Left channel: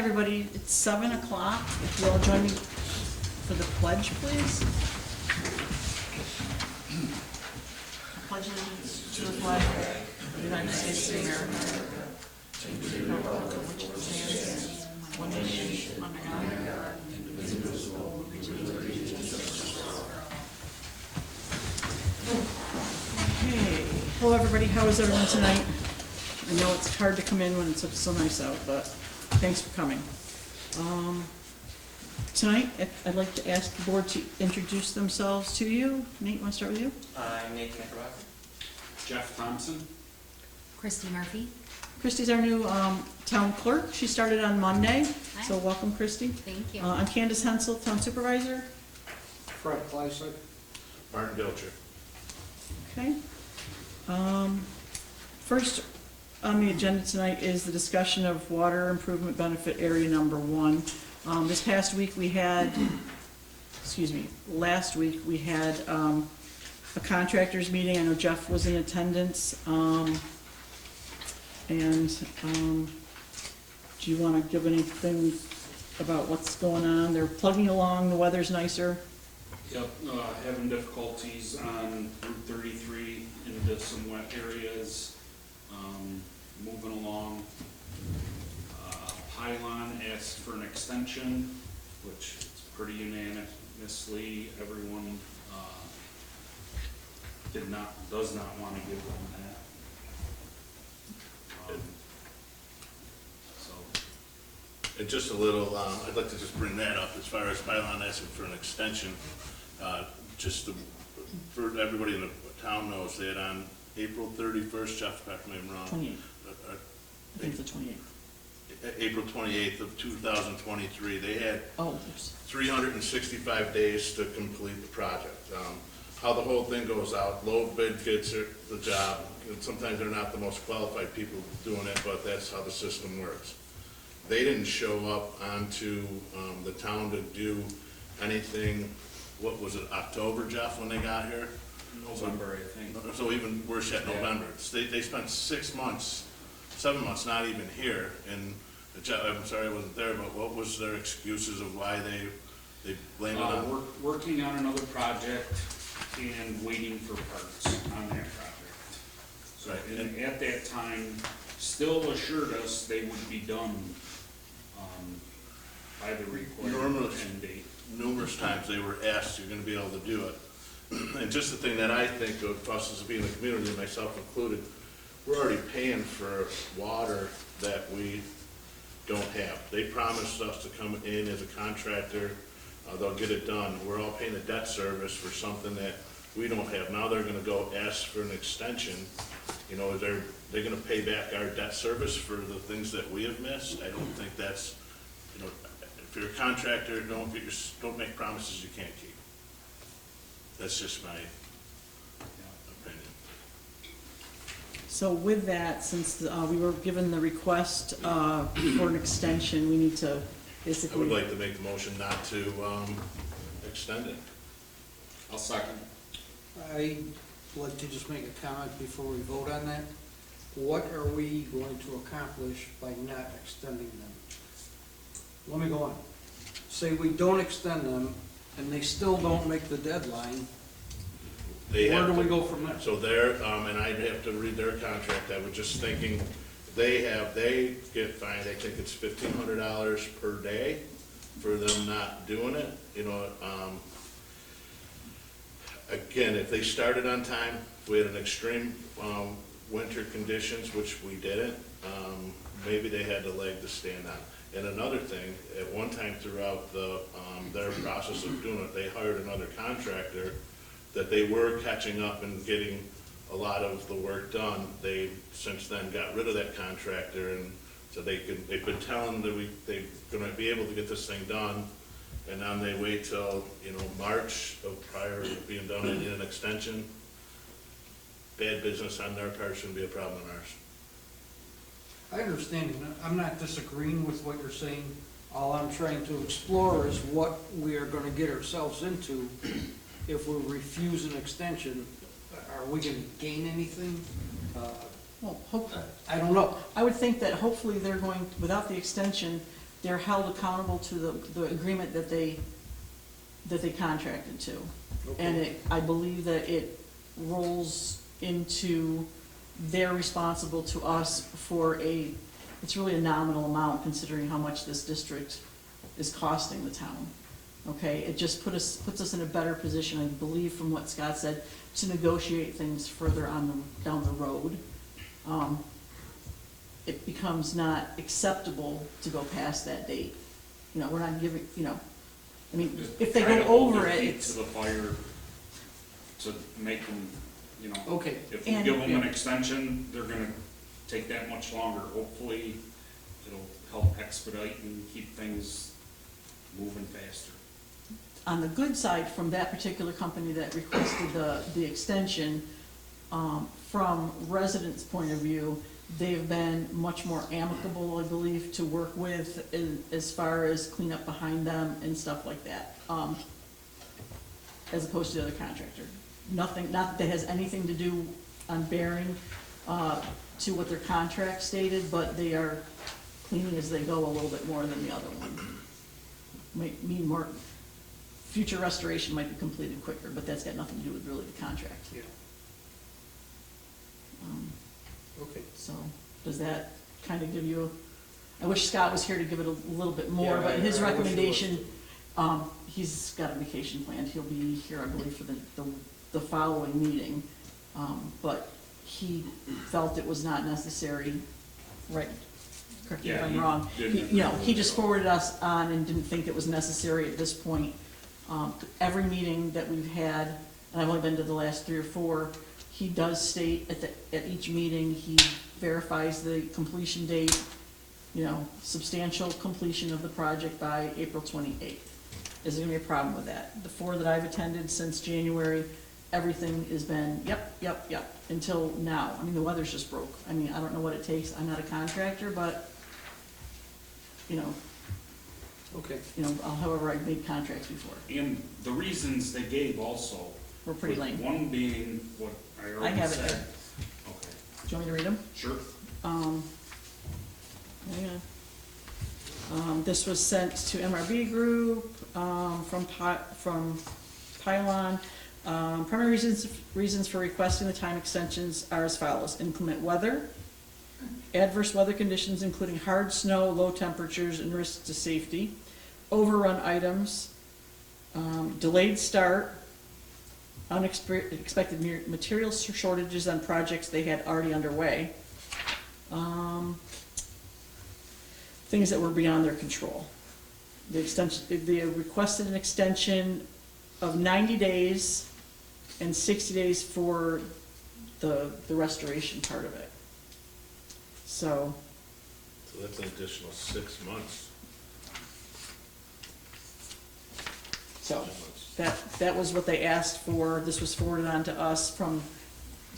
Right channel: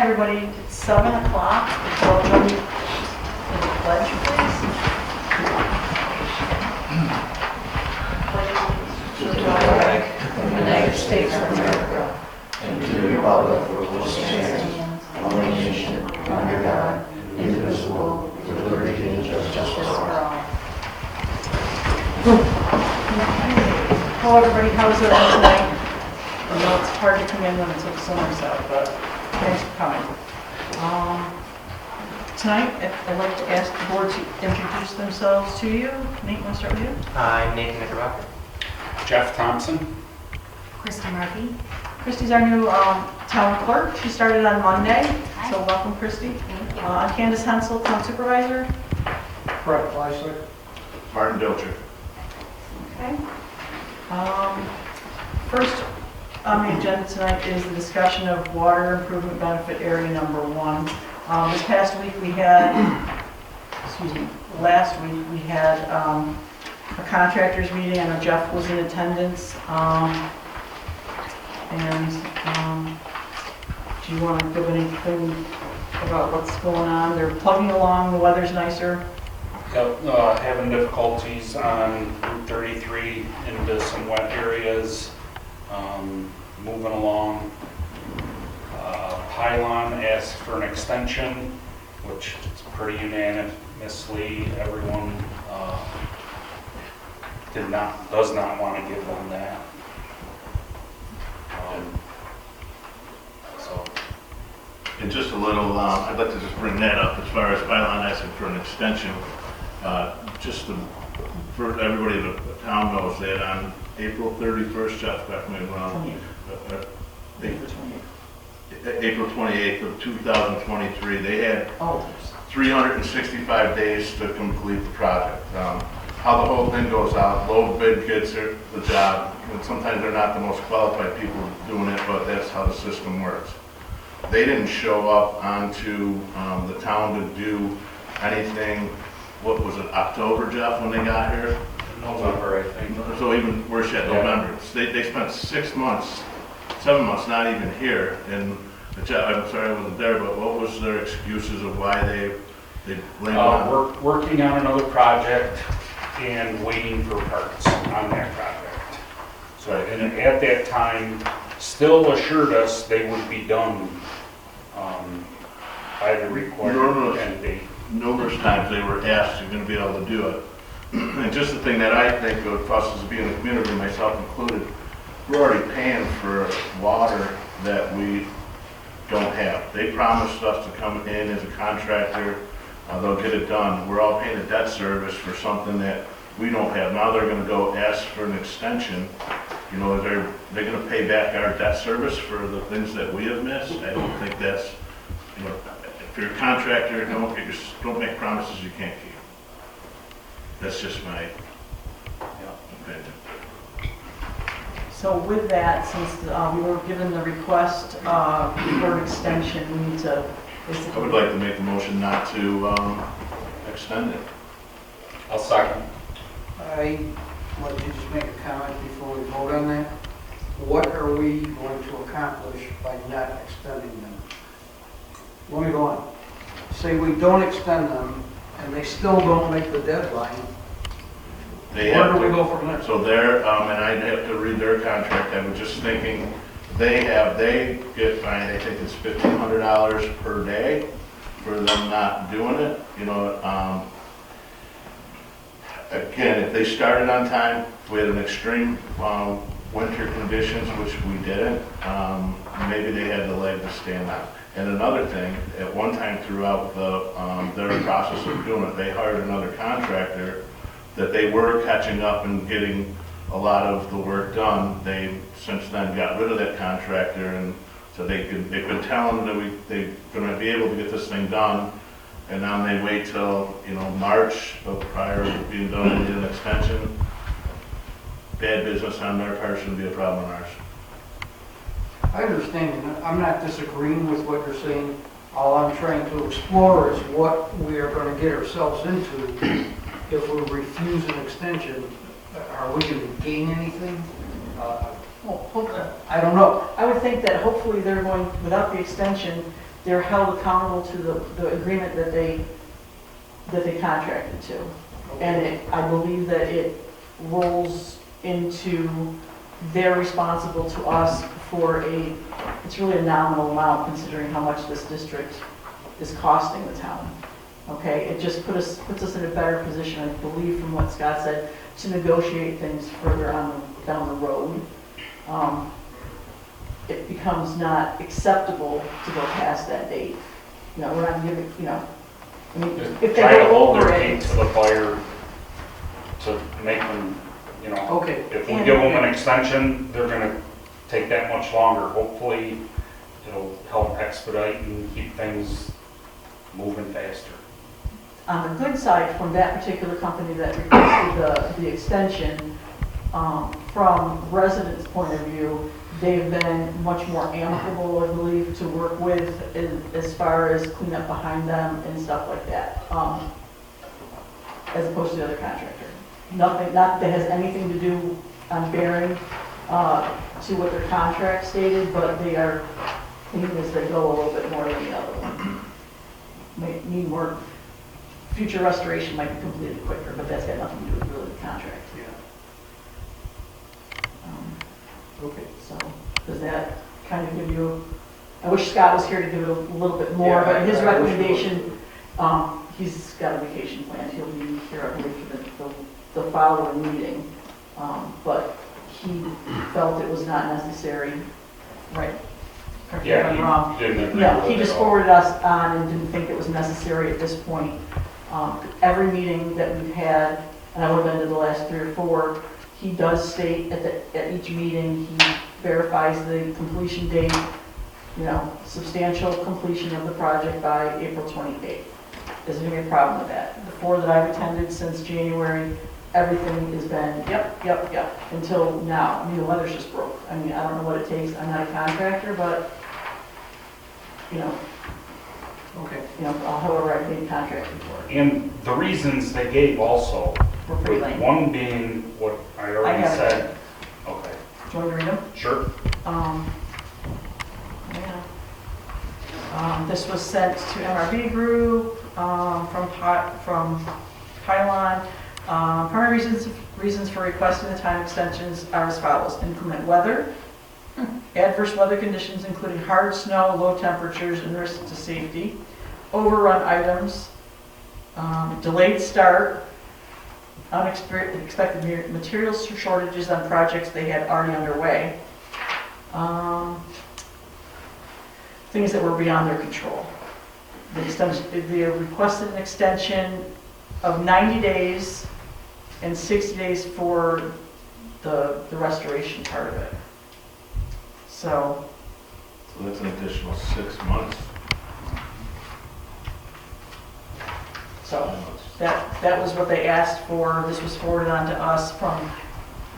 everybody. It's 7 o'clock. Will Jody do the pledge, please? To the flag of the United States of America and to the republic for which it stands, one nation, under God, indivisible, with liberty and justice for all. Hello, everybody. How's it tonight? I know it's hard to come in when it's so nice out, but thanks for coming. Tonight, I'd like to ask the board to introduce themselves to you. Nate, want to start with you? I'm Nathan Knickerbocker. Jeff Thompson. Christy Murphy. Christy's our new town clerk. She started on Monday, so welcome, Christy. Thank you. Candace Hensel, town supervisor. Fred Fleischer. Martin Dilcher. Okay. First on the agenda tonight is the discussion of water improvement benefit area number 1. This past week we had, last week we had a contractors meeting. I know Jeff was in attendance. Do you want to give anything about what's going on? They're plugging along, the weather's nicer. Yep, having difficulties on Route 33 into some wet areas, moving along. Pilon asked for an extension, which is pretty unanimously everyone does not want to give them that. And just a little, I'd like to just bring that up as far as Pilon asking for an extension. For everybody, the town knows that on April 31st, Jeff, correct me if I'm wrong, April 28th of 2023, they had 365 days to complete the project. How the whole thing goes out, low bid gets the job, and sometimes they're not the most qualified people doing it, but that's how the system works. They didn't show up onto the town to do anything, what was it, October, Jeff, when they got here? November, I think. So even worse yet, November. They spent 6 months, 7 months not even here, and Jeff, I'm sorry I wasn't there, but what was their excuses of why they blamed on? Working on another project and waiting for parts on that project. So, and at that time, still assured us they would be done by the required end date. Numerous times they were asked, you're going to be able to do it. And just the thing that I think of us as being a community, myself included, we're already paying for water that we don't have. They promised us to come in as a contractor, they'll get it done. We're all paying a debt service for something that we don't have. Now they're going to go ask for an extension. You know, they're going to pay back our debt service for the things that we have missed. I don't think that's, you know, if you're a contractor, don't make promises you can't keep. That's just my opinion. So with that, since we were given the request for an extension, we need to I basically... would like to make a motion not to extend it. I'll second. I'd like to just make a comment before we vote on that. What are we going to accomplish by not extending them? Let me go on. Say we don't extend them and they still don't make the deadline. Where do we go from there? So they're, and I'd have to read their contract, I was just thinking, they get fined, I think it's $1,500 per day for them not doing it, you know. Again, if they started on time, if we had an extreme winter conditions, which we didn't, maybe they had the leg to stand on. And another thing, at one time throughout their process of doing it, they hired another contractor that they were catching up and getting a lot of the work done. They since then got rid of that contractor, and so they've been telling them that they're going to be able to get this thing done, and now they wait till, you know, March prior to being done and need an extension. Bad business on their part, shouldn't be a problem on ours. I understand, and I'm not disagreeing with what you're saying. All I'm trying to explore is what we are going to get ourselves into if we refuse an extension. Are we going to gain anything? Well, I don't know. I would think that hopefully they're going, without the extension, they're held accountable to the agreement that they contracted to. And I believe that it rolls into they're responsible to us for it's really a nominal amount considering how much this district is costing the town. Okay, it just puts us in a better position, I believe from what Scott said, to negotiate things further down the road. It becomes not acceptable to go past that date. You know, we're not giving, you know, I mean, if they Try to go hold over their it. feet to the fire to make them, you know, Okay, if we give them an extension, they're gonna take that much longer. Hopefully, it'll help expedite and keep things moving faster. On the good side, from that particular company that requested the extension, from residents' point of view, they've been much more amicable, I believe, to work with as far as cleanup behind them and stuff like that, as opposed to the other contractor. Nothing, not that has anything to do on bearing to what their contract stated, but they are clean as they go a little bit more than the other one. May need more, future restoration might be completed quicker, but that's got nothing to do with really the contract. okay. So, does that kind of give you, I wish Scott was here to give it a little bit more, but his recommendation, he's got a vacation planned, he'll be here, I believe, for the following meeting. But he felt it was not necessary, right? Correct me if I'm wrong. He didn't agree Yeah, with he it just at all. forwarded us on and didn't think it was necessary at this point. Every meeting that we've had, and I've only been to the last 3 or 4, he does state at each meeting, he verifies the completion date, you know, substantial completion of the project by April 28th. Is there any problem with that? The 4 that I've attended since January, everything has been, yep, until now. I mean, the weather's just broke. I mean, I don't know what it takes. I'm not a contractor, but, you know, however I've been contracted for. And the reasons they gave also, We're pretty lame. one being what I I already have it. said. Okay, Do you want me to read them? sure. This was sent to MRB Group from Pilon. Primary reasons for requesting the time extensions are as follows: inclement weather, adverse weather conditions including hard snow, low temperatures, and risks to safety, overrun items, delayed start, unexpected material shortages on projects they had already underway, things that were beyond their control. They requested an extension of 90 days and 60 days for the restoration part of it. So, So that's an additional 6 months. so that was what they asked for. This was forwarded on to us from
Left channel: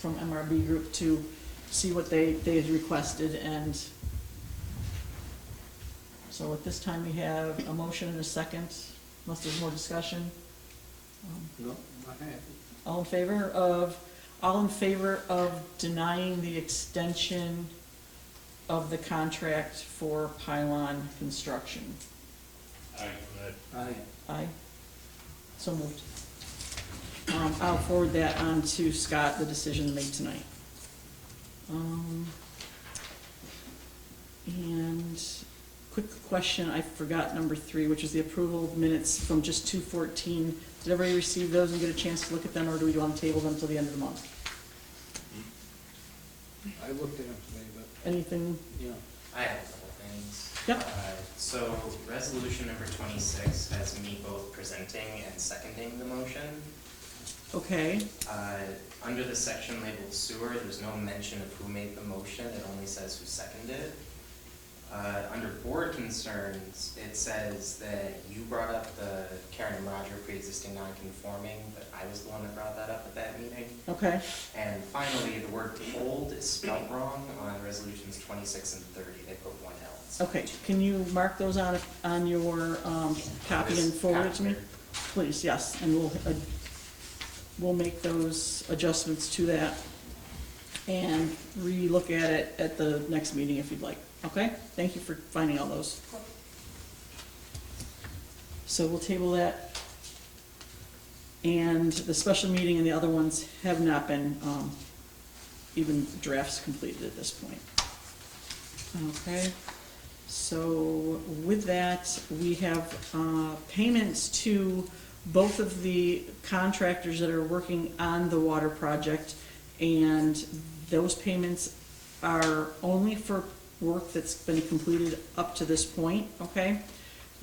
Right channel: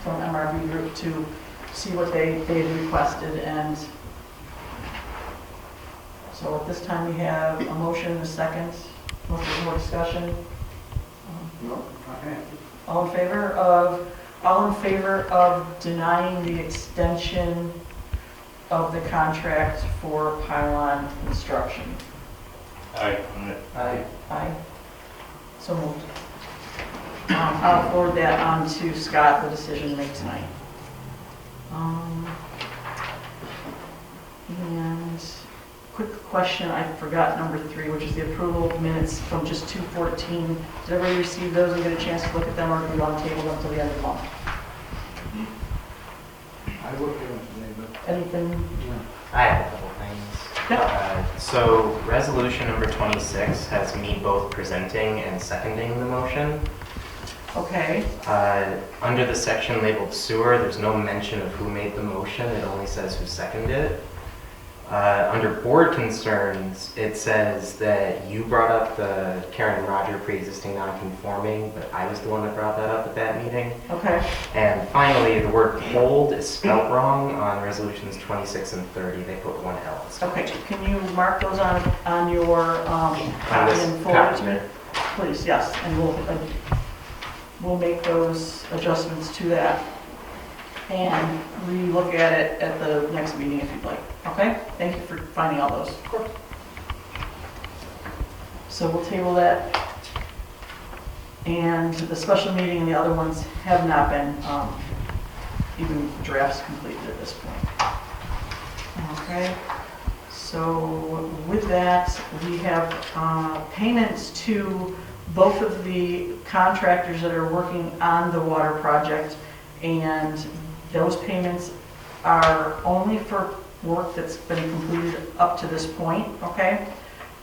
MRB Group to see what they had requested. And so at this time, we have a motion and a second. Unless there's more discussion. No, not happy. All in favor of denying the extension of the contract for Pilon construction? Aye. Aye. So moved. I'll forward that on to Scott, the decision to make tonight. And quick question, I forgot number 3, which is the approval of minutes from just 2/14. Did everybody receive those and get a chance to look at them, or do we want to table them until the end of the month? I looked at it today, but, Anything? I have a couple things. Yep. So resolution number 26 has me both presenting and seconding the motion. Okay, Under the section labeled sewer, there's no mention of who made the motion, it only says who seconded it. Under board concerns, it says that you brought up the Karen and Roger pre-existing non-conforming, but I was the one that brought that up at that meeting. okay. And finally, the word hold is spelled wrong on resolutions 26 and 30. They put one L. instead. Okay, can you mark those on your On copy this and forward copy to me? there. Please, yes, and we'll make those adjustments to that and re-look at it at the next meeting if you'd like, okay? Thank you for finding all those. So we'll table that. And the special meeting and the other ones have not been, even drafts completed at this point. Okay, so with that, we have payments to both of the contractors that are working on the water project, and those payments are only for work that's been completed up to this point, okay?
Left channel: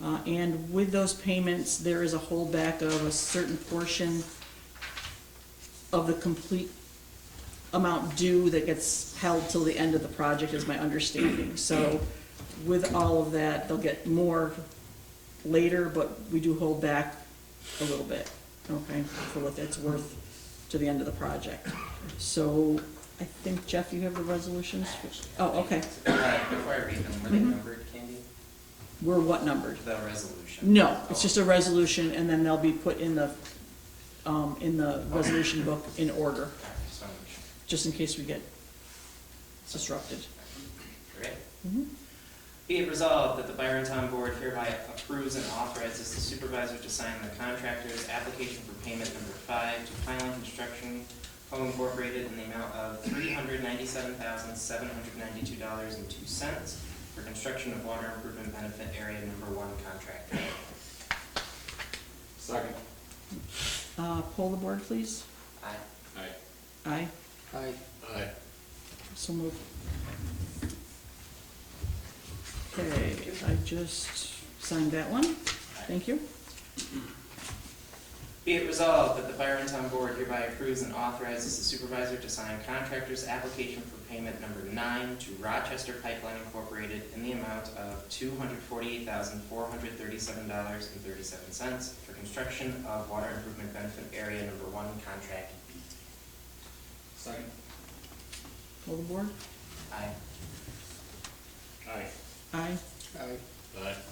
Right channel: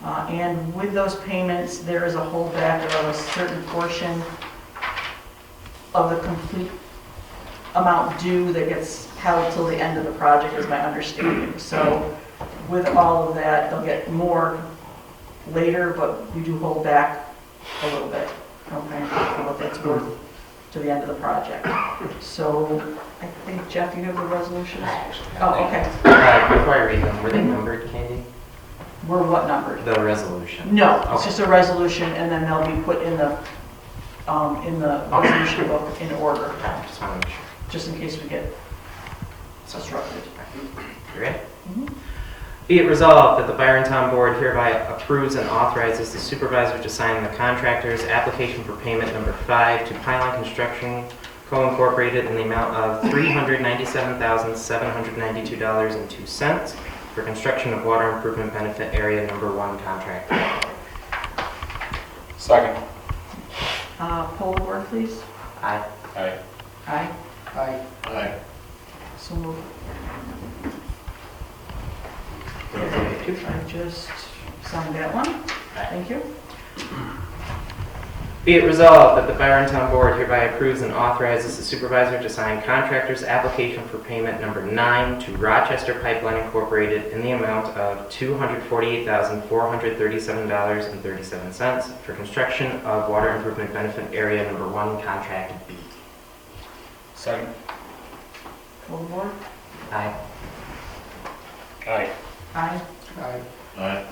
And with those payments, there is a holdback of a certain portion of the complete amount due that gets held till the end of the project, is my understanding. So with all of that, they'll get more later, but we do hold back a little bit, okay, for what that's worth to the end of the project. So I think, Jeff, you have the resolutions? Oh, okay. Before I read them, were they numbered, Candy? We're what numbered? The resolution? No, it's just a resolution, and then they'll be put in the resolution book in order, Just want to make sure. just in case we get disrupted. You ready? Mhm. Be it resolved that the Byron Town Board hereby approves and authorizes the supervisor to sign the contractor's application for payment number 5 to Pilon Construction Co. Incorporated in the amount of $397,792.02 for construction of water improvement benefit area number 1 contract. Second. Poll the board, please. Aye. Aye. Aye. Aye. Aye. So moved. I just signed that one. Thank you. Be it resolved that the Byron Town Board hereby approves and authorizes the supervisor to sign contractor's application for payment number 9 to Rochester Pipeline Incorporated in the amount of $248,437.37 for construction of water improvement benefit area number 1 contract B. Second. Poll the board. Aye. Aye. Aye. Aye. Aye.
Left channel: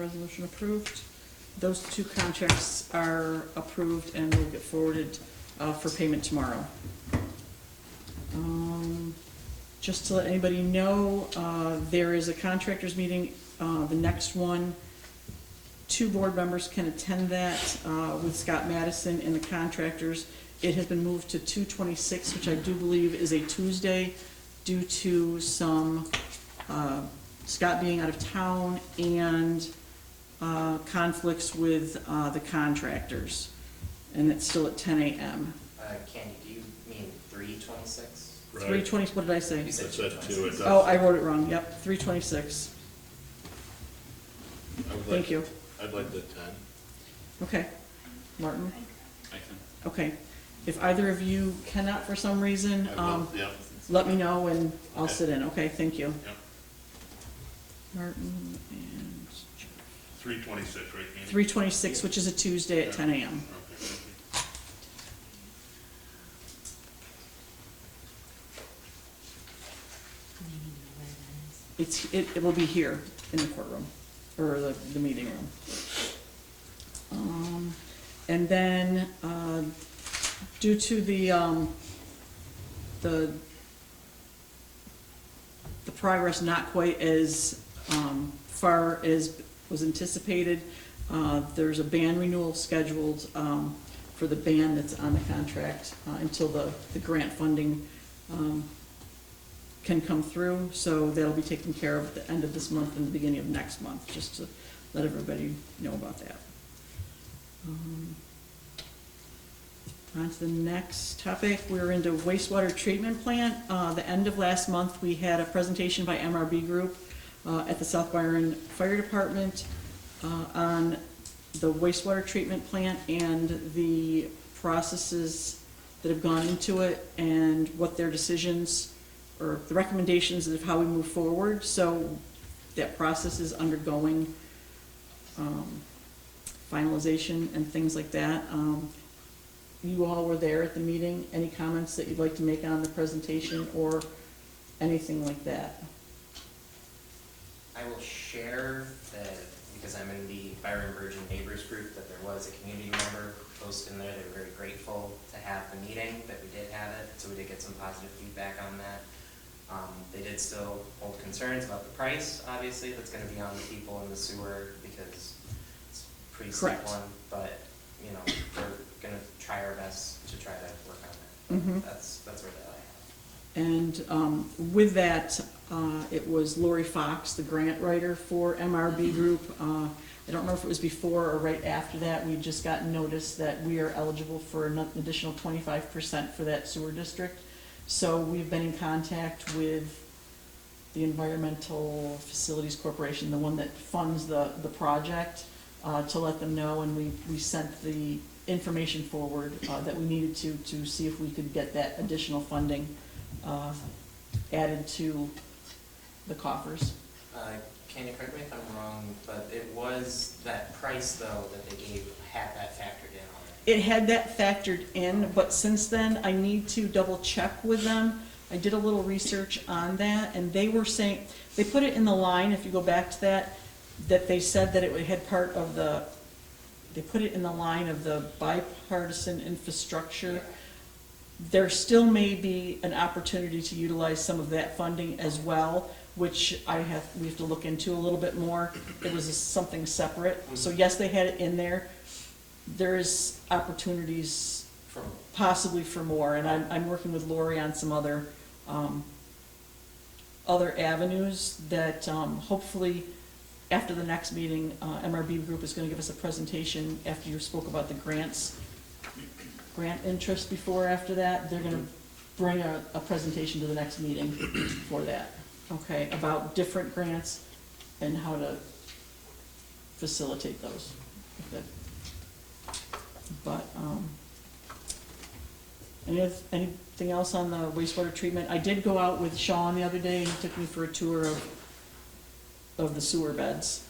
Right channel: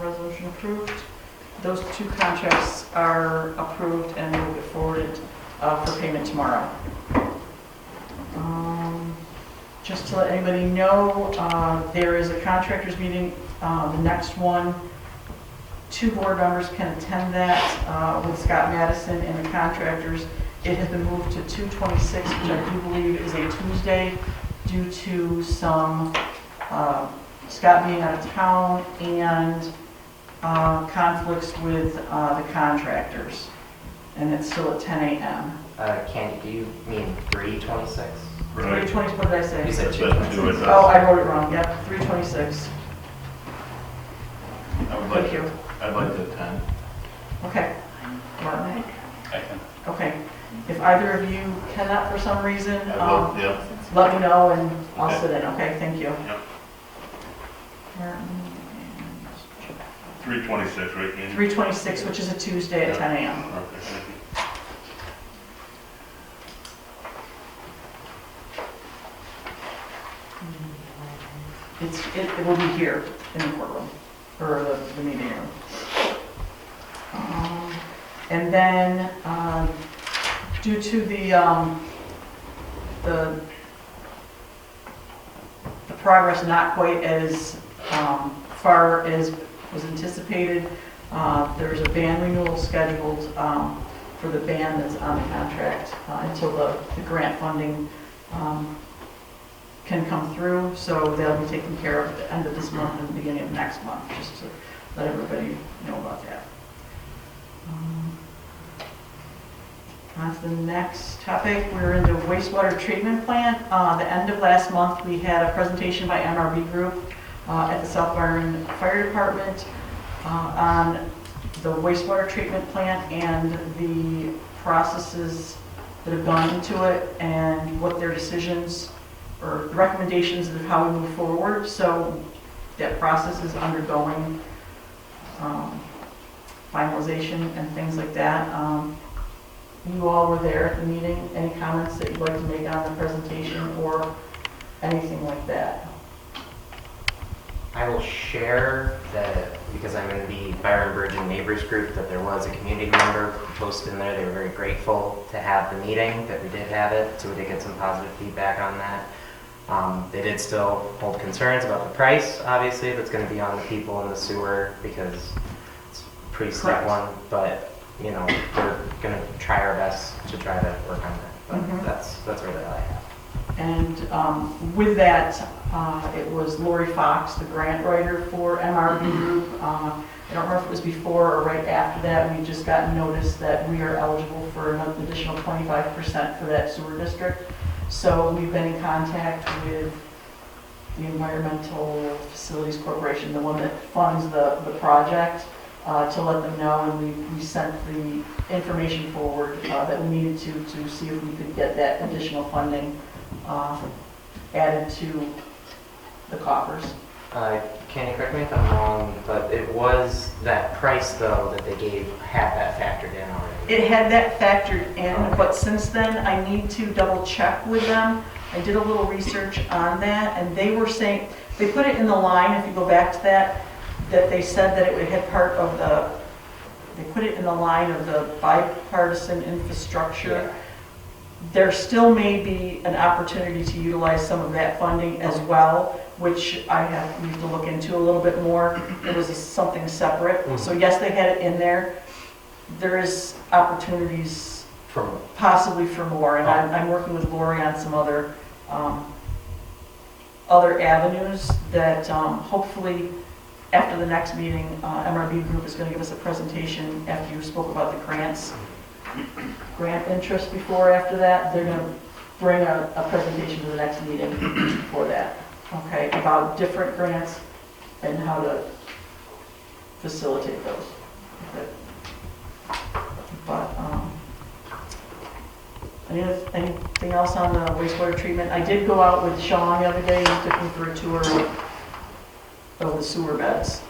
Resolution approved. Those two contracts are approved and will be forwarded for payment tomorrow. Just to let anybody know, there is a contractors meeting, the next one. 2 board members can attend that with Scott Mattison and the contractors. It has been moved to 2/26, which I do believe is a Tuesday, due to some Scott being out of town and conflicts with the contractors. And it's still at 10 a.m. Candy, do you mean 3/26? 3/20, what did I say? You said That's 2/26. Oh, I wrote it wrong, yep, 3/26. Thank you. I'd like to attend. Okay. Mark? I can. Okay. If either of you cannot for some reason, I will, yeah. let me know and I'll sit in, okay? Thank you. Yep. 3:26, right, Andy? 3/26, which is a Tuesday at 10 a.m. Okay, thank you. It will be here in the courtroom, or the meeting room. And then, due to the progress not quite as far as was anticipated, there's a band renewal scheduled for the band that's on the contract until the grant funding can come through. So they'll be taken care of at the end of this month and the beginning of next month, just to let everybody know about that. On to the next topic, we're in the wastewater treatment plant. The end of last month, we had a presentation by MRB Group at the South Byron Fire Department on the wastewater treatment plant and the processes that have gone into it and what their decisions or the recommendations of how we move forward. So that process is undergoing finalization and things like that. You all were there at the meeting. Any comments that you'd like to make on the presentation or anything like that? I will share that, because I'm in the Byron Virgin Neighbors group, that there was a community member who posted in there. They were very grateful to have the meeting, that we did have it, so we did get some positive feedback on that. They did still hold concerns about the price, obviously, that's gonna be on the people in the sewer, because it's a pretty steep Correct. one, but, you know, we're gonna try our best to try to work on that, Mhm. but that's really all I have. And with that, it was Lori Fox, the grant writer for MRB Group. I don't know if it was before or right after that, we just got notice that we are eligible for an additional 25% for that sewer district. So we've been in contact with the Environmental Facilities Corporation, the one that funds the project, to let them know, and we sent the information forward that we needed to see if we could get that additional funding added to the coffers. Can you correct me if I'm wrong, but it was that price though that they gave, had that factored in already? It had that factored in, but since then, I need to double check with them. I did a little research on that, and they were saying, they put it in the line, if you go back to that they said that it had part of the, they put it in the line of the bipartisan infrastructure. There still may be an opportunity to utilize some of that funding as well, which we have to look into a little bit more. It was something separate. So yes, they had it in there. There is opportunities From, possibly for more, and I'm working with Lori on some other avenues that hopefully after the next meeting, MRB Group is going to give us a presentation after you spoke about the grant interest before. After that, they're going to bring a presentation to the next meeting for that, okay, about different grants and how to facilitate those. Okay. But, anything else on the wastewater treatment? I did go out with Sean the other day, he took me for a tour of the sewer beds.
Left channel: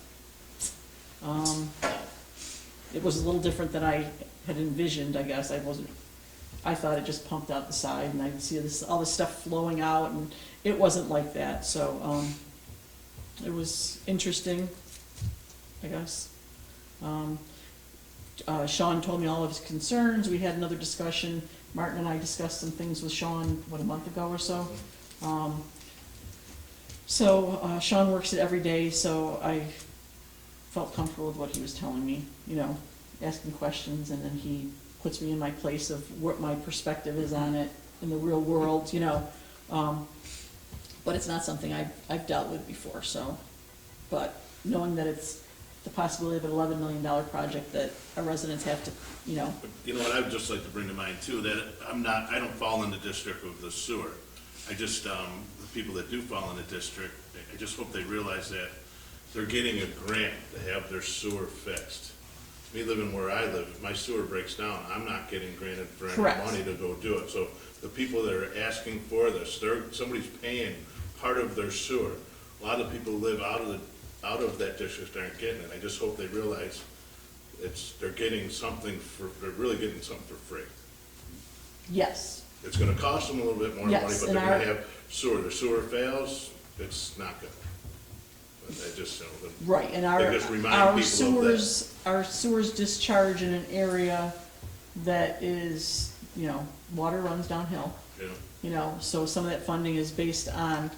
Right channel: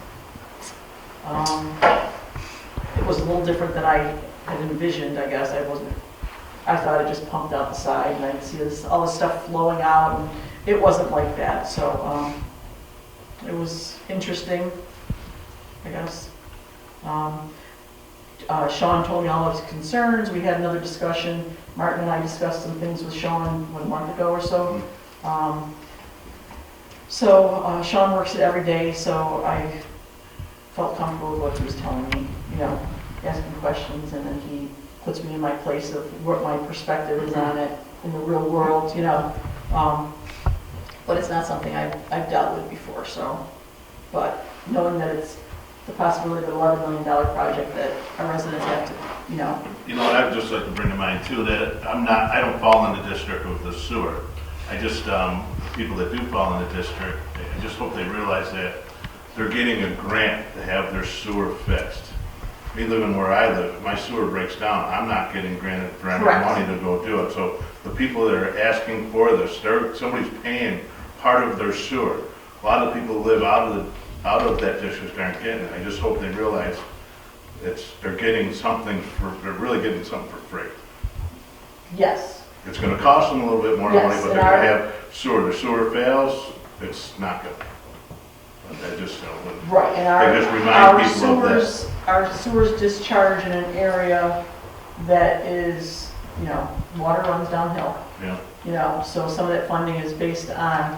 It was a little different than I had envisioned, I guess. I thought it just pumped out the side and I could see all this stuff flowing out, and it wasn't like that, so, it was interesting, I guess. Sean told me all of his concerns. We had another discussion. Martin and I discussed some things with Sean 1 month ago or so. Sean works it every day, so I felt comfortable with what he was telling me, you know, asking questions, and then he puts me in my place of what my perspective is on it in the real world, you know. But it's not something I've dealt with before, so. But knowing that it's the possibility of an $11 million project that our residents have to, you know. You know what, I'd just like to bring to mind too, that I don't fall in the district with the sewer. I just, people that do fall in the district, I just hope they realize that they're getting a grant to have their sewer fixed. Me living where I live, if my sewer breaks down, I'm not getting granted for any Correct. money to go do it. So the people that are asking for this, somebody's paying part of their sewer. A lot of people live out of that district aren't getting it. I just hope they realize they're getting something they're really getting something for free. Yes. It's gonna cost them a little bit more money, Yes, but and they're gonna have sewer. The sewer fails, it's not good. I just, Right, and they just remind people of that. our sewers discharge in an area that is, you know, water runs downhill. Yeah. You know, so some of that funding is based on,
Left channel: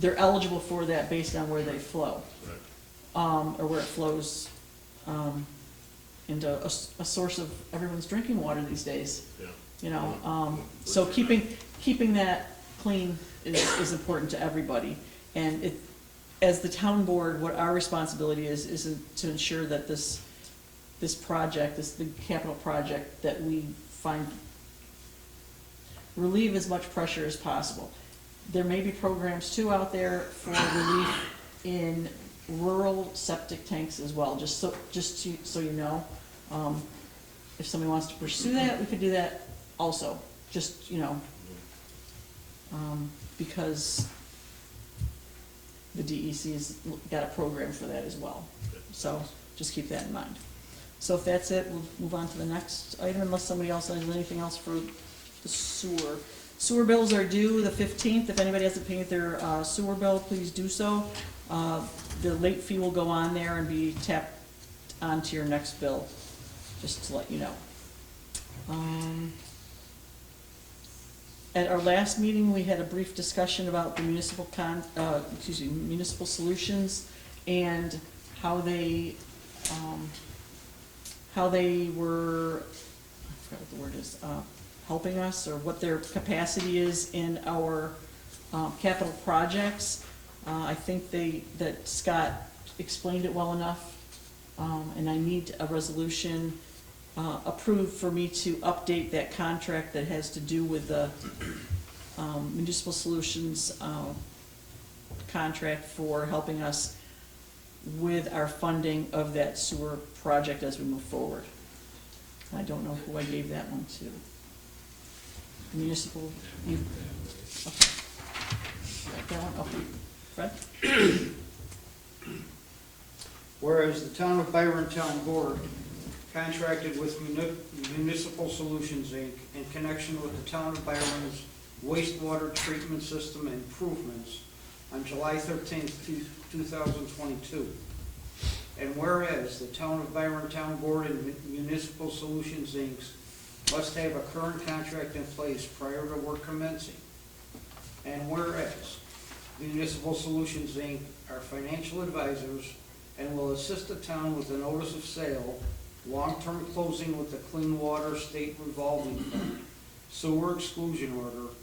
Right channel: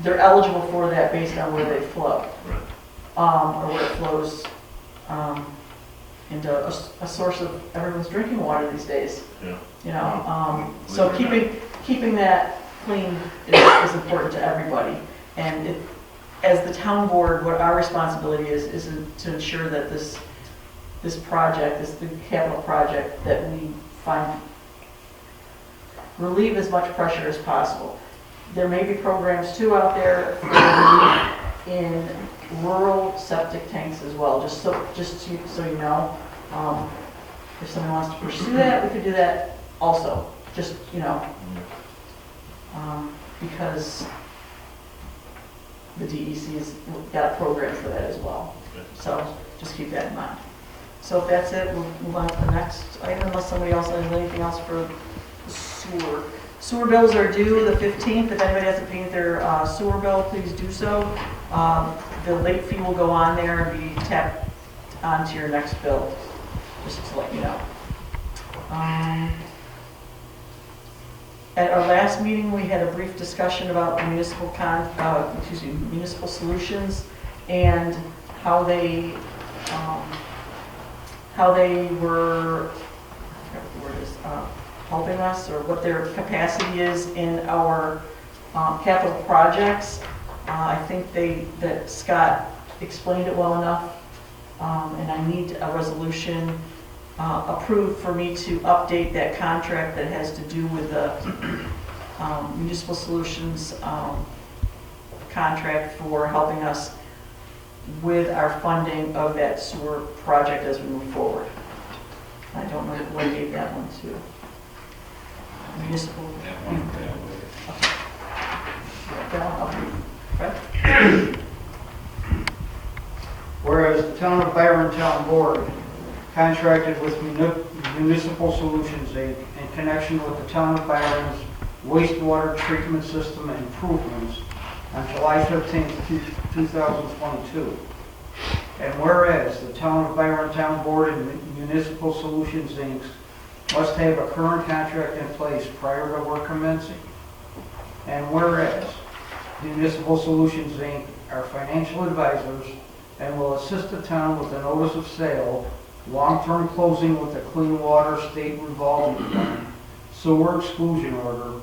they're eligible for that based on where they flow. Right. Or where it flows, into a source of everyone's drinking water these days, Yeah. you know. So keeping that clean is important to everybody. And as the town board, what our responsibility is to ensure that this project, this big capital project, that we relieve as much pressure as possible. There may be programs too out there for relief in rural septic tanks as well, just so you know. If someone wants to pursue that, we could do that also, just, you know, because the DEC's got a program for that as well. So just keep that in mind. So if that's it, we'll move on to the next item, unless somebody else has anything else for the sewer. Sewer bills are due the 15th. If anybody hasn't paid their sewer bill, please do so. The late fee will go on there and be tapped onto your next bill, just to let you know. At our last meeting, we had a brief discussion about the municipal solutions and how they were, I forgot what the word is, helping us, or what their capacity is in our capital projects. I think that Scott explained it well enough, and I need a resolution approved for me to update that contract that has to do with the Municipal Solutions contract for helping us with our funding of that sewer project as we move forward. I don't know what I gave that one to. Municipal. Okay. That one, I'll do. Right? Whereas the Town of Byron Town Board contracted with Municipal Solutions, Inc. in connection with the Town of Byron's wastewater treatment system improvements on July 13, 2022. And whereas the Town of Byron Town Board and Municipal Solutions, Inc. must have a current contract in place prior to work commencing. And whereas Municipal Solutions, Inc. are financial advisors and will assist the town with a notice of sale, long-term closing with the Clean Water State Revolving Fund, sewer exclusion order,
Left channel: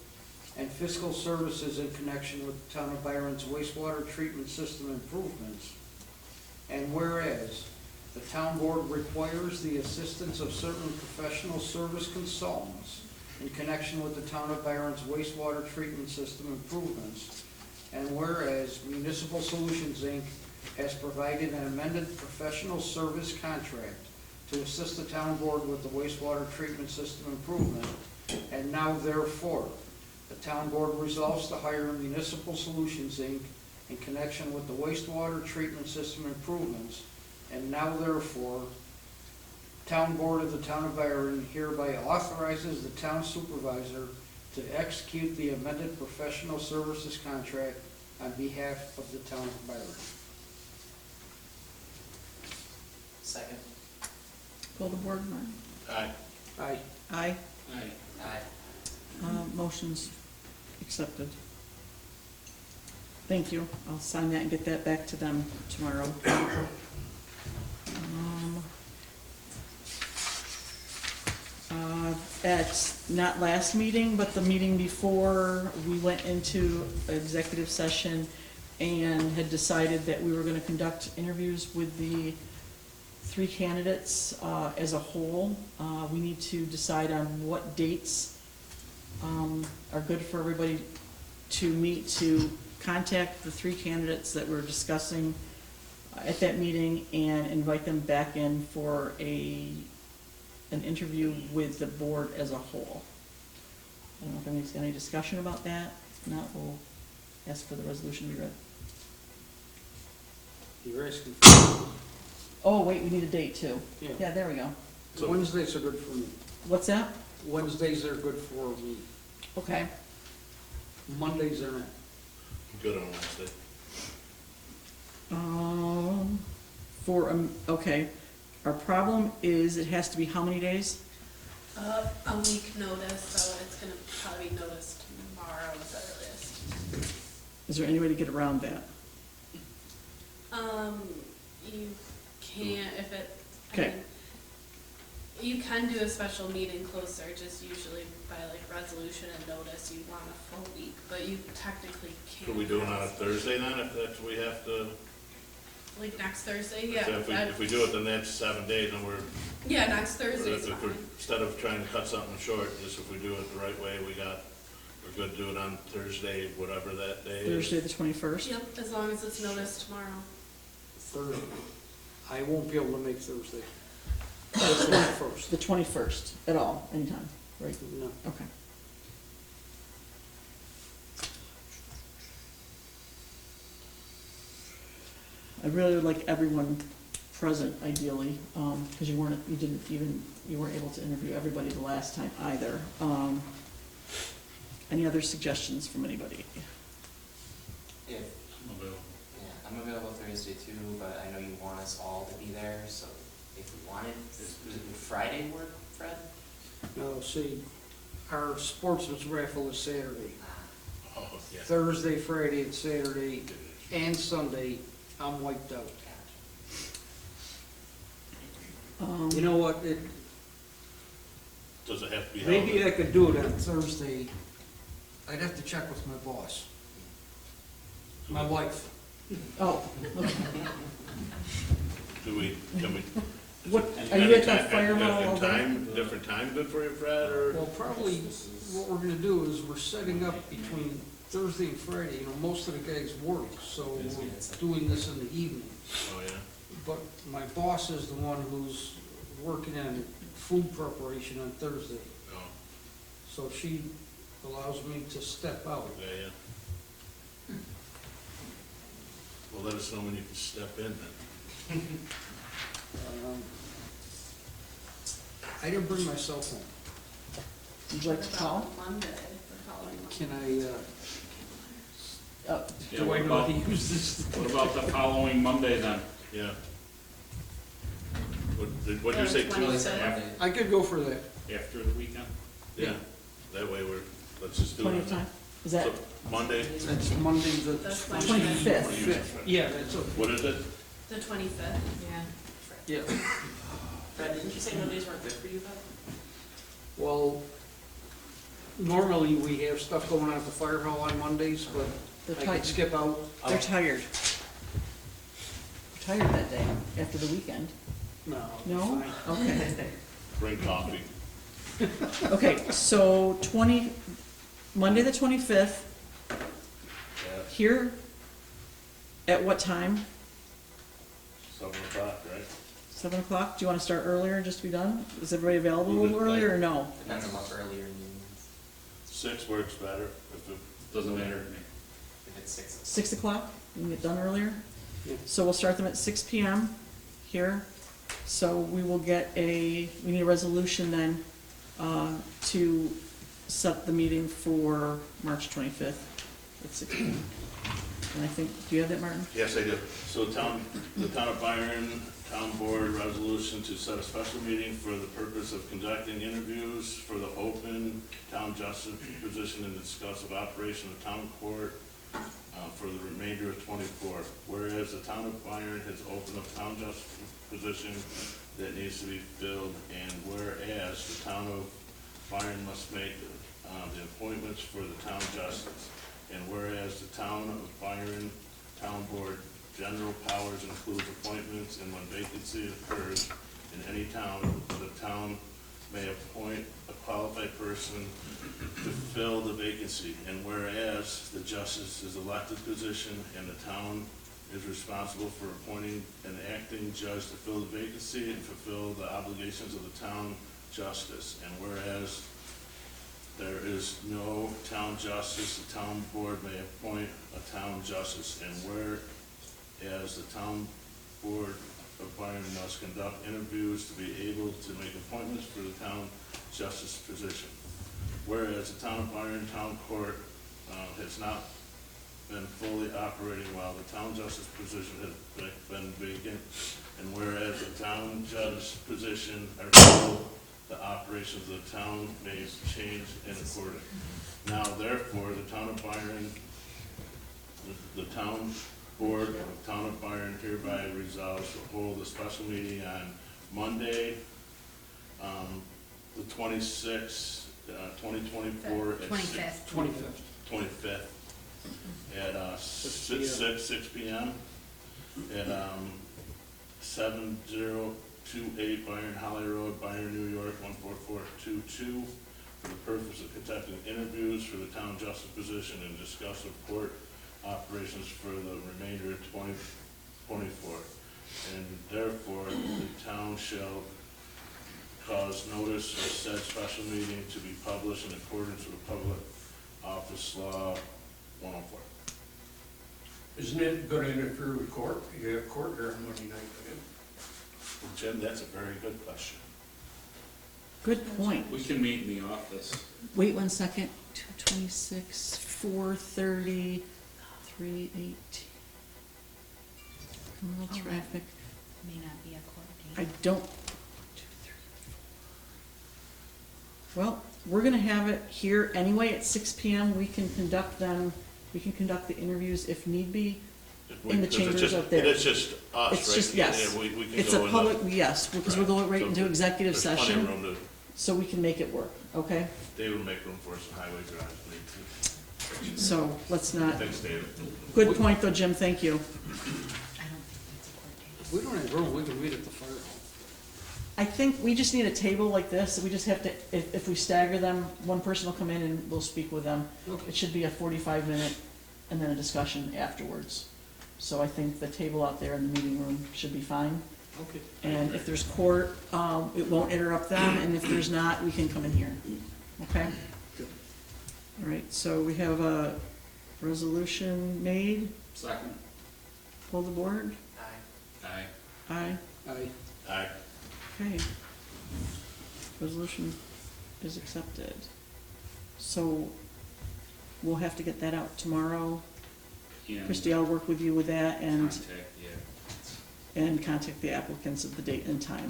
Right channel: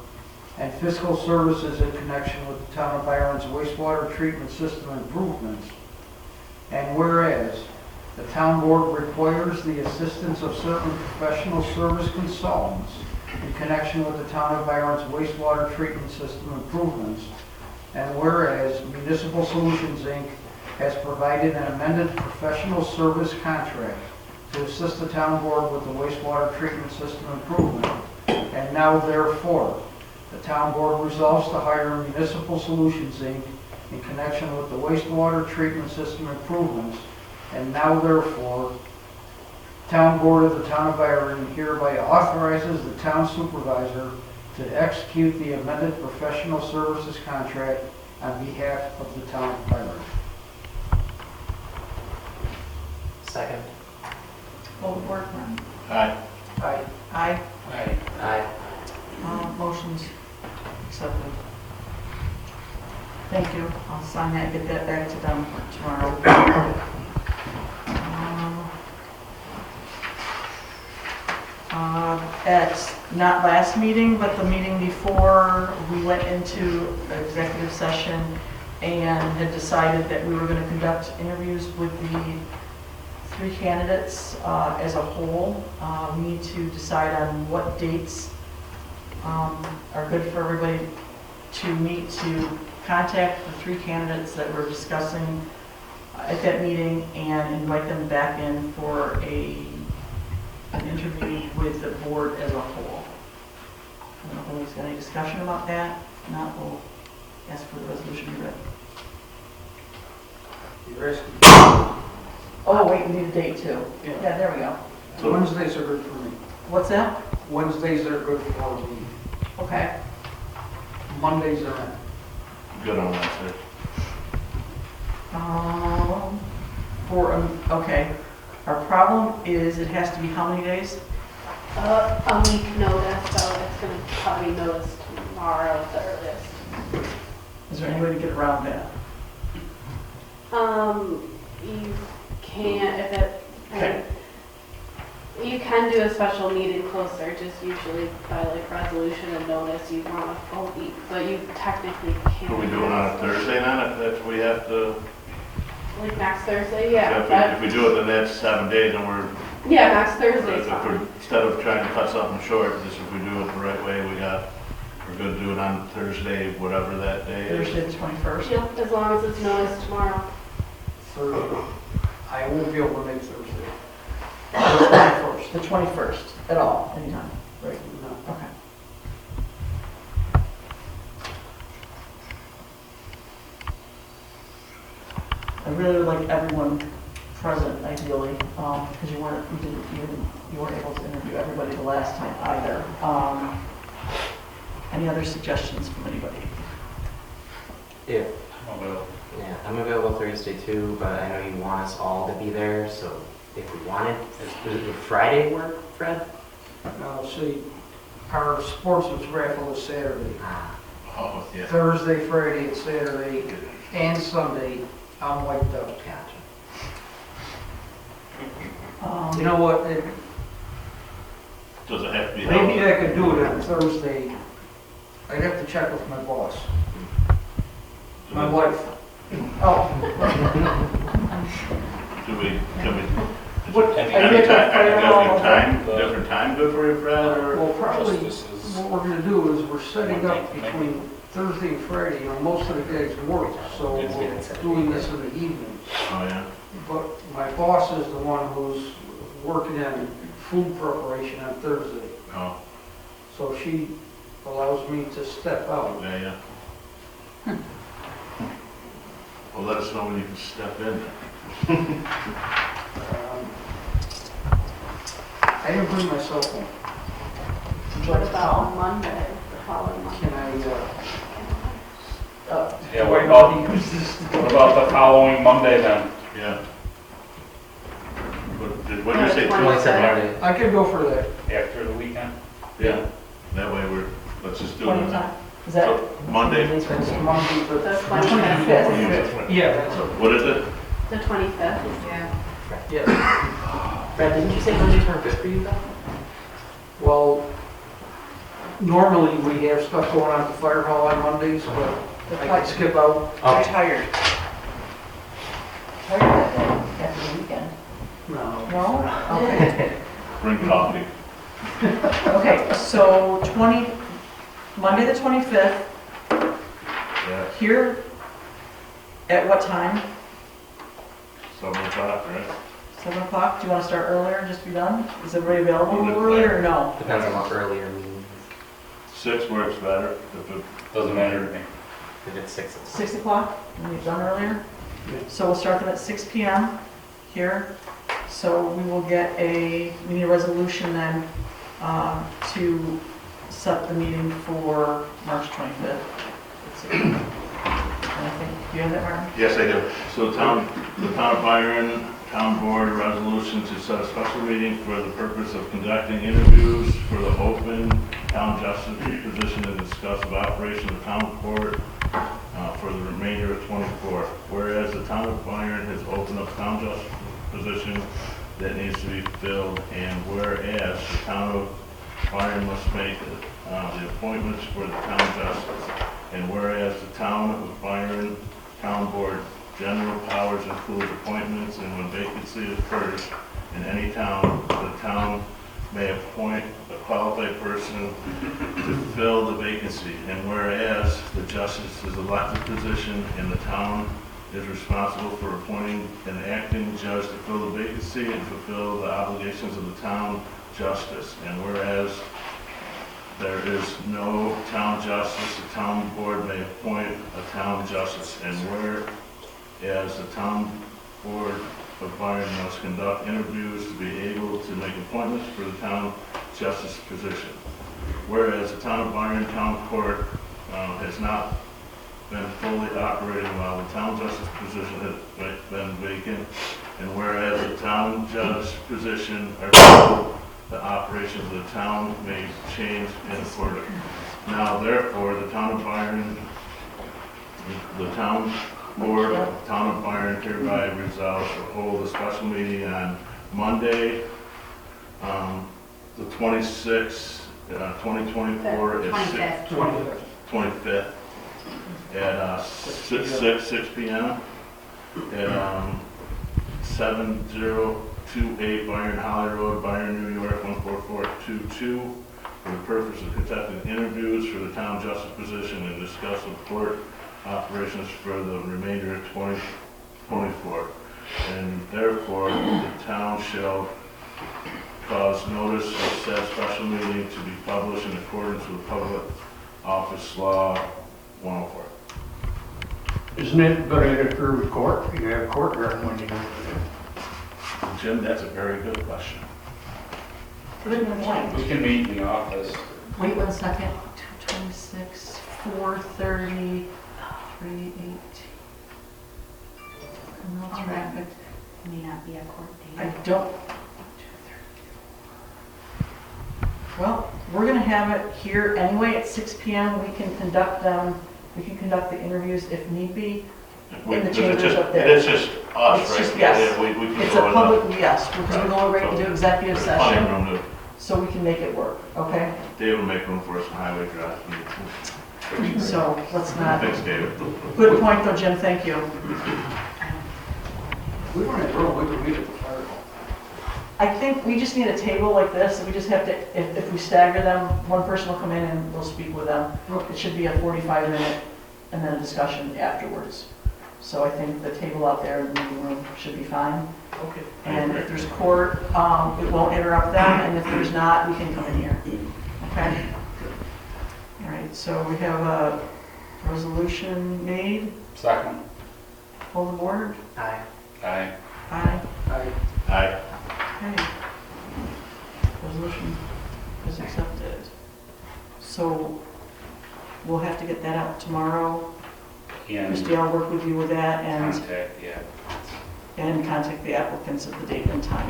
and fiscal services in connection with the Town of Byron's wastewater treatment system improvements. And whereas the town board requires the assistance of certain professional service consultants in connection with the Town of Byron's wastewater treatment system improvements. And whereas Municipal Solutions, Inc. has provided an amended professional service contract to assist the town board with the wastewater treatment system improvement. And now therefore, the town board resolves to hire Municipal Solutions, Inc. in connection with the wastewater treatment system improvements. And now therefore, Town Board of the Town of Byron hereby authorizes the town supervisor to execute the amended professional services contract on behalf of the Town of Byron. Second. Goldberg, Aye. Aye. aye. Aye. Motion's accepted. Thank you. I'll sign that and get that back to them tomorrow. At not last meeting, but the meeting before, we went into executive session and had decided that we were going to conduct interviews with the 3 candidates as a whole. We need to decide on what dates are good for everybody to meet to contact the 3 candidates that we're discussing at that meeting and invite them back in for an interview with the board as a whole. I don't know if anybody's got any discussion about that. If not, we'll ask for the resolution to be read. You're asking. Oh, wait, we need a date too. Yeah. Yeah, there we go. So Wednesdays are good for me. What's that? Wednesdays are good for me. Okay. Mondays are not. good on Wednesday. Okay. Our problem is it has to be how many days? A week notice, so it's gonna probably be noticed tomorrow at the earliest. Is there any way to get around that? You can't, if it, Okay. you can do a special meeting closer, just usually by like resolution and notice, you want a full week, but you technically can't. Are we doing on a Thursday then, if that's, we have to, Like next Thursday, yeah. if we do it, then that's 7 days, and we're, Yeah, next Thursday is if we're, fine. instead of trying to cut something short, just if we do it the right way, we're good to do it on Thursday, whatever that day is. Thursday the 21st? Yep, as long as it's noticed tomorrow. Thursday. I won't be able to make Thursday. The 21st, at all, anytime? Right. No. Okay. I really would like everyone present ideally, because you weren't able to interview everybody the last time either. Any other suggestions from anybody? If, yeah, I'm available Thursday too, but I know you want us all to be there, so if we wanted, does Friday work, Fred? Now, see, our sportsman's raffle is Saturday. Oh, yeah. Thursday, Friday, and Saturday, and Sunday, I'm wiped out. You know what, Does it have to be maybe held? I could do it on Thursday. I'd have to check with my boss. My wife. Oh, Do we, can we? What- Is are you at that fire hall? different time good for you, Fred, or? Well, probably, This is- what we're gonna do is we're setting up between Thursday and Friday, you know, most of the guys work, so we're doing this in the evening. Oh, yeah. But my boss is the one who's working on food preparation on Thursday, Oh, so she allows me to step out. yeah, yeah. Well, let us know when you can step in. I didn't bring my cell phone. What about Monday, the following Monday? Can Yeah, do what I about, not use this? what about the following Monday then? Yeah. What did you say? 27 Monday. I could go for that. After the weekend? Yeah, that way let's just do what it. time? Is that? So, Monday, That's Monday, The the 25th. Yeah, that's it. what is it? The 25th? Yeah. Yeah. Brad, didn't you say Mondays weren't good for you though? Well, normally we have stuff going on at the fire hall on Mondays, but I can skip out. You're tired. Tired that day, after the weekend. No. No? Okay. Bring coffee. Okay, so Monday the 25th, Yeah, here, at what time? 7 o'clock, right? 7 o'clock? Do you want to start earlier, just to be done? Is everybody available a little earlier, or no? Depends on what earlier means. 6 works better. If it, Doesn't matter to me. If it's 6. 6 o'clock, we get done earlier? Yeah. So we'll start them at 6 PM here. So we will get we need a resolution then to set the meeting for March 25th. Let's see. And I think, do you have that, Mark? yes, I do. So the town of Byron, town board resolution to set a special meeting for the purpose of conducting interviews for the open town justice position and discuss of operation of town court for the remainder of '24. Whereas the town of Byron has opened up town justice position that needs to be filled, and whereas the town of Byron must make the appointments for the town justice, and whereas the town of Byron Town Board general powers include appointments, and when vacancy occurs in any town, the town may appoint a qualified person to fill the vacancy, and whereas the justice is an elected position and the town is responsible for appointing an acting judge to fill the vacancy and fulfill the obligations of the town justice, and whereas there is no town justice, the town board may appoint a town justice, and whereas the town board of Byron must conduct interviews to be able to make appointments for the town justice position. Whereas the town of Byron Town Court has not been fully operating while the town justice position has been vacant, and whereas the town judge position or the operations of the town may change in order. Now therefore, the town of Byron, the town board of the town of Byron hereby resolves to hold a special meeting on Monday, the 26th, 2024 at 25th at 6 p.m. at 7028 Byron Holly Road, Byron, New York 14422, for the purpose of conducting interviews for the town justice position and discuss with court operations for the remainder of 2024. And therefore, the town shall cause notice of said special meeting to be published in accordance with Public Office Law 104. Isn't it going to interfere with court? You have court during when you do. Jim, that's a very good question. Good point. We can meet in the office. Wait 1 second. 226, 430, 38. No traffic. May not be a court I date. don't. Well, we're gonna have it here anyway at 6 PM. We can conduct the interviews if need be. In the chambers up there. It's just us, It's right? just- yes. Yeah, we can It's a go in public, yes, because we're going right into executive the session, fine room so we can make it work, okay? to, Dave will make room for us in highway drive. So let's not, Thanks, David. good point though, Jim, thank you. We weren't in room, we could meet at the fire hall. I think we just need a table like this, and we just have to, if we stagger them, one person will come in and we'll speak with them. It should be a 45-minute and then a discussion afterwards. So I think the table out there in the meeting room should be fine. Okay. And if there's court, it won't interrupt them, and if there's not, we can come in here. Okay? All right, so we have a resolution made, Second. hold the board. Aye. Aye. Aye. Aye. Okay. Resolution is accepted. So we'll have to get that out tomorrow. And Christie, I'll work with you with that and contact, yeah. contact the applicants at the date and time.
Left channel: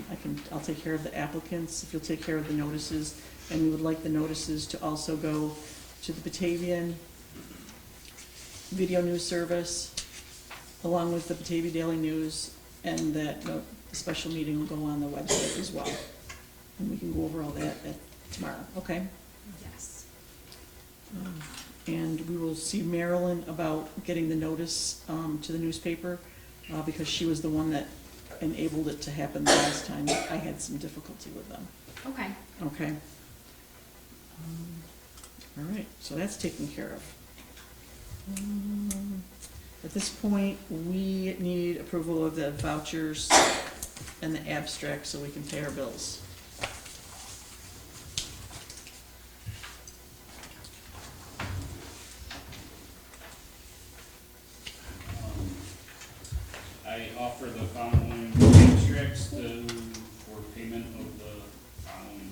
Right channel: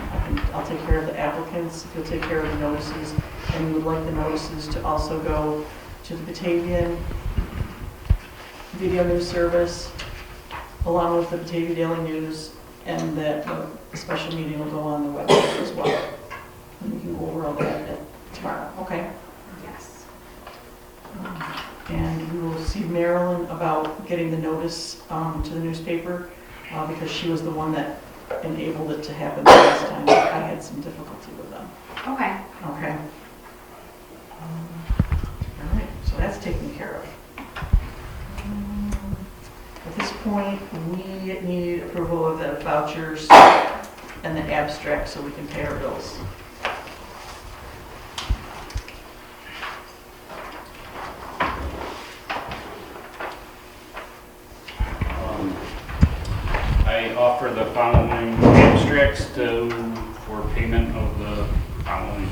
I'll take care of the applicants, if you'll take care of the notices, and we would like the notices to also go to the Batavian Video News Service, along with the Batavia Daily News, and that the special meeting will go on the website as well. And we can go over all that tomorrow, okay? Yes. And we will see Marilyn about getting the notice to the newspaper, because she was the one that enabled it to happen the last time. I had some difficulty with them. Okay. Okay? All right, so that's taken care of. At this point, we need approval of the vouchers and the abstract so we can pay our bills. I offer the following abstracts for payment of the following.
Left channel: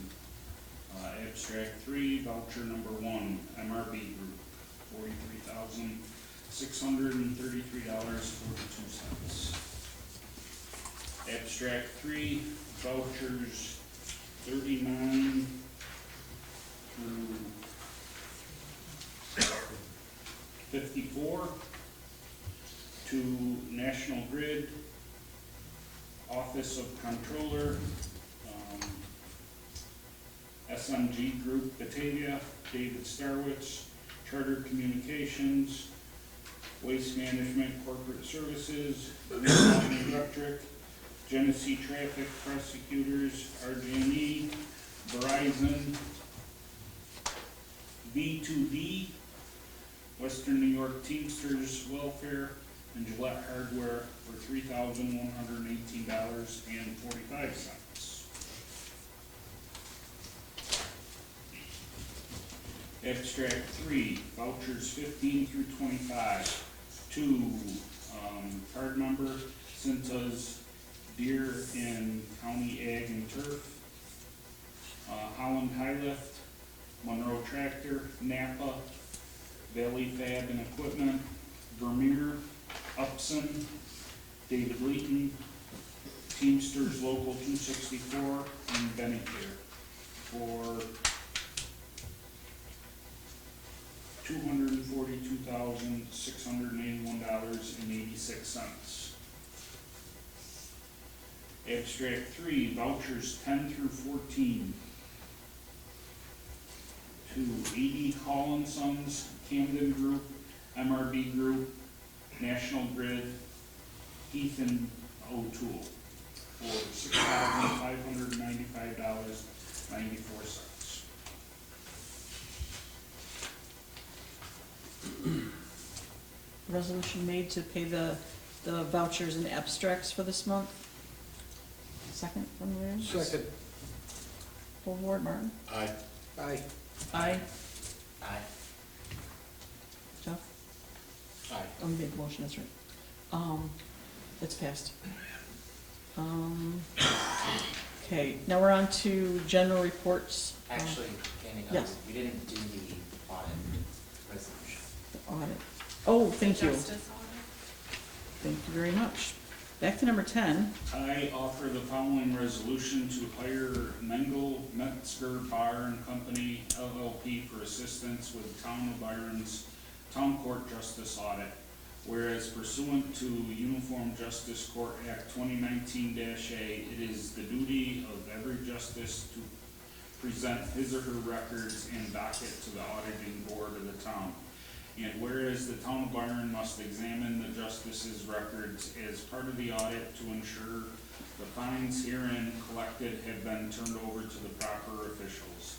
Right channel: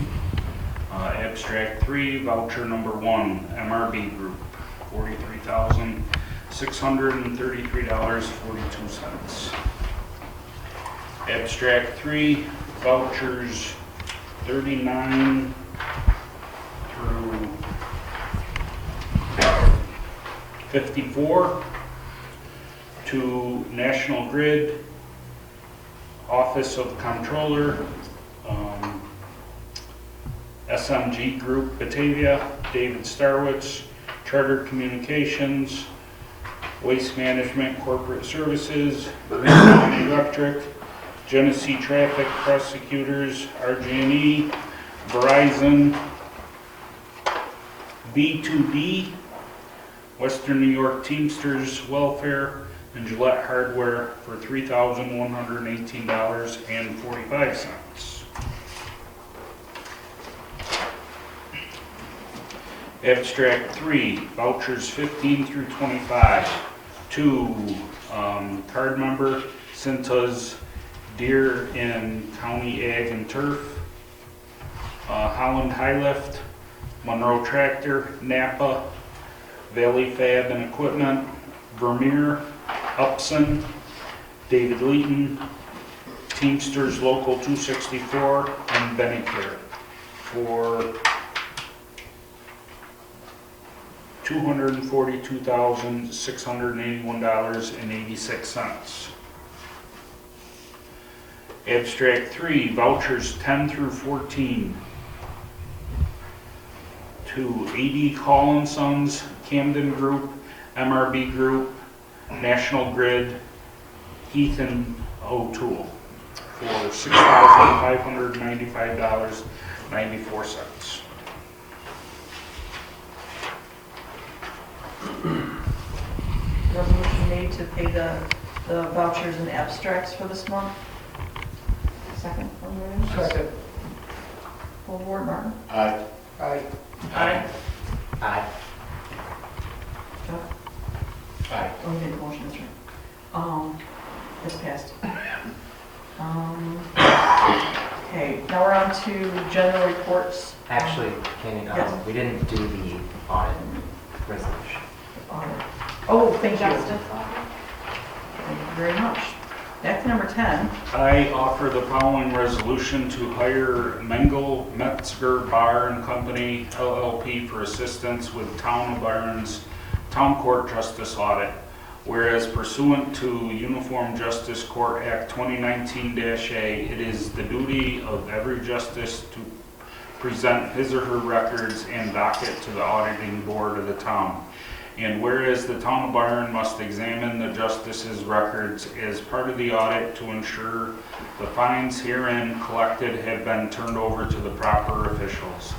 Abstract 3, voucher number 1, MRB Group, $43,633.42. Abstract 3, vouchers 39 through 54 to National Grid, Office of Controller, SMG Group Batavia, David Starwitz, Charter Communications, Waste Management Corporate Services, Renewal Electric, GENESEE Traffic Prosecutors, RG&E, Verizon, B2B, Western New York Teamsters Welfare, and Gillette Hardware for $3,118.45. Abstract 3, vouchers 15 through 25 to card member Cintas Deer in County Ag and Turf, Holland High Lift, Monroe Tractor, Napa, Valley Fab and Equipment, Vermeer, Upson, David Leeton, Teamsters Local 264, and Benicare for $242,681.86. Abstract 3, vouchers 10 through 14 to A.D. Call & Sons, Camden Group, MRB Group, National Grid, Heath and O'Toole for $6,595.94. Resolution made to pay the vouchers and abstracts for this month. Second, from you. Second. Full board, Martin? Aye. Aye. Aye. Aye. Jeff? Aye. Oh, you made the motion, that's right. That's passed. Okay, now we're on to general reports. Actually, Kenny, Yes. we didn't do the audit resolution. Oh, thank you. Justice Audit. Thank you very much. back to number 10. I offer the following resolution to hire Mengel Metzger Bar and Company LLP for assistance with Town of Byron's Town Court Justice Audit. Whereas pursuant to Uniform Justice Court Act 2019-A, it is the duty of every justice to present his or her records and docket to the auditing board of the town. And whereas the town of Byron must examine the justice's records as part of the audit to ensure the fines herein collected have been turned over to the proper officials.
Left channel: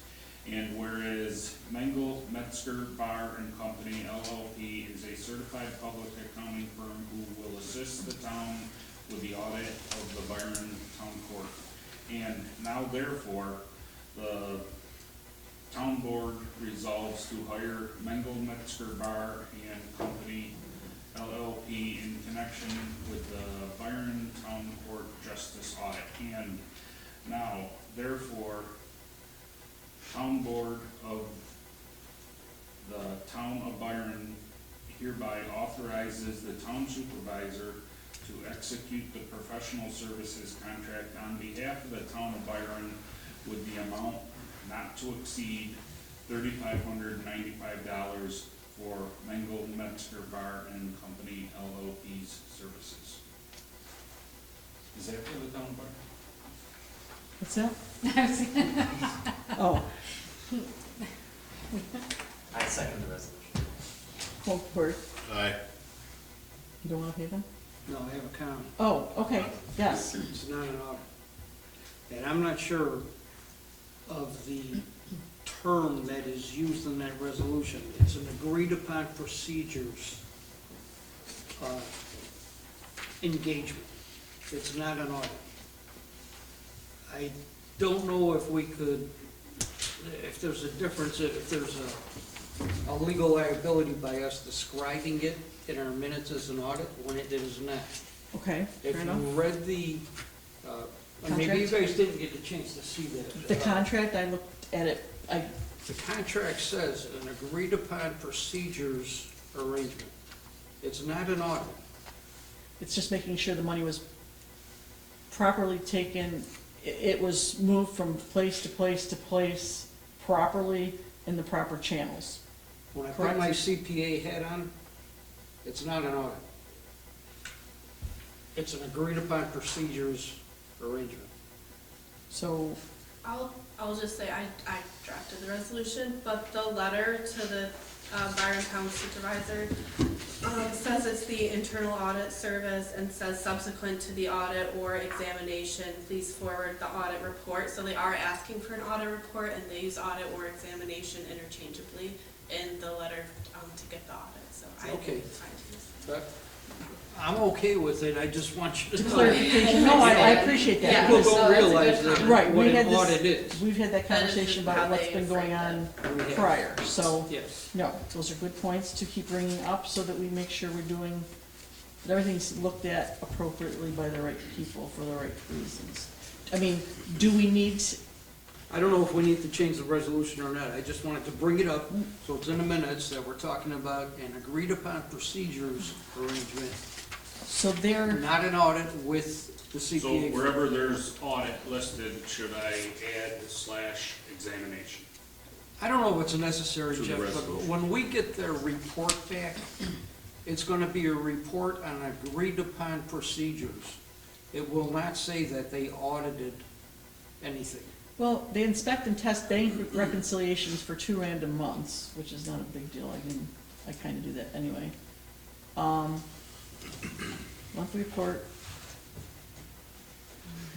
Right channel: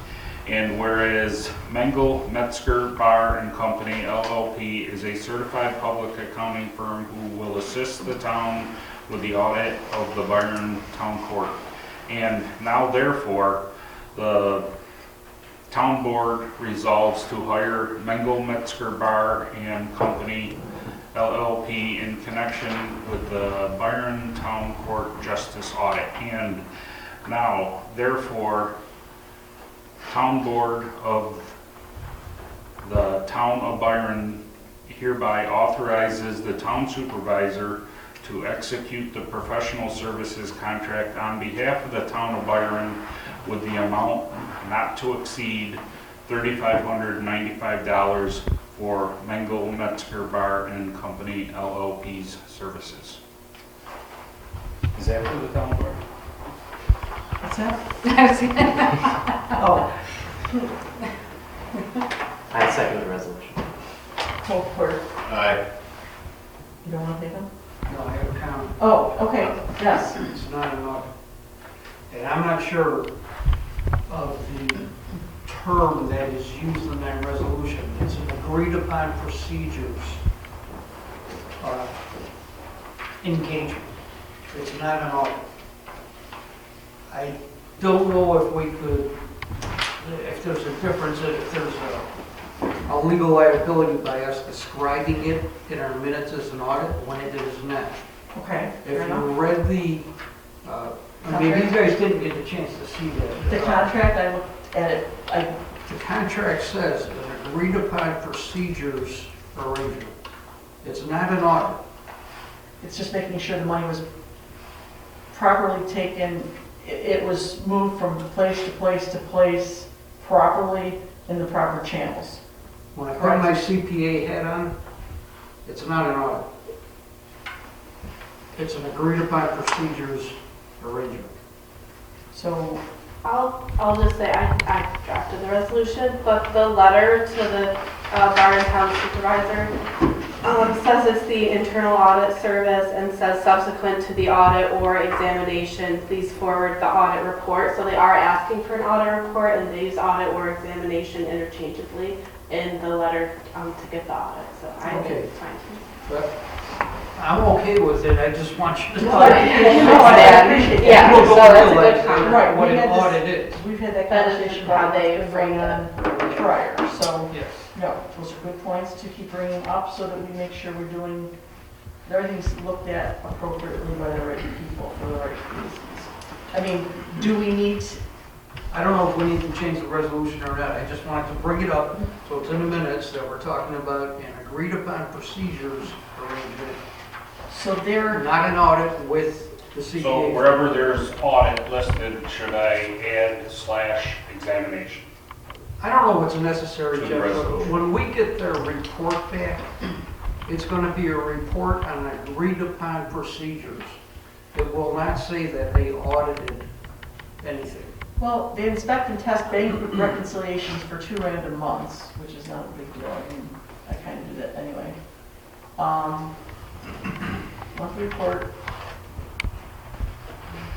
And whereas Mengel Metzger Bar and Company LLP is a certified public accounting firm who will assist the town with the audit of the Byron Town Court. And now therefore, the town board resolves to hire Mengel Metzger Bar and Company LLP in connection with the Byron Town Court Justice Audit. And now therefore, Town Board of the Town of Byron hereby authorizes the town supervisor to execute the professional services contract on behalf of the town of Byron with the amount not to exceed $3,595 for Mengel Metzger Bar and Company LLP's services. Is that for the town board? What's that? Oh, I second the resolution. well, Court, Aye. you don't want to take them? No, I have a comment. Oh, okay, yes. It's not an audit. And I'm not sure of the term that is used in that resolution. It's an agreed upon procedures engagement. It's not an audit. I don't know if we could, if there's a difference, if there's a legal liability by us describing it in our minutes as an audit when it is not. Okay, If fair you enough. read the, maybe you guys didn't get a chance to see that. The contract, I looked at it, The contract says an agreed upon procedures arrangement. It's not an audit. it's just making sure the money was properly taken, it was moved from place to place to place properly in the proper channels. When I put my CPA hat on, it's not an audit. It's an agreed upon procedures arrangement. So, I'll just say, I drafted the resolution, but the letter to the Byron Town Supervisor says it's the internal audit service and says subsequent to the audit or examination, please forward the audit report. So they are asking for an audit report and they use audit or examination interchangeably in the letter to get the audit. So I think Okay. it's fine. But I'm okay with it, I just want you to know. I appreciate that. Yeah, People so don't that's a realize good that comment. Right, what we an had this- audit is. we've had that That is conversation how about they what's been going frame on prior, so, Yes. no, those are good points to keep bringing up so that we make sure we're doing, everything's looked at appropriately by the right people for the right reasons. I mean, do we need, I don't know if we need to change the resolution or not, I just wanted to bring it up, so it's in the minutes that we're talking about an agreed upon procedures arrangement, so there, not an audit with the CPA. So wherever there's audit listed, should I add / examination? I don't know what's necessary, To the Jeff, but resolution. when we get their report back, it's gonna be a report on agreed upon procedures. It will not say that they audited anything. well, they inspect and test bank reconciliations for 2 random months, which is not a big deal, I mean, I kind of do that anyway. Monthly report.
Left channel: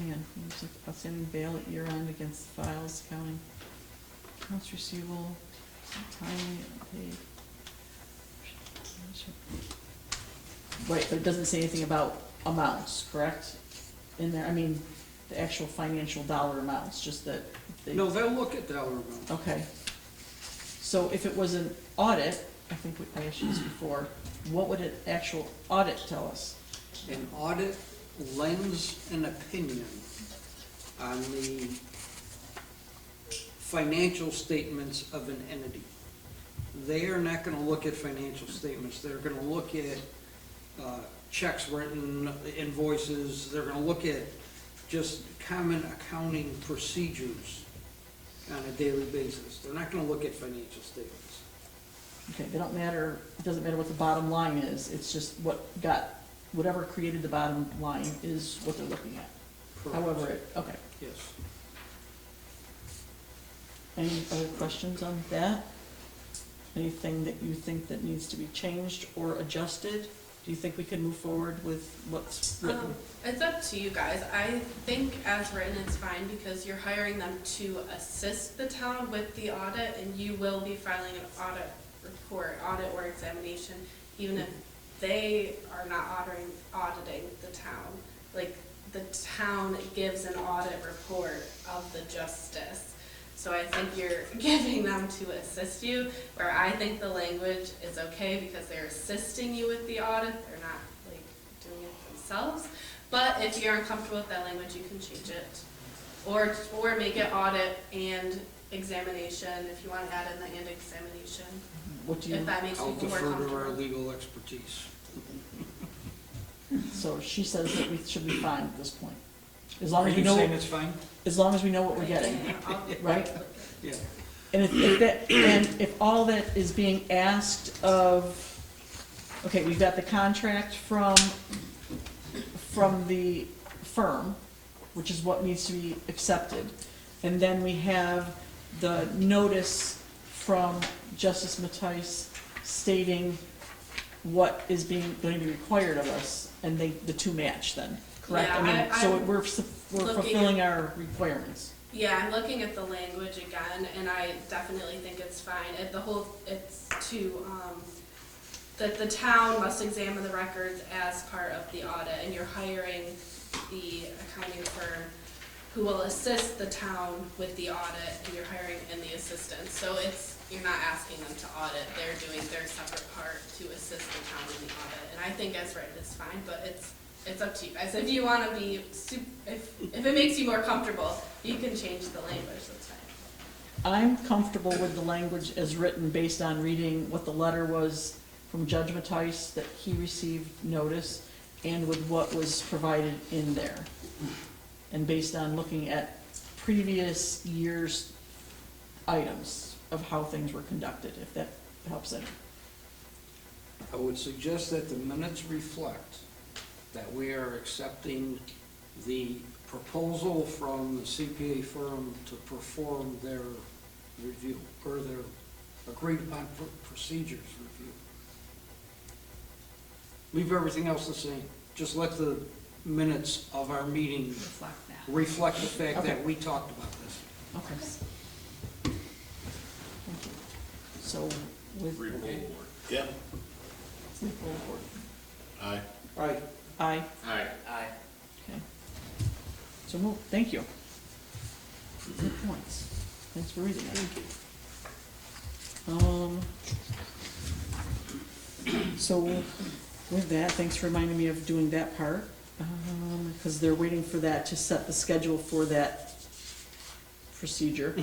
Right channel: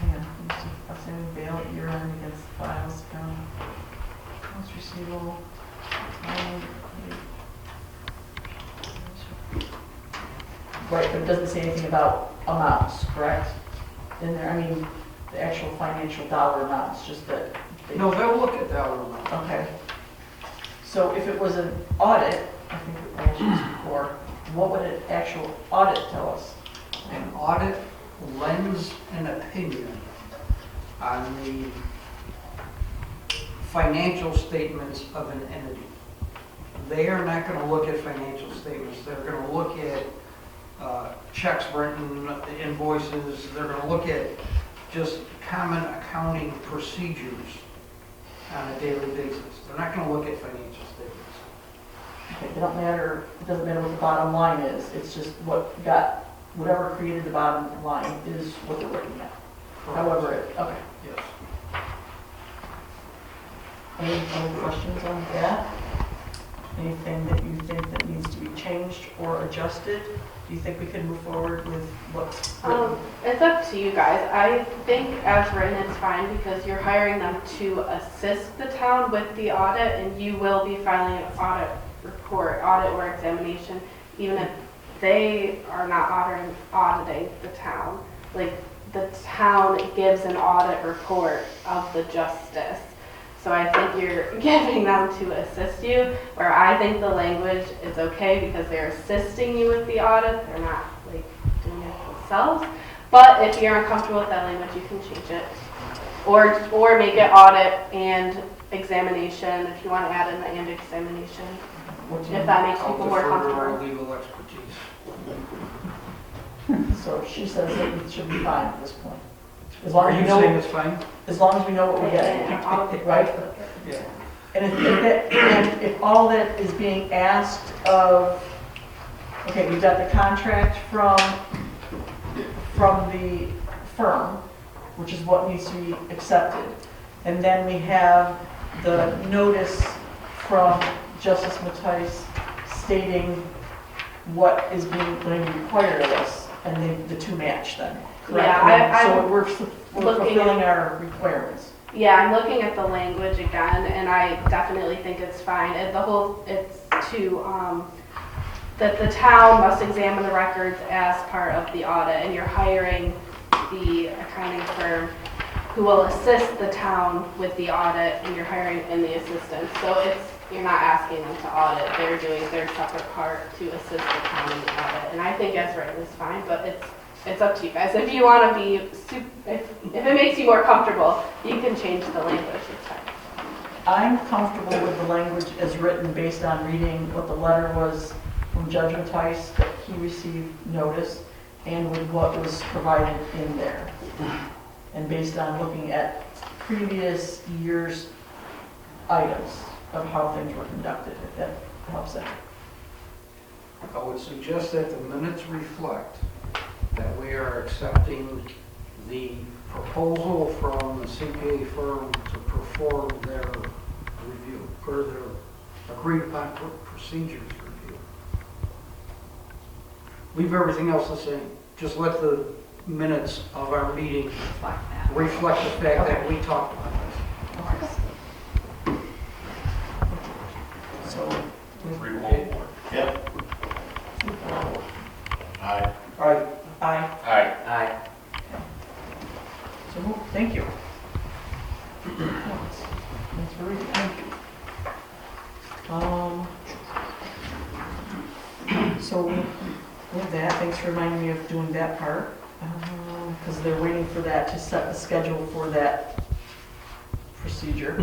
Yeah, outstanding bail year-end against files, county, accounts receivable. Right, but it doesn't say anything about amounts, correct? In there, I mean, the actual financial dollar amounts, just that they. No, they'll look at that one. Okay. So if it was an audit, I think I asked you this before, what would an actual audit tell us? An audit lends an opinion on the financial statements of an entity. They are not gonna look at financial statements, they're gonna look at checks written, the invoices, they're gonna look at just common accounting procedures on a daily basis. They're not gonna look at financial statements. Okay, it don't matter, it doesn't matter what the bottom line is, it's just whatever created the bottom line is what they're looking at. However, okay. Yes. Any other questions on that? Anything that you think that needs to be changed or adjusted? Do you think we can move forward with what's written? It's up to you guys. I think as written it's fine because you're hiring them to assist the town with the audit, and you will be filing an audit report, audit or examination, even if they are not auditing the town. Like, the town gives an audit report of the justice. So I think you're giving them to assist you, where I think the language is okay because they're assisting you with the audit. They're not like doing it themselves. But if you're uncomfortable with that language, you can change it. Or make it audit and examination, if you want to add in the and examination, What do you- if that makes I'll people more defer to our comfortable. legal expertise. So she says that it should be fine at this point. As Are long as you we saying know, it's fine? as long as we know what we're getting, right? Yeah. And if all that is being asked of, okay, we've got the contract from the firm, which is what needs to be accepted. And then we have the notice from Justice Mattison stating what is going to be required of us, and the two match then, correct? Yeah, So I'm we're looking fulfilling our requirements. Yeah, I'm looking at the language again, and I definitely think it's fine. It's to, that the town must examine the records as part of the audit, and you're hiring the accounting firm who will assist the town with the audit, and you're hiring in the assistants. So you're not asking them to audit, they're doing their separate part to assist the town in the audit. And I think as written is fine, but it's up to you guys. If you want to be, if it makes you more comfortable, you can change the language, it's fine. I'm comfortable with the language as written based on reading what the letter was from Judge Mattison, that he received notice, and with what was provided in there. And based on looking at previous years' items of how things were conducted, if that helps them. I would suggest that the minutes reflect that we are accepting the proposal from the CPA firm to perform their review, or their agreed upon procedures review. Leave everything else the same. Just let the minutes of our meeting reflect the fact that we talked about this. So, Yep. Aye. All right, aye. Aye. Aye. So, thank you. That's really, thank you. So, with that, thanks for reminding me of doing that part, because they're waiting for that to set the schedule for that procedure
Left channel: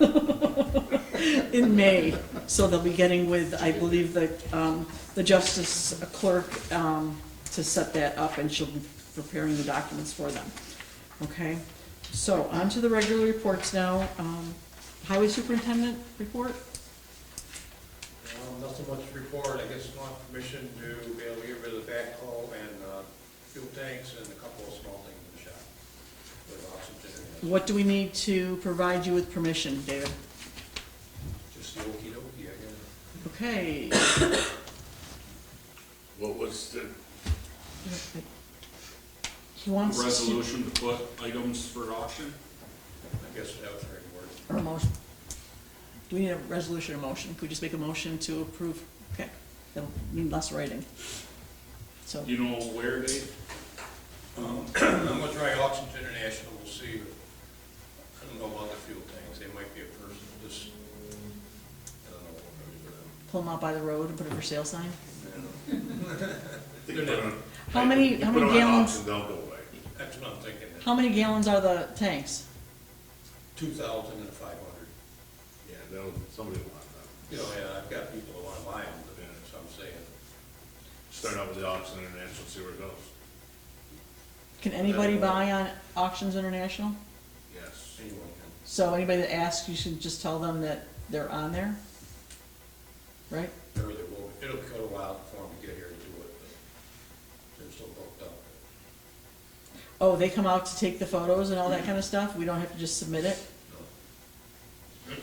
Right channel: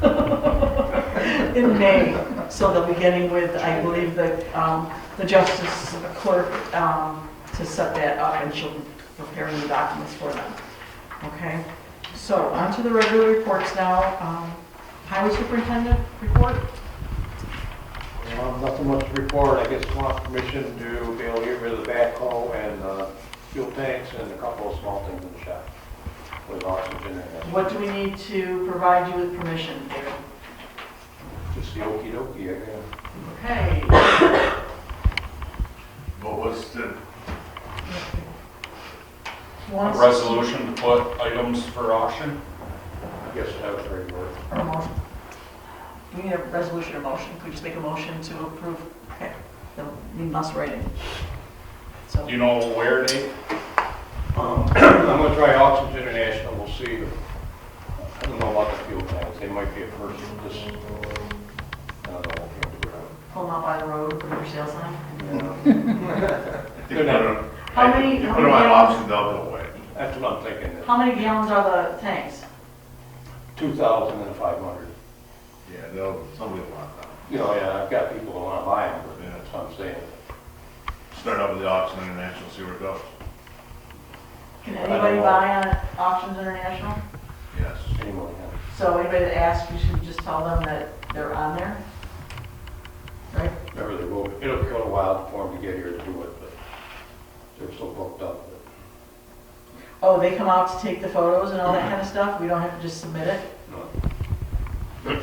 in May. So they'll be getting with, I believe, the Justice Clerk to set that up, and she'll be preparing the documents for them. Okay, so on to the regular reports now. Highway Superintendent report? Nothing much to report. I guess want permission to be able to get rid of the backhoe and fuel tanks and a couple of small things in the shop with oxygen and What do we need to provide you with permission, David? just the okey dokey, I guess. Okay. What was the, He wants A resolution to put items for auction? I guess that was the right word. Or a motion. Do we need a resolution or motion? Could we just make a motion to approve? Okay, no, need less writing. So, You know where, Dave? I'm gonna try Oxygen International, we'll see. I don't know about the fuel tanks, they might be a person, just, I don't know. pulling out by the road with a for sale sign. Good enough. How many put them on gallons, auction, they'll go away. That's what I'm thinking, how many gallons are the tanks? 2,500. Yeah, somebody will want that. You know, yeah, I've got people who wanna buy them, but that's what I'm saying. Start up out to the Auction International, see where it goes. Can anybody buy on Auctions International? Yes. Anyone, yeah. So anybody that asks, you should just tell them that they're on there? Right? Remember, it'll take a while for them to get here to do it, but they're still booked up. Oh, they come out to take the photos and all that kind of stuff? We don't have to just submit it? No.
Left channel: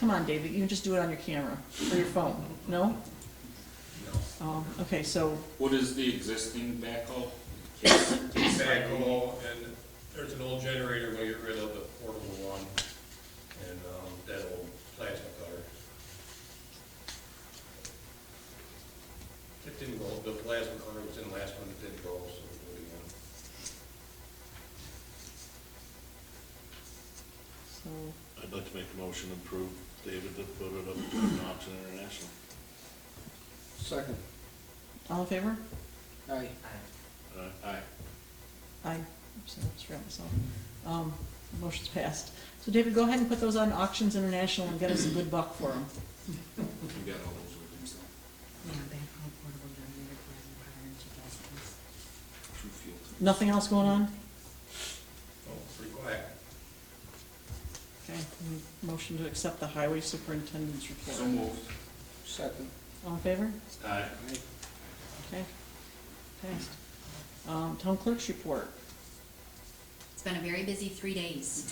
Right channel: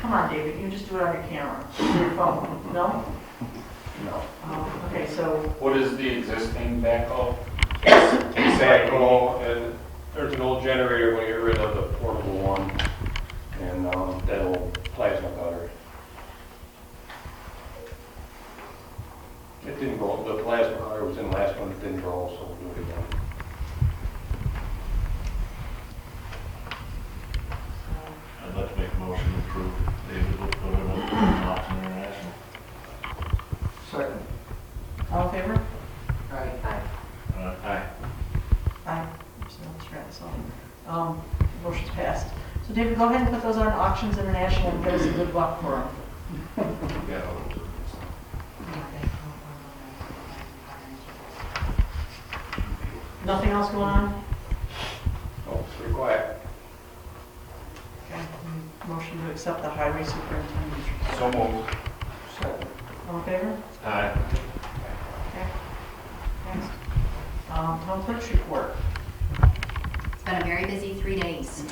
Come on, David, you can just do it on your camera, your phone, no? No. Okay, so, What is the existing backhoe? Backhoe, and there's an old generator, we get rid of the portable one, and that old plasma cutter. It didn't go, the plasma cutter was in the last one, it didn't go, so we'll do it again. I'd like to make a motion to approve David will put it on Auction International. Second. all in favor? Aye. Aye. Aye. So that's right, so, motion's passed. So David, go ahead and put those on Auctions International and get us a good buck for them. Yeah. Nothing else going on? Oh, it's pretty quiet. Okay, motion to accept the highway superintendent's report. So moved. Second. All in favor? Aye. Okay. Next. Town clerk's report. It's been a very busy 3 days.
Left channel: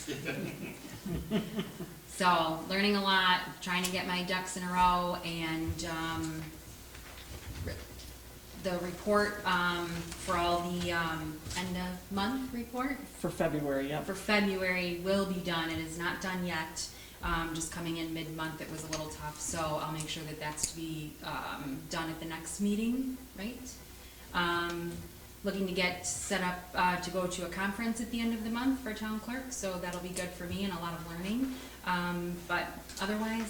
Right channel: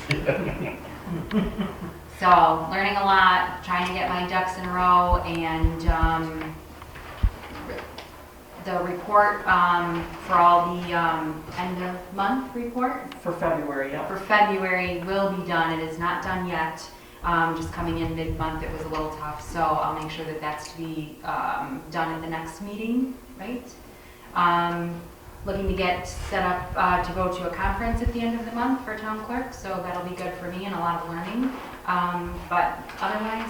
So, learning a lot, trying to get my ducks in a row, and the report for all the end of month report For February, yeah. for February will be done. It is not done yet. Just coming in mid-month, it was a little tough, so I'll make sure that that's to be done at the next meeting, right? Looking to get set up to go to a conference at the end of the month for town clerk, so that'll be good for me and a lot of learning. But otherwise,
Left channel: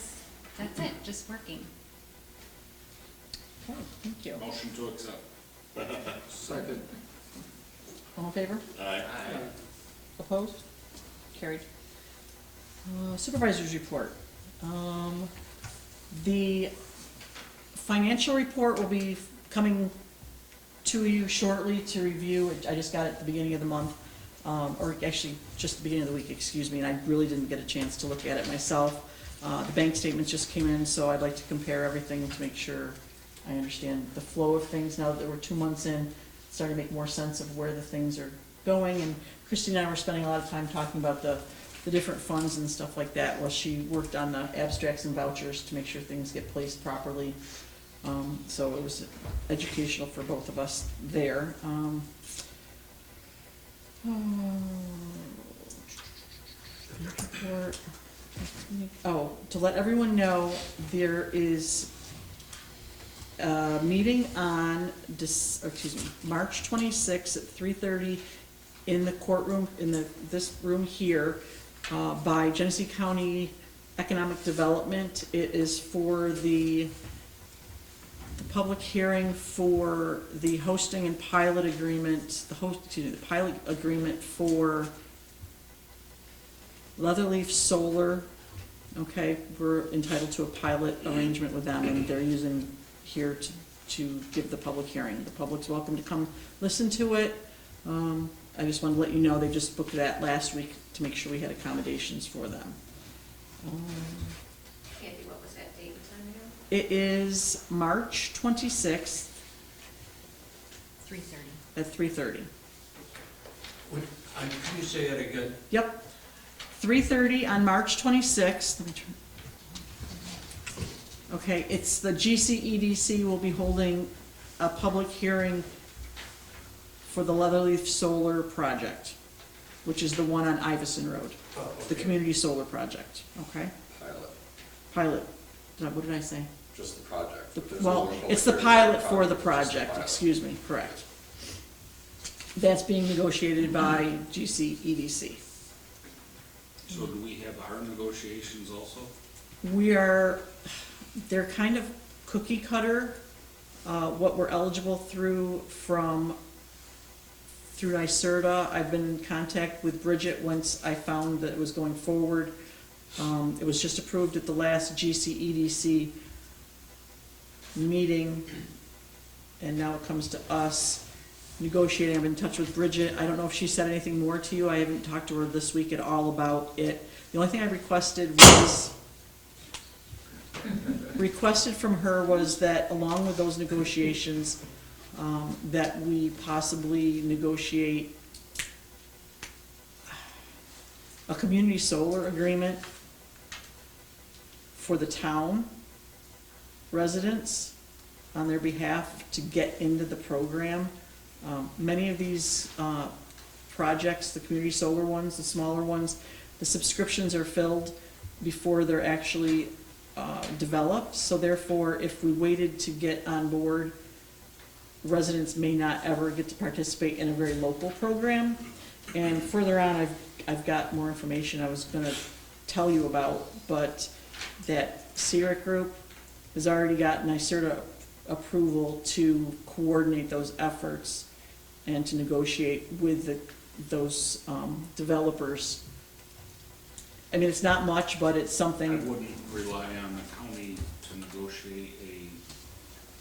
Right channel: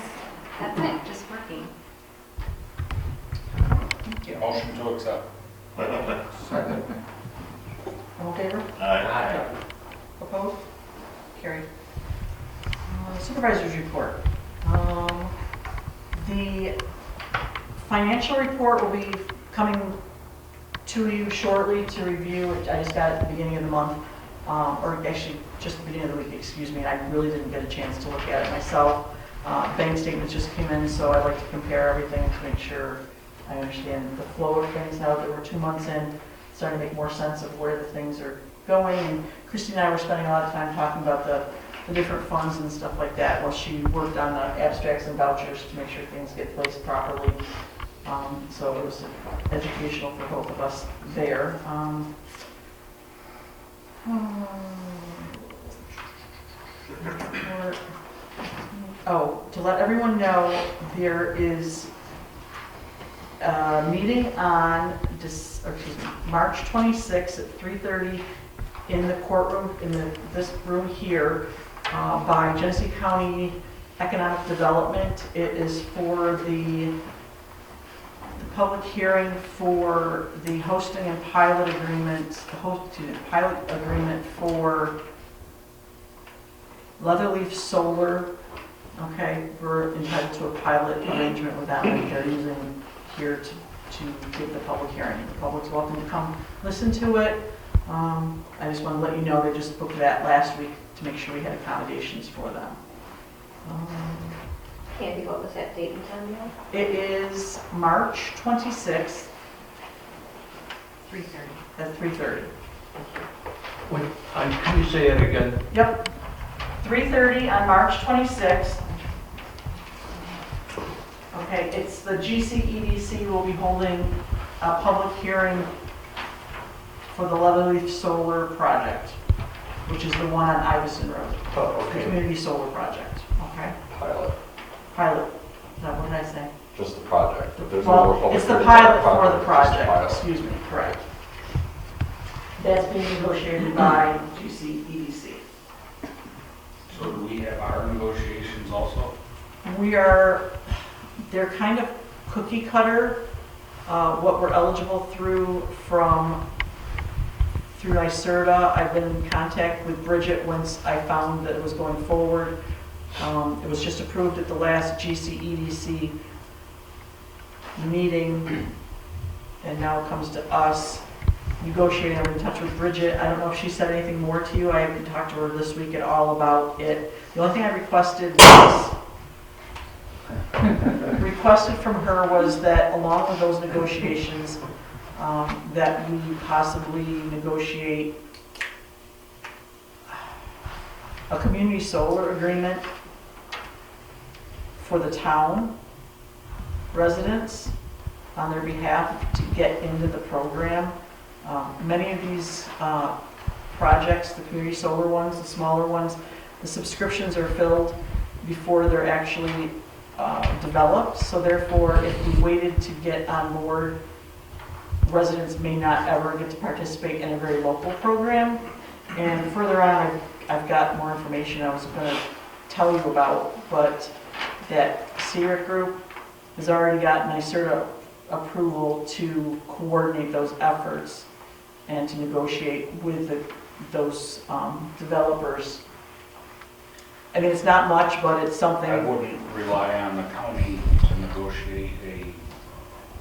that's it, just working. Thank you. Motion to accept. Second. All in favor? Aye. Opposed? Carried. Supervisor's report. The financial report will be coming to you shortly to review. I just got it at the beginning of the month, or actually just the beginning of the week, excuse me, and I really didn't get a chance to look at it myself. Bank statements just came in, so I like to compare everything to make sure I understand the flow of things now that we're 2 months in, starting to make more sense of where the things are going. And Christy and I were spending a lot of time talking about the different funds and stuff like that while she worked on the abstracts and vouchers to make sure things get placed properly. So it was educational for both of us there. Oh, to let everyone know, there is a meeting on March 26th at 3:30 in the courtroom, in this room here, by Genesee County Economic Development. It is for the public hearing for the hosting and pilot agreements, pilot agreement for Leatherleaf Solar. Okay, we're entitled to a pilot arrangement with them, and they're using here to give the public hearing. The public's welcome to come listen to it. I just want to let you know, they just booked that last week to make sure we had accommodations for them. Candy, what was that date and time again? It is March 26th 3:30. at 3:30. Wait, can you say it again? Yep, 3:30 on March 26th. Okay, it's the GCEDC will be holding a public hearing for the Leatherleaf Solar Project, which is the one on Iveson Road, Oh, the community solar project, okay? Pilot, Pilot, is that what did I say? just the project. If there's a Well, public it's the hearing, pilot for the it's just a project, pilot. excuse me, correct. That's being negotiated by GCEDC. So do we have our negotiations also? They're kind of cookie cutter, what we're eligible through NYSERDA. I've been in contact with Bridget once I found that it was going forward. It was just approved at the last GCEDC meeting. and now it comes to us negotiating. I'm in touch with Bridget. I don't know if she said anything more to you. I haven't talked to her this week at all about it. The only thing I requested from her was that along with those negotiations, that we possibly negotiate a community solar agreement for the town residents on their behalf to get into the program. Many of these projects, the community solar ones, the smaller ones, the subscriptions are filled before they're actually developed. So therefore, if we waited to get on board, residents may not ever get to participate in a very local program. And further on, I've got more information I was going to tell you about, but that SEER group has already got NYSERDA approval to coordinate those efforts and to negotiate with those developers. I mean, it's not much, but it's something. I wouldn't rely on the county to negotiate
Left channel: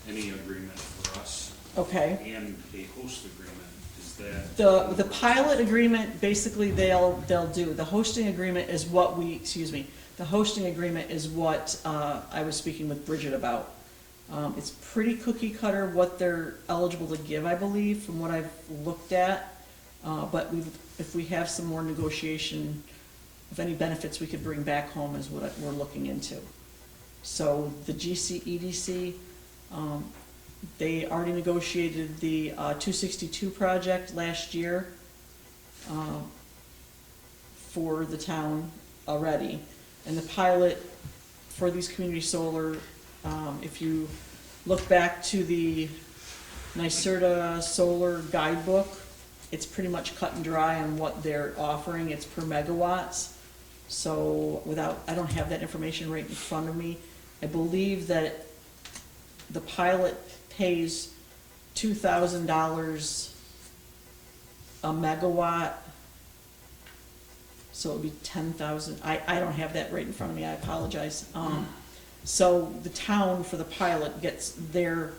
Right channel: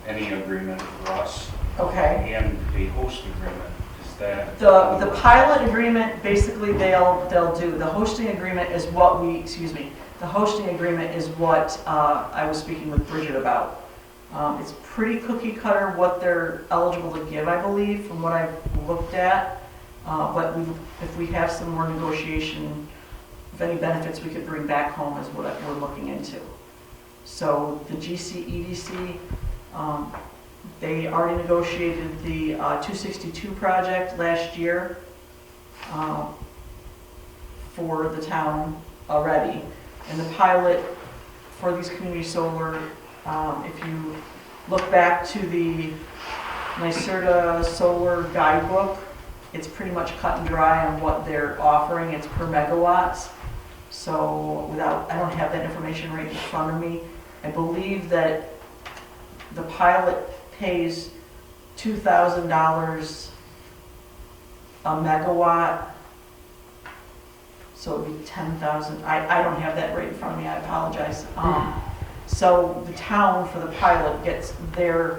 any agreement for us. Okay. And a host agreement, is that? The pilot agreement, basically they'll do. The hosting agreement is what the hosting agreement is what I was speaking with Bridget about. It's pretty cookie cutter what they're eligible to give, I believe, from what I've looked at. But if we have some more negotiation, if any benefits we could bring back home is what we're looking into. So the GC EDC, they already negotiated the 262 project last year for the town already. And the pilot for these community solar, if you look back to the NYSERDA solar guidebook, it's pretty much cut and dry on what they're offering. It's per megawatts. So I don't have that information right in front of me. I believe that the pilot pays $2,000 a megawatt. So it would be 10,000. I don't have that right in front of me. I apologize. So the town for the pilot gets their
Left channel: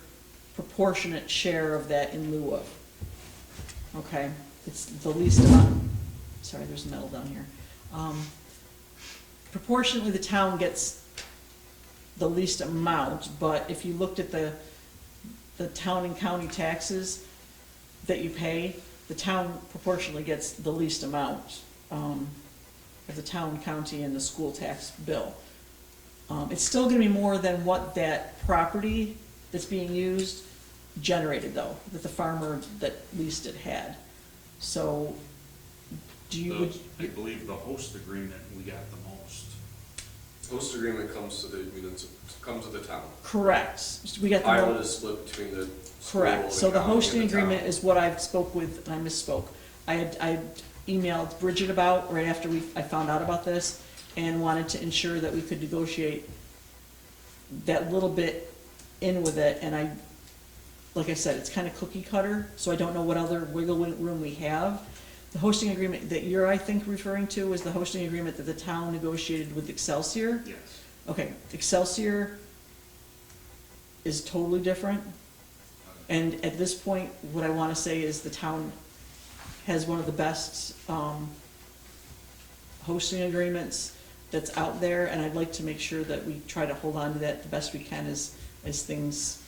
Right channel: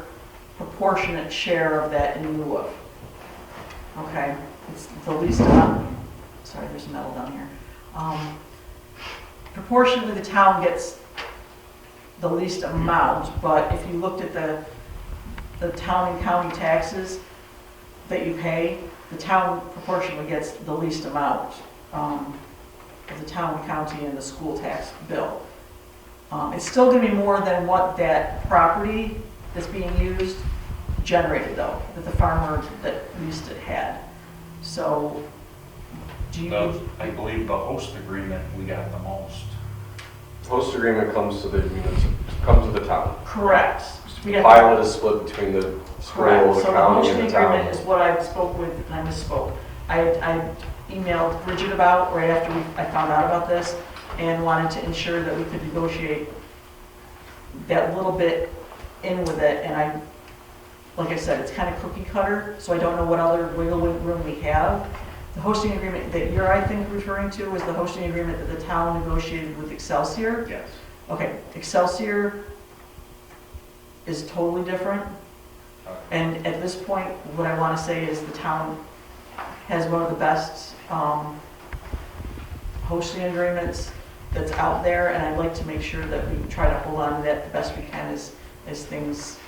proportionate share of that in lieu of. Okay, it's the least amount. Sorry, there's metal down here. Proportionately, the town gets the least amount, but if you looked at the town and county taxes that you pay, the town proportionally gets the least amount of the town, county, and the school tax bill. It's still going to be more than what that property that's being used generated, though, that the farmer that leased it had. So, I believe the host agreement, we got the most. Host agreement comes to the town. Correct. We got Pilot is split between the school, correct. the So the county, hosting and the town. agreement is what I spoke with, and I misspoke. I emailed Bridget about right after I found out about this, and wanted to ensure that we could negotiate that little bit in with it. And like I said, it's kind of cookie cutter, so I don't know what other wiggle room we have. The hosting agreement that you're, I think, referring to was the hosting agreement that the town negotiated with Excelsior. Yes. Okay, Excelsior is totally different. And at this point, what I want to say is the town has one of the best hosting agreements that's out there, and I'd like to make sure that we try to hold on to that the best we can as things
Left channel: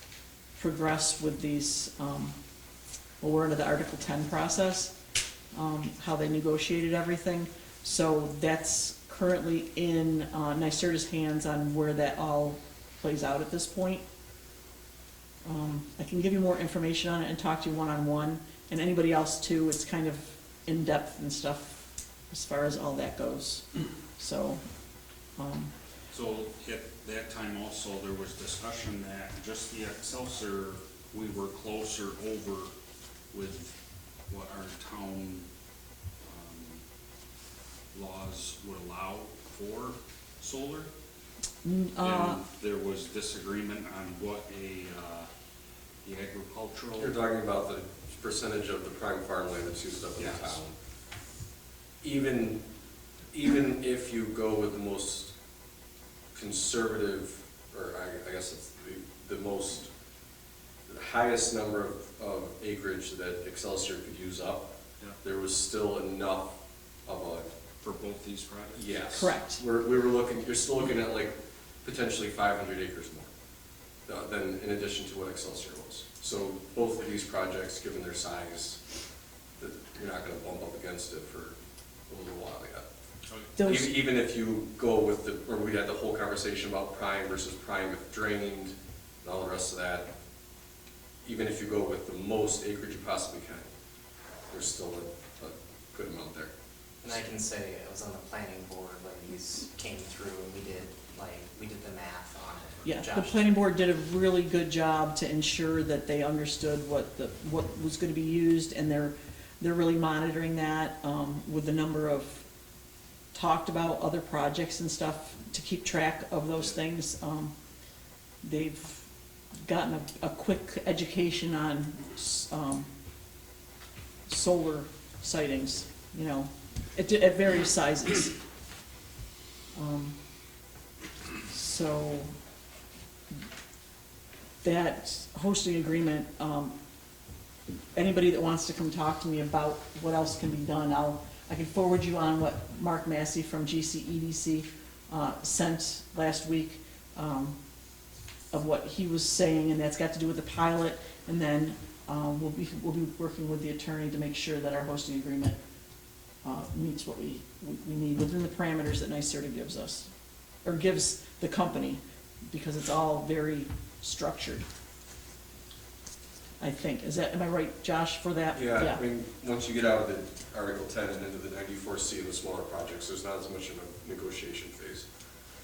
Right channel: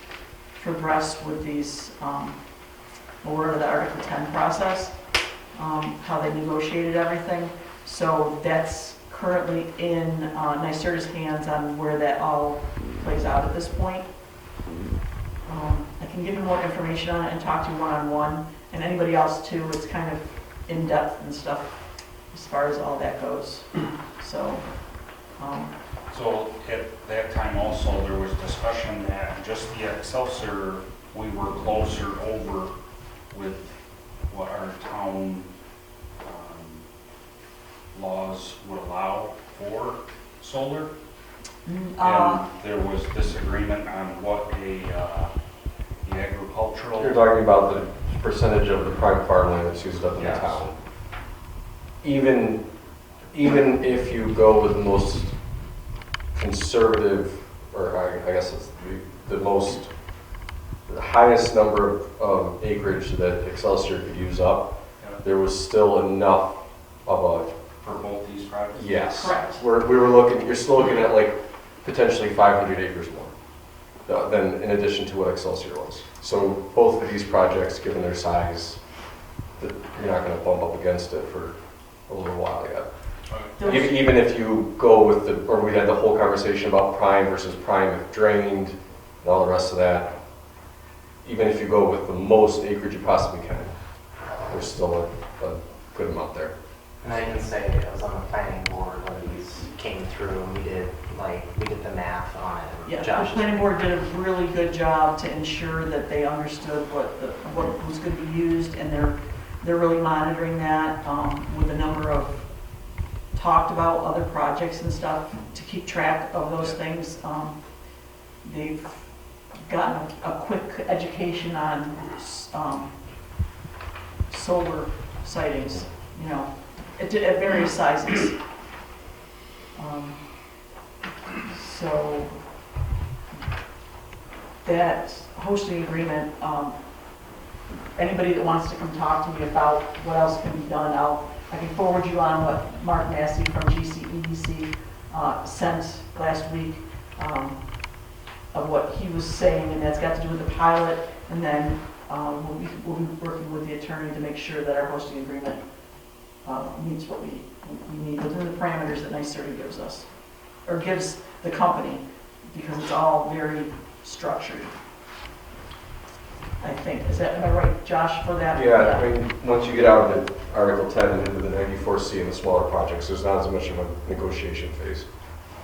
progress with these, we're into the Article 10 process, how they negotiated everything. So that's currently in NYSERDA's hands on where that all plays out at this point. I can give you more information on it and talk to you one-on-one, and anybody else too. It's kind of in-depth and stuff as far as all that goes. So, So at that time also, there was discussion that just the Excelsior, we were closer over with what our town laws would allow for solar. And there was disagreement on what the agricultural. You're talking about the percentage of the prime farmland that's used up in the Yes. town. Even if you go with the most conservative, or I guess it's the highest number of acreage that Excelsior could use up, there was still enough of a, For both these projects? yes. Correct. We were looking, you're still looking at like potentially 500 acres more than in addition to what Excelsior was. So both of these projects, given their size, that you're not going to bump up against it for a little while yet. Those- Even if you go with the, or we had the whole conversation about prime versus prime if drained and all the rest of that, even if you go with the most acreage you possibly can, there's still a good amount there. And I can say I was on the planning board when these came through and we did the math on it. Yeah, the Josh, planning board did a really good job to ensure that they understood what was going to be used, and they're really monitoring that with a number of talked about other projects and stuff to keep track of those things. They've gotten a quick education on solar sightings, you know, at various sizes. So that hosting agreement, anybody that wants to come talk to me about what else can be done, I can forward you on what Mark Massey from GENESEE sent last week of what he was saying, and that's got to do with the pilot, and then we'll be working with the attorney to make sure that our hosting agreement meets what we need within the parameters that NYSERDA gives us, or gives the company, because it's all very structured. I think, is that right, Josh, for that? Yeah, I mean, once you get out of the Article 10 and into the 94C and the smaller projects, there's not as much of a negotiation phase.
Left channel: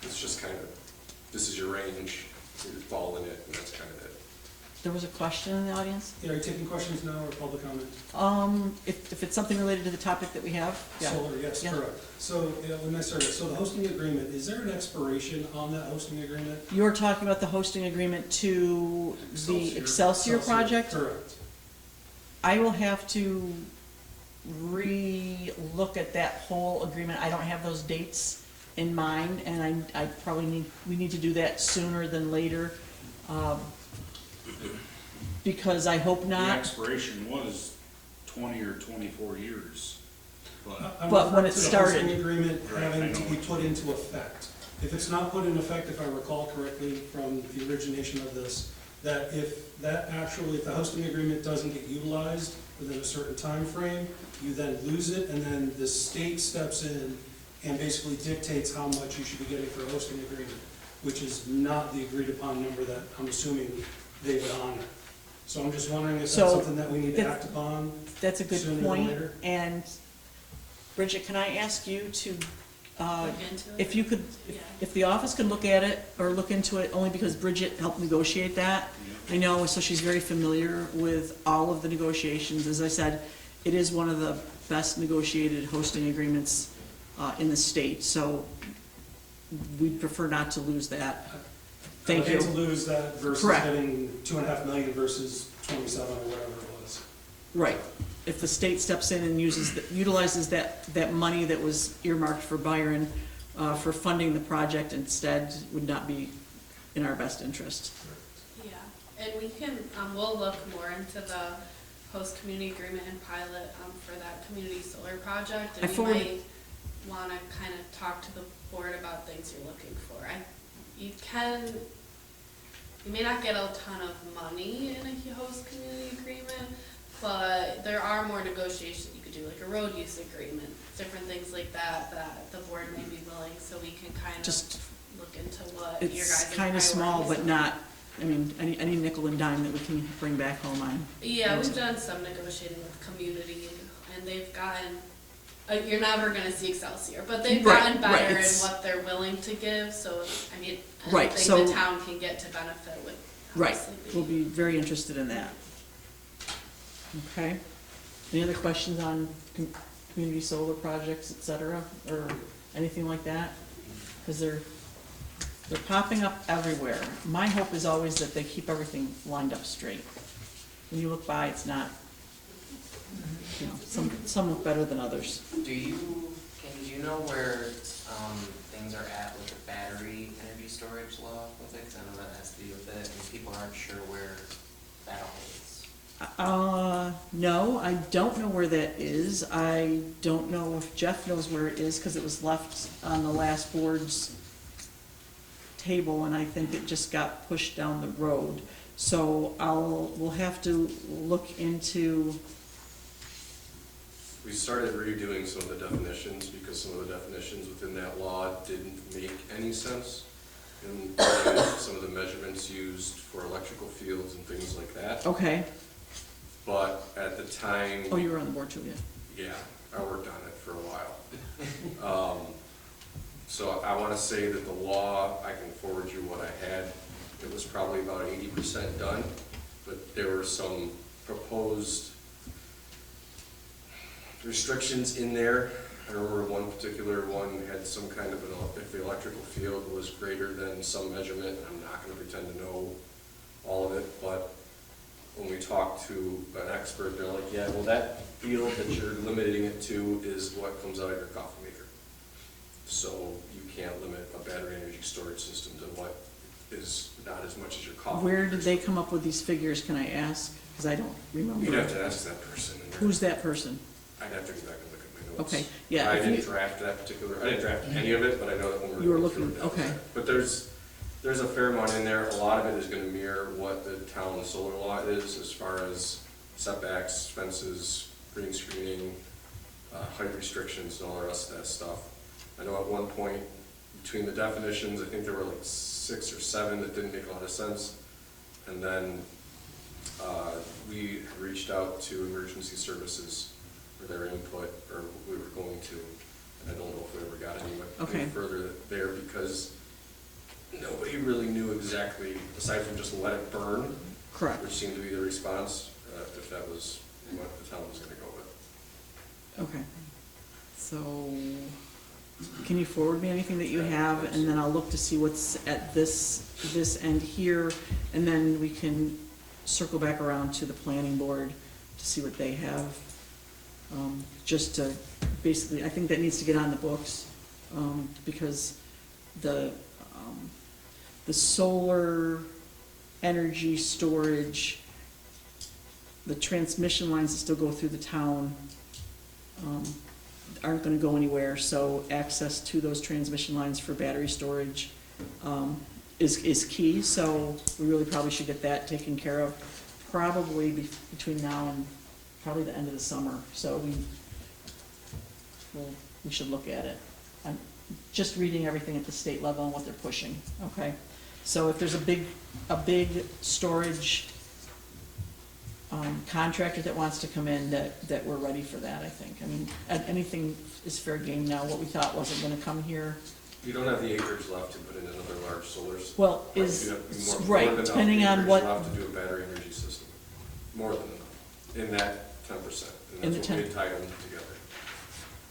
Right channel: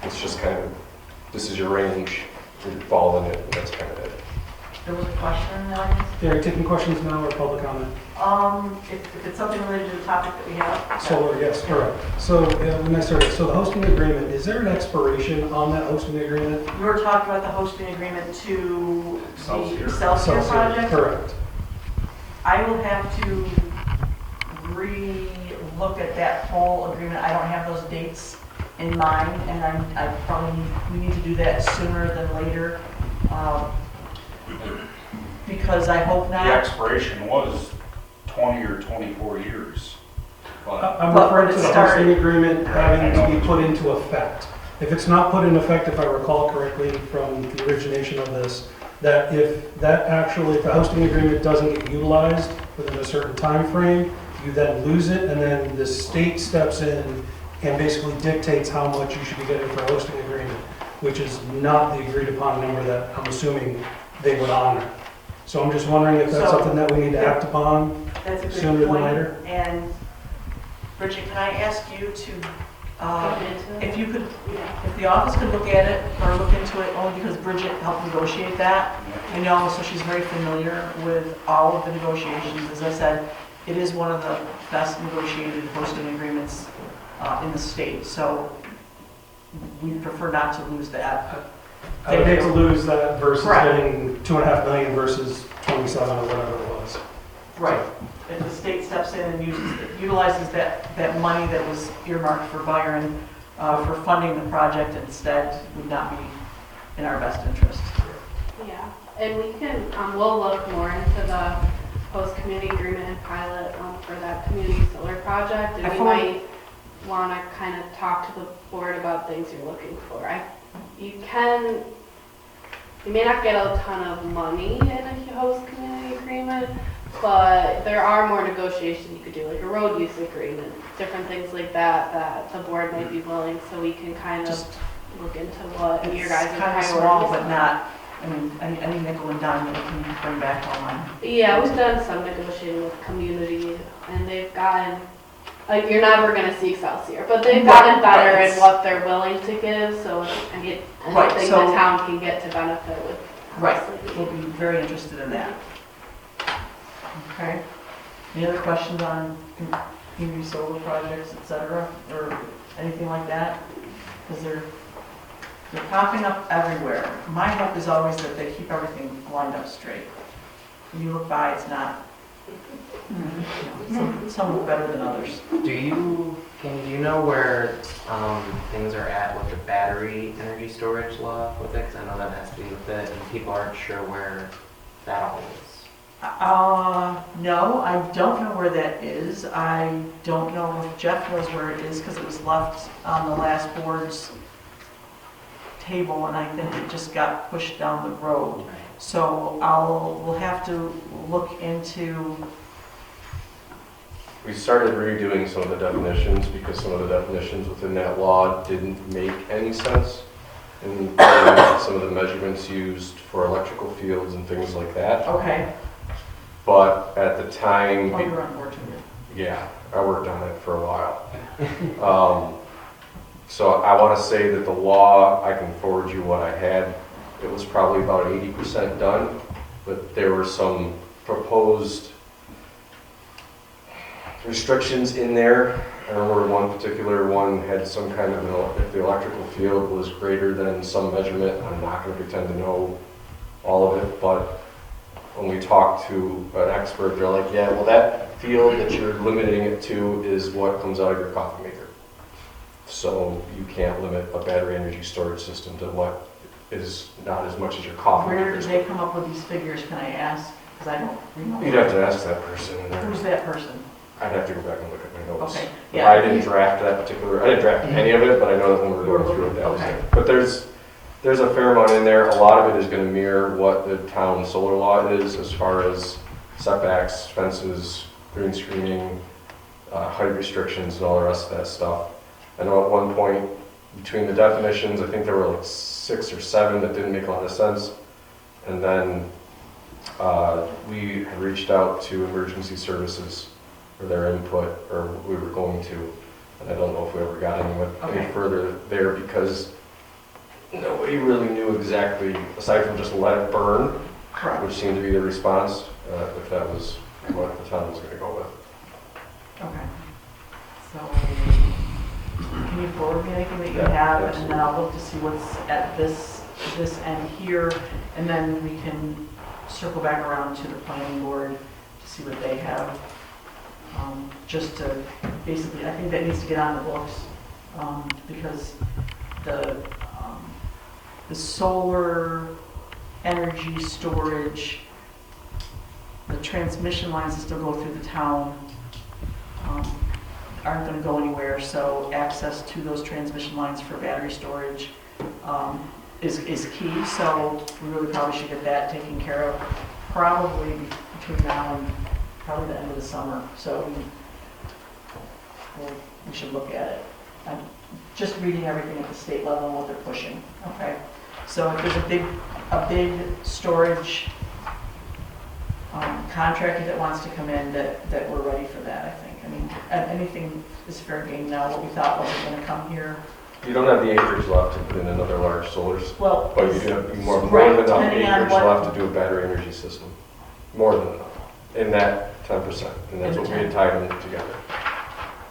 It's just kind of, this is your range, you fall in it, and that's kind of it. There was a question in the audience? Are you taking questions now or public comment? If it's something related to the topic that we have. Solar, yes, correct. So, so the hosting agreement, is there an expiration on that hosting agreement? You were talking about the hosting agreement to the Excelsior. Excelsior project? Correct. I will have to re-look at that whole agreement. I don't have those dates in mind, and we need to do that sooner than later. Because I hope The not. expiration was 20 or 24 years. I'm But when referring it to the started- hosting agreement having to be put into effect. If it's not put in effect, if I recall correctly from the origination of this, that if the hosting agreement doesn't get utilized within a certain time frame, you then lose it, and then the state steps in and basically dictates how much you should be getting for a hosting agreement, which is not the agreed upon number that I'm assuming they would honor. So I'm just wondering if that's So- something that we need to act upon That's a good sooner than point. later. And Bridget, can I ask you to, if you could, if the office could look at it or look into it, only because Bridget helped negotiate that, you know, so she's very familiar with all of the negotiations. As I said, it is one of the best negotiated hosting agreements in the state, so we prefer not to lose that. I would hate to lose that versus Correct. getting 2.5 million versus 27 or whatever it was. Right. If the state steps in and utilizes that money that was earmarked for Byron for funding the project instead, would not be in our best interest. Yeah, and we can, we'll look more into the host community agreement and pilot for that community solar project. And we might want to kind of talk to the board about things you're looking for. You may not get a ton of money in a host community agreement, but there are more negotiations you could do, like a road use agreement, different things like that, that the board might be willing, so we can kind of Just, look into what your it's guys' kind of priorities small, but are. not, I mean, any nickel and dime that we can bring back home. Yeah, we've done some negotiating with community, and they've gotten, like, you're never gonna see Excelsior, but they've gotten better Right. in what they're willing to give, so, I mean, Right, anything so- the town can get to benefit would Right, obviously we'll be. be very interested in that. Okay. Any other questions on community solar projects, et cetera, or anything like that? Because they're popping up everywhere. My hope is always that they keep everything lined up straight. When you look by, it's not, you know, some look better than others. do you know where things are at with the battery energy storage law with it? Because I know that has to do with it, and people aren't sure where that all is? No, I don't know where that is. I don't know if Jeff knows where it is, because it was left on the last board's table, and I think it just got pushed down the road. So we'll have to look into, We started redoing some of the definitions because some of the definitions within that law didn't make any sense. And some of the measurements used for electrical fields and things like that. okay, But at the time, oh, you're on board too. yeah, I worked on it for a while. So I want to say that the law, I can forward you what I had. It was probably about 80% done, but there were some proposed restrictions in there. I remember one particular one had some kind of, if the electrical field was greater than some measurement, I'm not going to pretend to know all of it, but when we talk to an expert, they're like, yeah, well, that field that you're limiting it to is what comes out of your coffee maker. So you can't limit a battery energy storage system to what is not as much as your coffee Where maker. did they come up with these figures, can I ask? Because I don't remember. You'd have to ask that person. And Who's that person? I'd have to go back and look at my notes. Okay, yeah. I didn't draft that particular, I didn't draft any of it, but I know that when we You were were going through it, looking- that was okay. it. But there's a fair amount in there. A lot of it is going to mirror what the town solar law is as far as setbacks, fences, green screening, height restrictions, and all the rest of that stuff. I know at one point, between the definitions, I think there were like 6 or 7 that didn't make a lot of sense. And then we had reached out to emergency services for their input, or we were going to, and I don't know if we ever got any further there because nobody really knew exactly, aside from just let it burn, Correct. which seemed to be the response, if that was what the town was going to go with. Okay. So, can you forward me anything that you Yeah, have, and absolutely. then I'll look to see what's at this end here, and then we can circle back around to the planning board to see what they have. Just to, basically, I think that needs to get on the books, because the solar energy storage, the transmission lines that still go through the town, aren't gonna go anywhere, so access to those transmission lines for battery storage, is key, so we really probably should get that taken care of, probably between now and probably the end of the summer, so we should look at it. I'm just reading everything at the state level and what they're pushing, okay? So if there's a big storage contractor that wants to come in, that we're ready for that, I think. I mean, anything is fair game now. What we thought wasn't gonna come here. You don't have the acreage left to put in another large solar system, Well, but you do have more right, than enough depending on acreage what- left to do a battery energy system. More than enough, in that 10%, and that's In what the we had tied them together.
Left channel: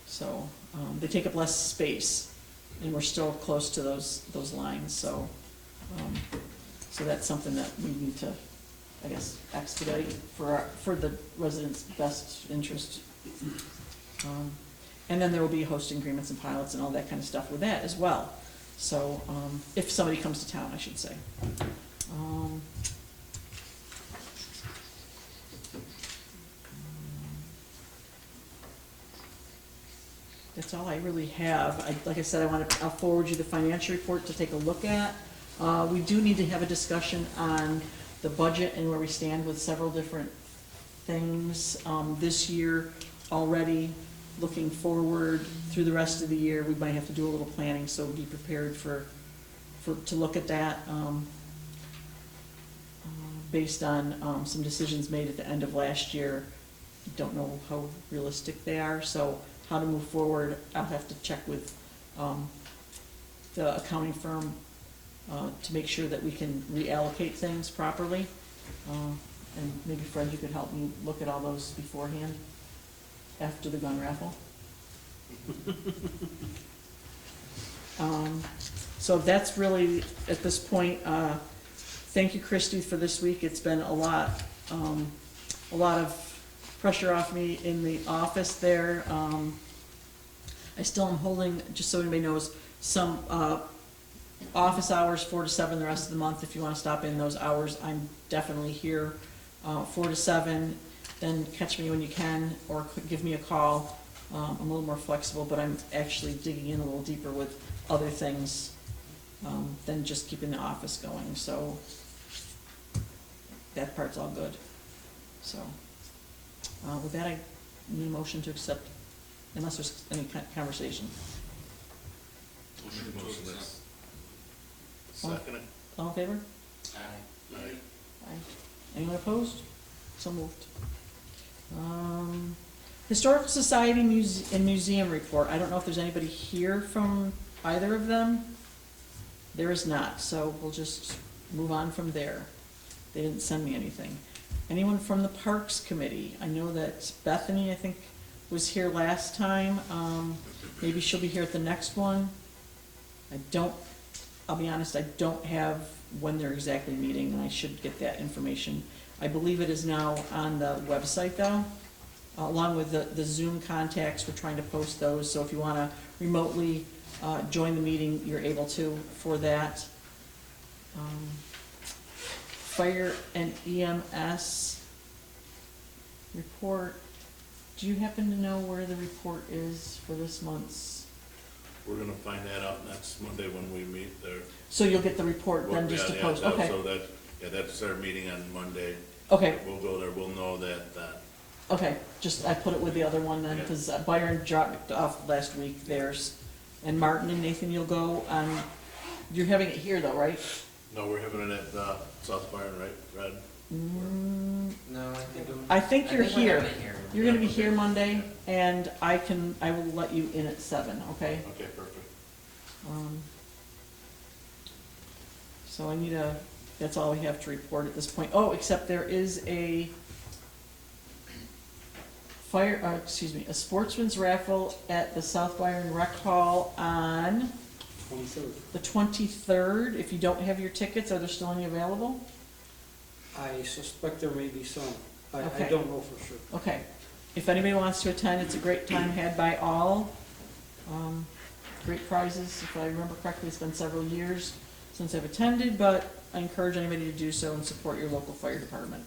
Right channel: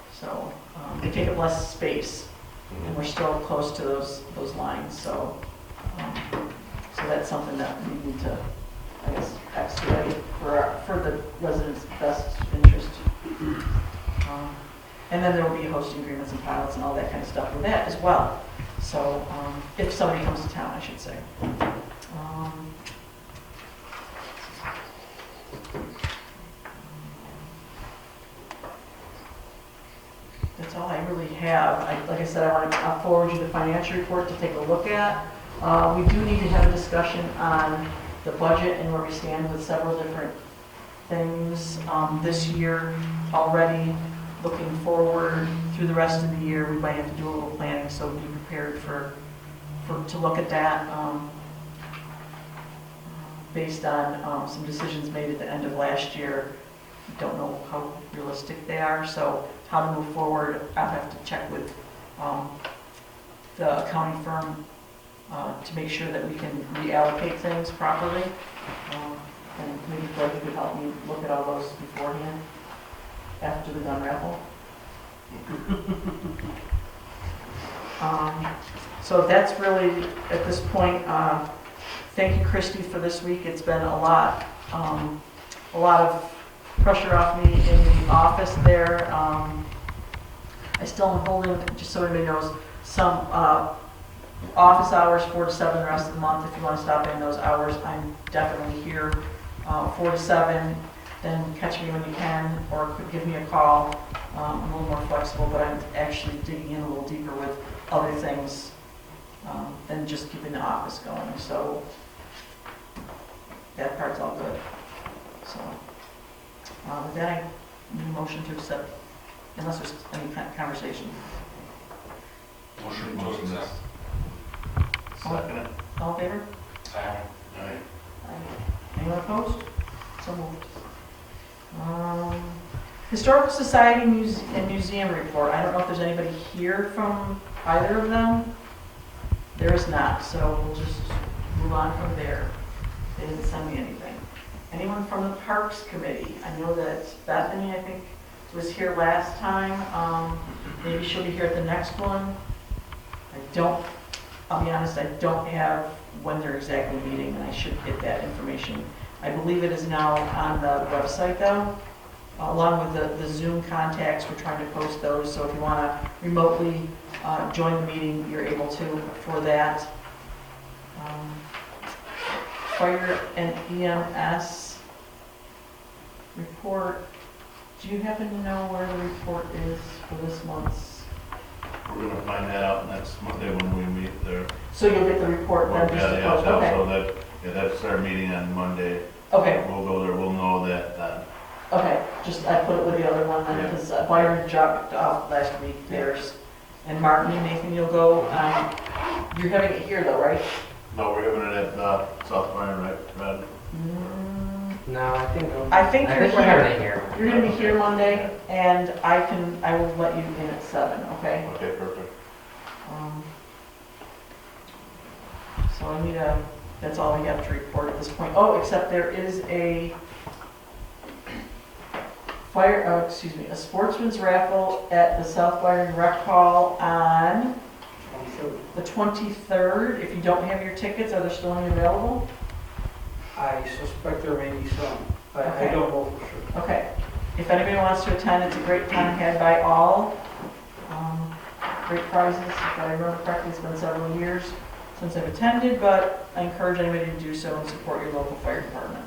So, they take up less space, and we're still close to those lines, so, so that's something that we need to, I guess, expedite for the residents' best interest. And then there will be hosting agreements and pilots and all that kind of stuff with that as well. So, if somebody comes to town, I should say. That's all I really have. Like I said, I'll forward you the financial report to take a look at. We do need to have a discussion on the budget and where we stand with several different things this year already. Looking forward through the rest of the year, we might have to do a little planning, so be prepared to look at that based on some decisions made at the end of last year. Don't know how realistic they are, so how to move forward, I'll have to check with the accounting firm to make sure that we can reallocate things properly. And maybe Fred could help me look at all those beforehand, after the gun raffle. So that's really, at this point, thank you, Christy, for this week. It's been a lot of pressure off me in the office there. I still am holding, just so everybody knows, some office hours 4 to 7 the rest of the month. If you want to stop in those hours, I'm definitely here. 4 to 7, then catch me when you can, or give me a call. I'm a little more flexible, but I'm actually digging in a little deeper with other things than just keeping the office going, so that part's all good. So, with that, I need a motion to accept, unless there's any conversation. Motion to accept. Second. All in favor? Aye. Anyone opposed? So moved. Historical Society and Museum report. I don't know if there's anybody here from either of them. There is not, so we'll just move on from there. They didn't send me anything. Anyone from the Parks Committee? I know that Bethany, I think, was here last time. Maybe she'll be here at the next one. I'll be honest, I don't have when they're exactly meeting, and I should get that information. I believe it is now on the website though, along with the Zoom contacts. We're trying to post those, so if you want to remotely join the meeting, you're able to for that. Fire and EMS report. Do you happen to know where the report is for this month's? We're gonna find that out next Monday when we meet there. So you'll get the report then just to post? Okay. So that's our meeting on Monday. Okay, We'll go there, we'll know that then. okay, just, I put it with the other one then, because Byron dropped off last week theirs. And Martin and Nathan, you'll go, you're having it here though, right? No, we're having it at South Byron, right, Brad? No, I think I think you're we're having here. it here. You're gonna be here Monday, and I will let you in at 7, okay? Okay, perfect. So I need that's all we have to report at this point. Oh, except there is a a sportsman's raffle at the South Byron Rec Hall on the 23rd. If you don't have your tickets, are there still any available? I suspect there may be some, but I Okay. don't know for sure. Okay. If anybody wants to attend, it's a great time had by all. Great prizes, if I remember correctly, it's been several years since I've attended, but I encourage anybody to do so and support your local fire department.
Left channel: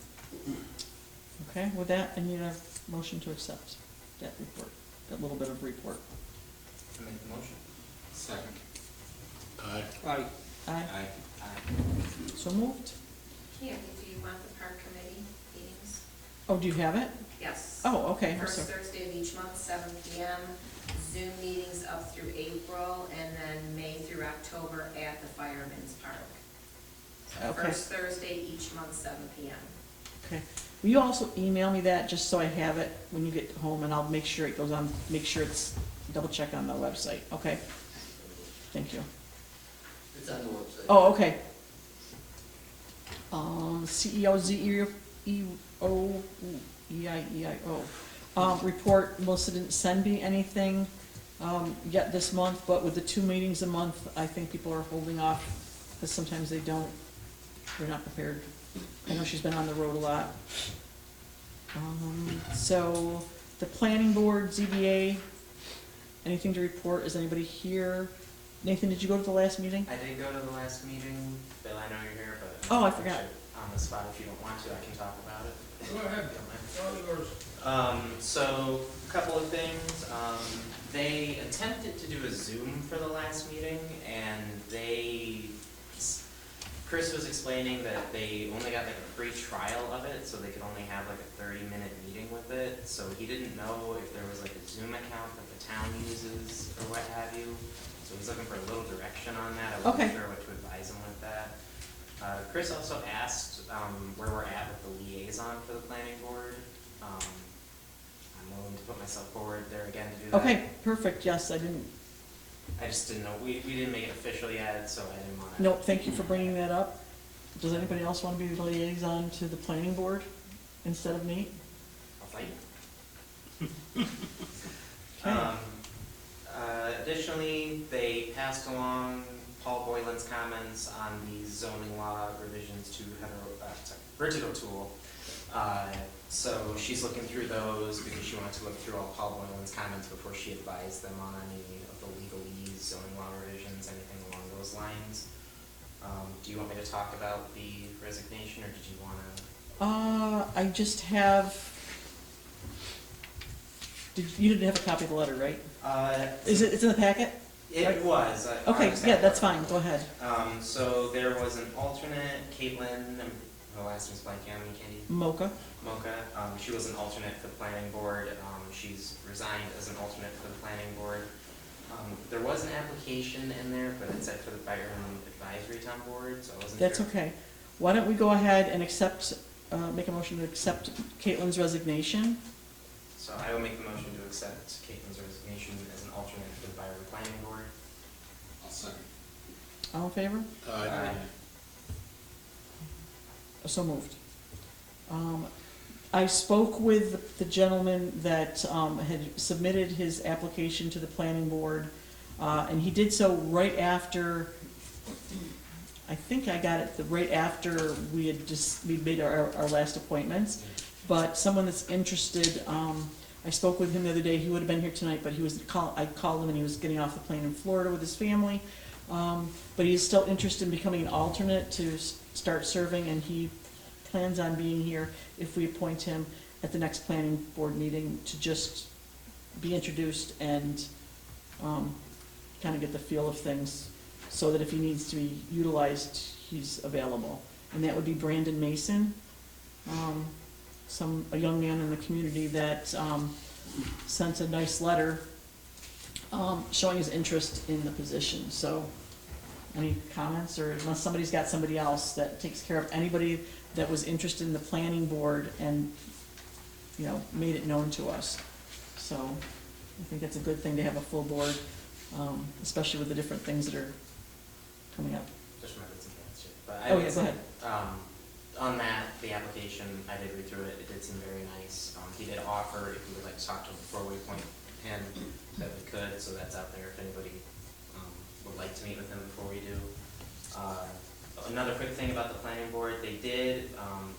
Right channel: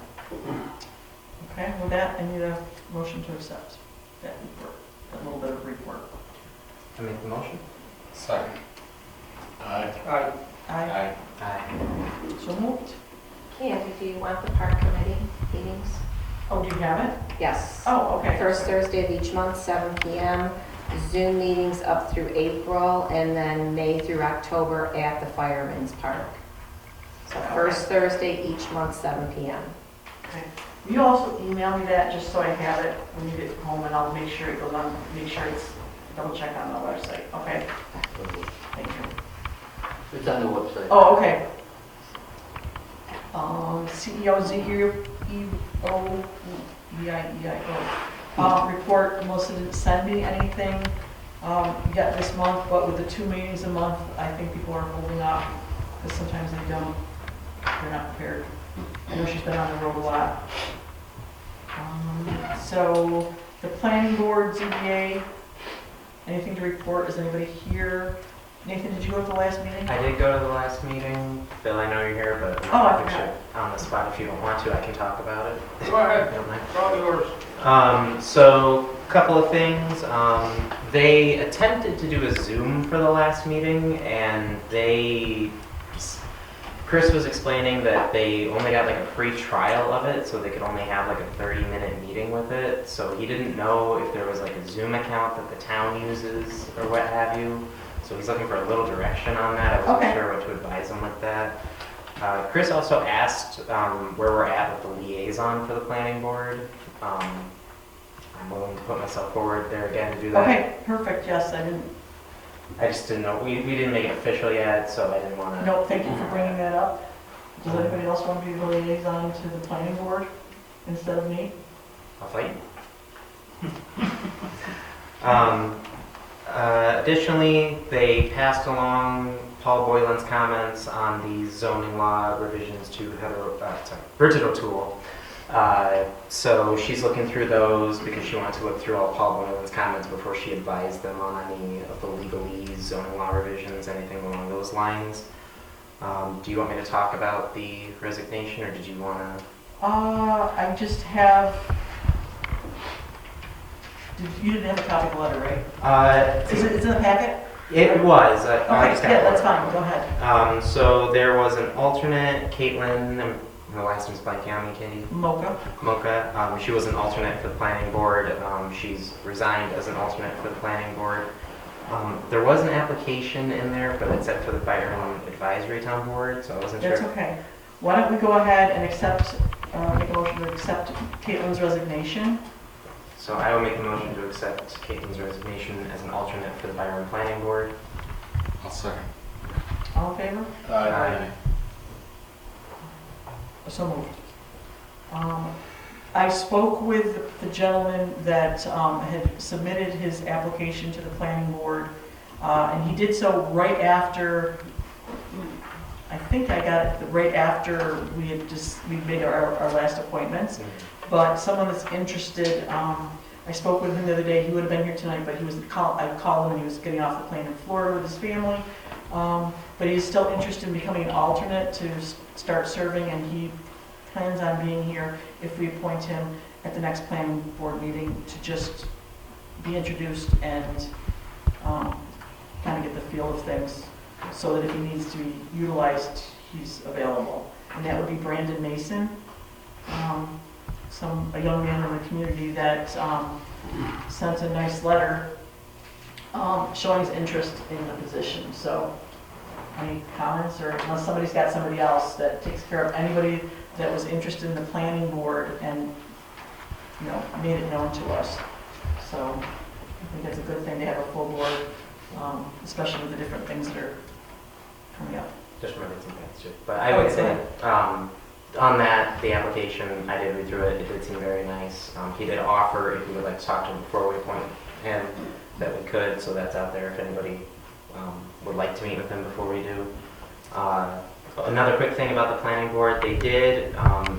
Okay, with that, I need a motion to accept that report, that little bit of report. I make the motion? Second. Aye. Aye. Aye. Aye. So moved. And do you want the park committee meetings? Oh, do you have it? Yes. Oh, okay. First Thursday of each month, 7 PM. Zoom meetings up through April, and then May through October at the Fireman's Park. So Okay. first Thursday each month, 7 PM. Okay. Will you also email me that, just so I have it when you get home, and I'll make sure it goes on, make sure it's, double check on the website, okay? Thank you. It's on the website. Oh, okay. CEO, report, Melissa didn't send me anything yet this month, but with the 2 meetings a month, I think people are holding off, because sometimes they don't, they're not prepared. I know she's been on the road a lot. So, the planning board, ZBA, anything to report? Is anybody here? Nathan, did you go to the last meeting? I did go to the last meeting. Bill, I know you're here, but Oh, I think forgot. on the spot, if you don't want to, I can talk about it. Go ahead, You don't mind? all yours. So, a couple of things. They attempted to do a Zoom for the last meeting, and Chris was explaining that they only got like a free trial of it, so they could only have like a 30-minute meeting with it. So he didn't know if there was like a Zoom account that the town uses or what have you. So he's looking for a little direction on that. I wasn't Okay. sure what to advise him with that. Chris also asked where we're at with the liaison for the planning board. I'm willing to put myself forward there again to do that. Okay, perfect, yes, I just didn't know, we didn't make it official yet, so I didn't want to. no, thank you for bringing that up. Does anybody else want to be the liaison to the planning board instead of me? I'll fight. Additionally, they passed along Paul Boylan's comments on the zoning law revisions to Bridget Tool. So she's looking through those because she wanted to look through all Paul Boylan's comments before she advised them on any of the legalese, zoning law revisions, anything along those lines. Do you want me to talk about the resignation, or did you want to? I just have, you didn't have a copy of the letter, right? Is it in the packet? It was. I Okay, just got yeah, it. that's fine, go ahead. So there was an alternate, Caitlin, her last name's blanking on me, Katie. Mocha. She was an alternate for the planning board. She's resigned as an alternate for the planning board. There was an application in there, but it said for the Byron Advisory Town Board, so I wasn't That's sure. okay. Why don't we go ahead and accept, make a motion to accept Caitlin's resignation? So I will make a motion to accept Caitlin's resignation as an alternate for the Byron Planning Board. I'll second. All in favor? Aye. So moved. I spoke with the gentleman that had submitted his application to the planning board, and he did so right after, I think I got it right after we made our last appointments. But someone that's interested, I spoke with him the other day, he would have been here tonight, but I called him, he was getting off the plane in Florida with his family. But he's still interested in becoming an alternate to start serving, and he plans on being here if we appoint him at the next planning board meeting to just be introduced and kind of get the feel of things, so that if he needs to be utilized, he's available. And that would be Brandon Mason, a young man in the community that sent a nice letter showing his interest in the position. So any comments, or unless somebody's got somebody else that takes care of anybody that was interested in the planning board and, you know, made it known to us. So I think that's a good thing to have a full board, especially with the different things that are coming up. Just remembered some things too. But I would say, on that, the application, I did read through it, it did seem very nice. He did offer, if we would like to talk to him before we appoint him, that we could, so that's out there if anybody would like to meet with him before we do. Another quick thing about the planning board, they did,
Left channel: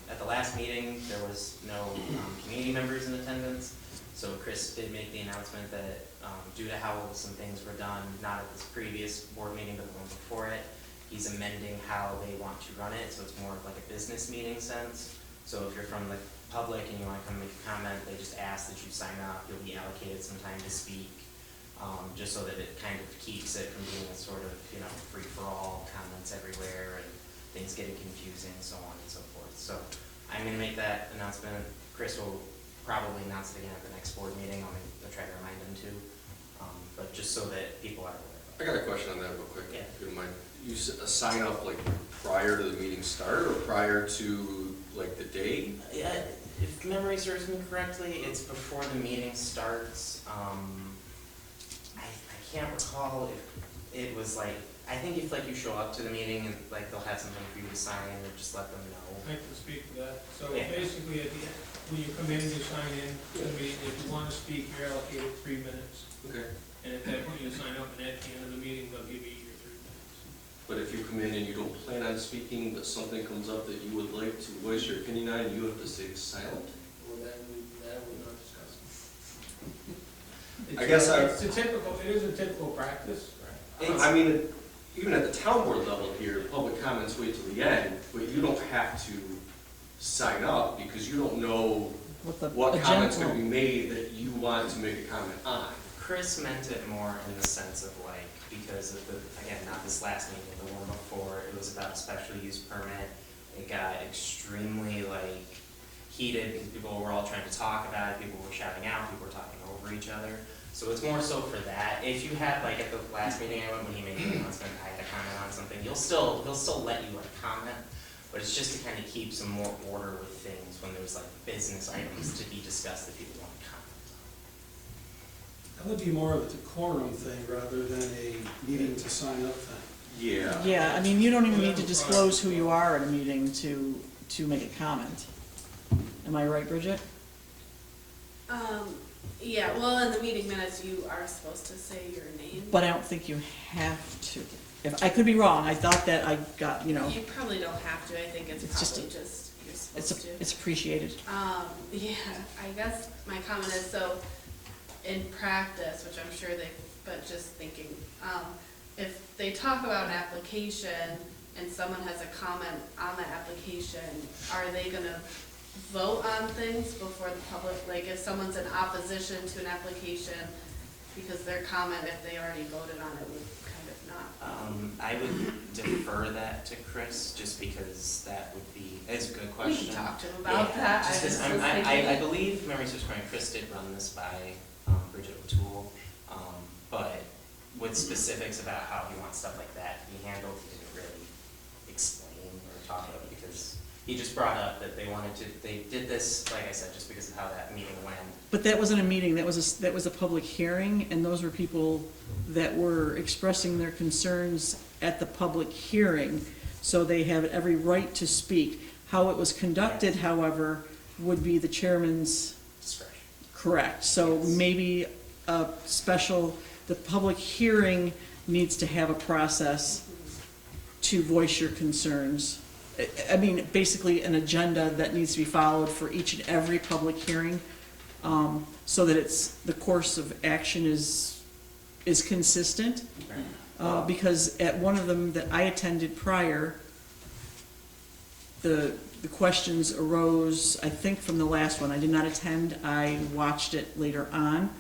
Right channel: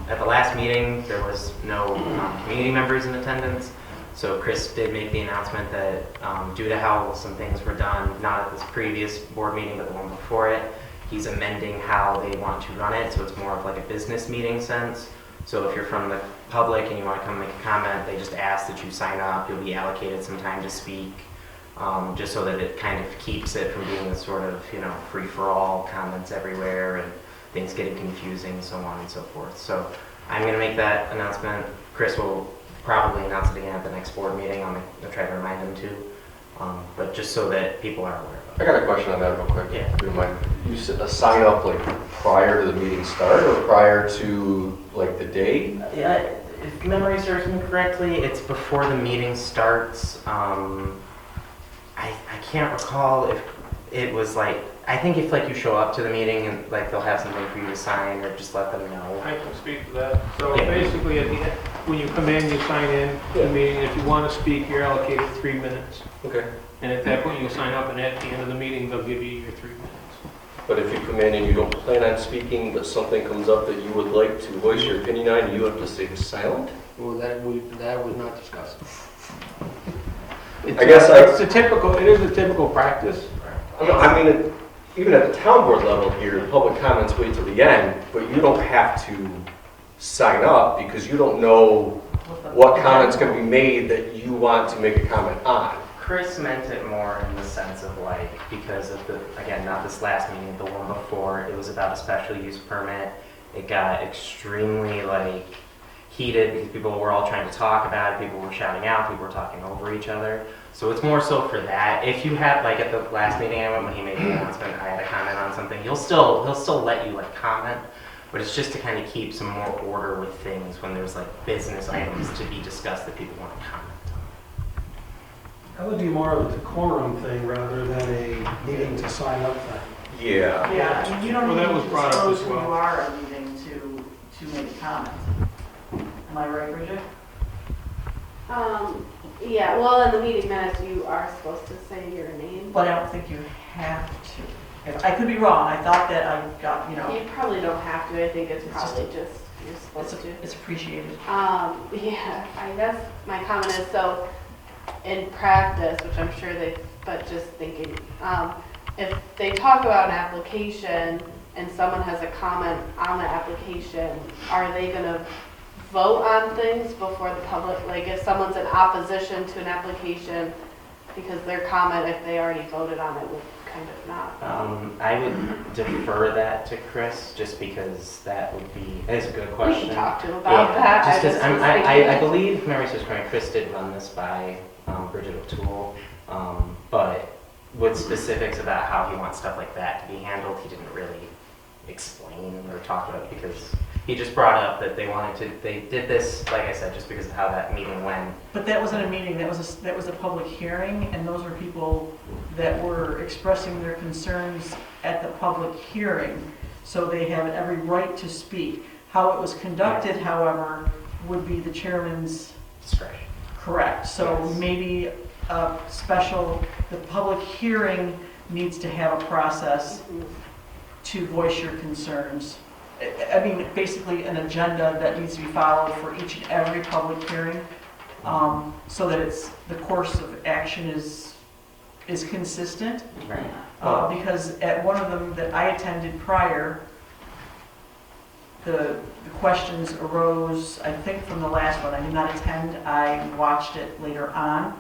at the last meeting, there was no community members in attendance. So Chris did make the announcement that due to how some things were done, not at this previous board meeting, but the one before it, he's amending how they want to run it, so it's more of like a business meeting sense. So if you're from the public and you want to come make a comment, they just ask that you sign up. You'll be allocated some time to speak, just so that it kind of keeps it from being a sort of, you know, free-for-all comments everywhere and things getting confusing, so on and so forth. So I'm going to make that announcement. Chris will probably announce it again at the next board meeting. I'm going to try to remind him to, but just so that people are aware of it. I got a question on that real quick. Yeah. If you don't mind. You sign up like prior to the meeting start or prior to like the day? If memory serves me correctly, it's before the meeting starts. I can't recall if it was like, I think if like you show up to the meeting and like they'll have something for you to sign or just let them know. I can speak to that. So Yeah. basically, at the end, when you come in, you sign in to the meeting, and if you want to speak, you're allocated 3 minutes. Okay. And at that point, you sign up, and at the end of the meeting, they'll give you your 3 minutes. But if you come in and you don't plan on speaking, but something comes up that you would like to voice your opinion on, you have to stay silent? Well, that was not discussed. I guess it is a typical practice. I mean, even at the town board level here, public comments wait till the end, but you don't have to sign up because you don't know what comment's going to be made that you want to make a comment on. Chris meant it more in the sense of like, because of the, again, not this last meeting, the one before, it was about a special use permit. It got extremely like heated because people were all trying to talk about it, people were shouting out, people were talking over each other. So it's more so for that. If you have, like at the last meeting I went, when he made the announcement, I had a comment on something, he'll still let you like comment, but it's just to kind of keep some more order with things when there's like business items to be discussed that people want to comment on. That would be more of a decorum thing rather than a needing to sign up thing. Yeah. Yeah, I mean, you don't Well, even that need to was brought up disclose as who well. you are at a meeting to make a comment. Am I right, Bridget? Yeah, well, in the meeting minutes, you are supposed to say your name. But I don't think you have to. I could be wrong, I thought that I got, you know, You probably don't have to, I think it's It's just probably just, you're supposed to. it's appreciated. Yeah, I guess my comment is, so, in practice, which I'm sure but just thinking, if they talk about an application and someone has a comment on the application, are they gonna vote on things before the public, like if someone's in opposition to an application, because their comment, if they already voted on it, would kind of not. I would defer that to Chris, just because that would be, that's a good We question. can talk to him about that. Just I because was I thinking- believe, memory serves correct, Chris did run this by Bridget O'Toole, but with specifics about how he wants stuff like that to be handled, he didn't really explain or talk about it, because he just brought up that they did this, like I said, just because of how that meeting went. But that wasn't a meeting, that was a public hearing, and those were people that were expressing their concerns at the public hearing, so they have every right to speak. How it was conducted, however, would be the chairman's Discretion. correct. So Yes. maybe a the public hearing needs to have a process to voice your concerns. I mean, basically an agenda that needs to be followed for each and every public hearing, so that the course of action is consistent. Right. Because at one of them that I attended prior, the questions arose, I think from the last one. I did not attend, I watched it later on.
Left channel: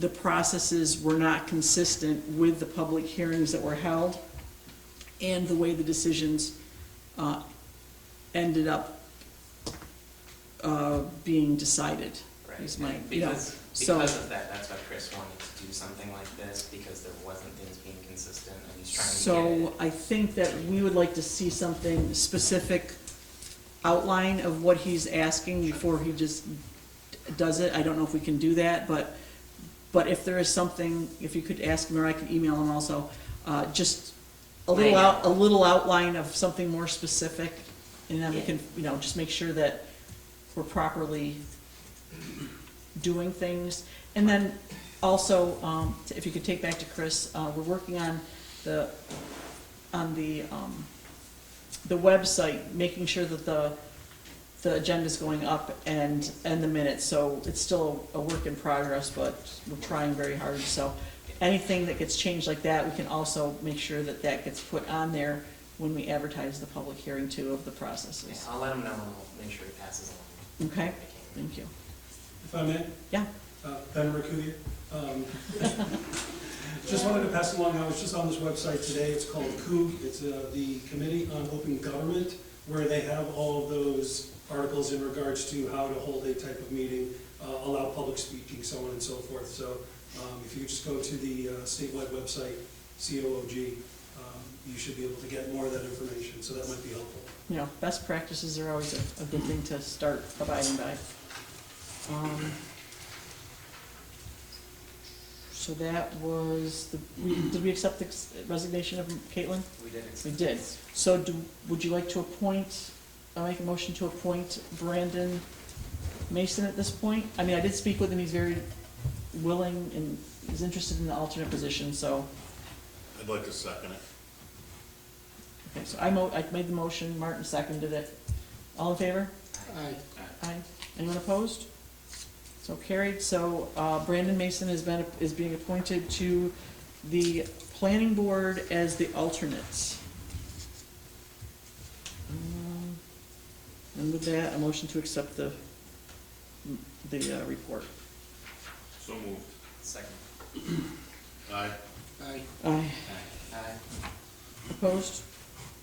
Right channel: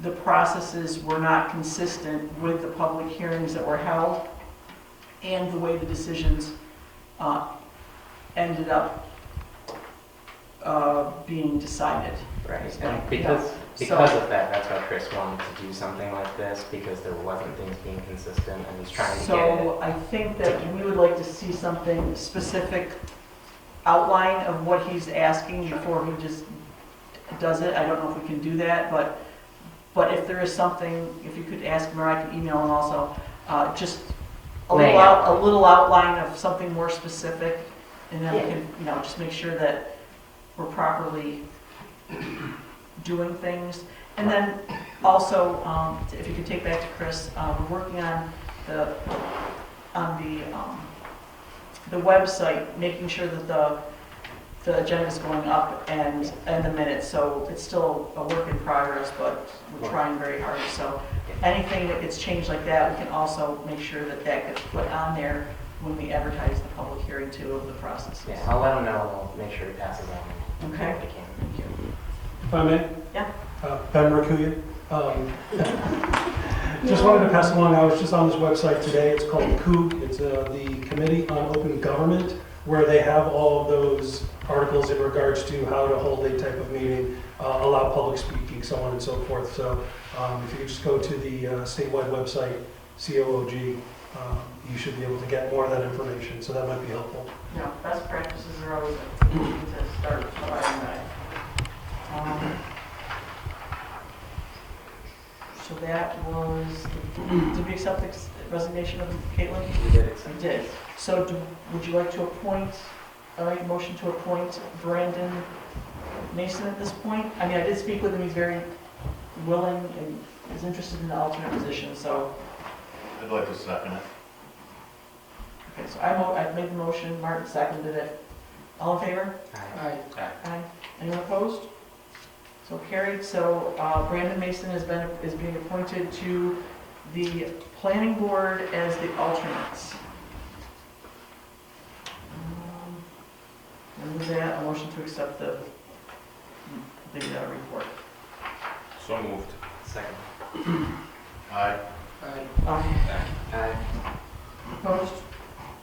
The processes were not consistent with the public hearings that were held and the way the decisions ended up being decided. Right, It's and like, because so- of that, that's why Chris wanted to do something like this, because there wasn't things being consistent, and he's trying to get it. So I think that we would like to see something specific outline of what he's asking before he just does it. I don't know if we can do that, but if there is something, if you could ask him, or I could email him also, just a little outline of something more specific, and then we can, just make sure that we're properly doing things. And then also, if you could take back to Chris, we're working on the website, making sure that the agenda is going up and the minutes. So it's still a work in progress, but we're trying very hard. So anything that gets changed like that, we can also make sure that gets put on there when we advertise the public hearing too of the processes. Yeah, I'll let him know, and I'll make sure he passes on. Okay. What he can. Thank you. If I may? Yeah. Ben Rakuya. Just wanted to pass along, I was just on this website today, it's called COOG, it's the Committee on Open Government, where they have all of those articles in regards to how to hold a type of meeting, allow public speaking, so on and so forth. So if you just go to the statewide website, COOG, you should be able to get more of that information, so that might be helpful. Yeah, best practices are always a good thing to start abiding by. So that was, did we accept the resignation of Caitlin? We did it. We did. So would you like to appoint, make a motion to appoint Brandon Mason at this point? I mean, I did speak with him, he's very willing and is interested in the alternate position, so. I'd like to second it. Okay, so I made the motion, Martin seconded it. All in favor? Aye. Aye. Anyone opposed? So carried. So Brandon Mason is being appointed to the planning board as the alternate. And with that, a motion to accept the report. So moved. Second. Aye. Aye. Opposed?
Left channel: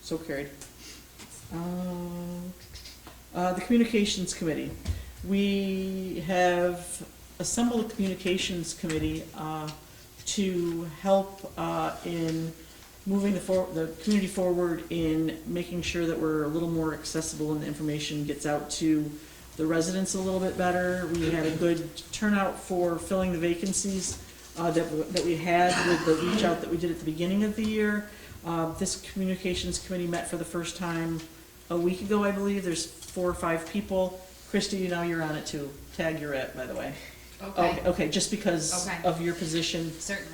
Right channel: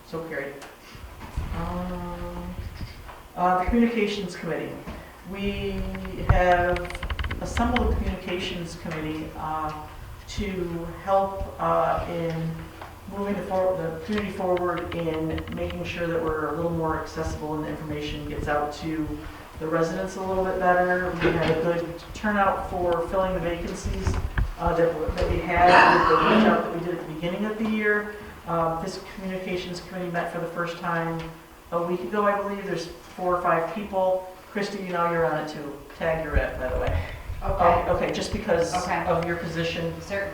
So carried. The Communications Committee. We have assembled a Communications Committee to help in moving the community forward in making sure that we're a little more accessible and the information gets out to the residents a little bit better. We had a good turnout for filling the vacancies that we had with the reach out that we did at the beginning of the year. This Communications Committee met for the first time a week ago, I believe. There's 4 or 5 people. Christy, you know you're on it too. Tag you're at, by the way. Okay, Okay, just because Okay. of your position. certainly.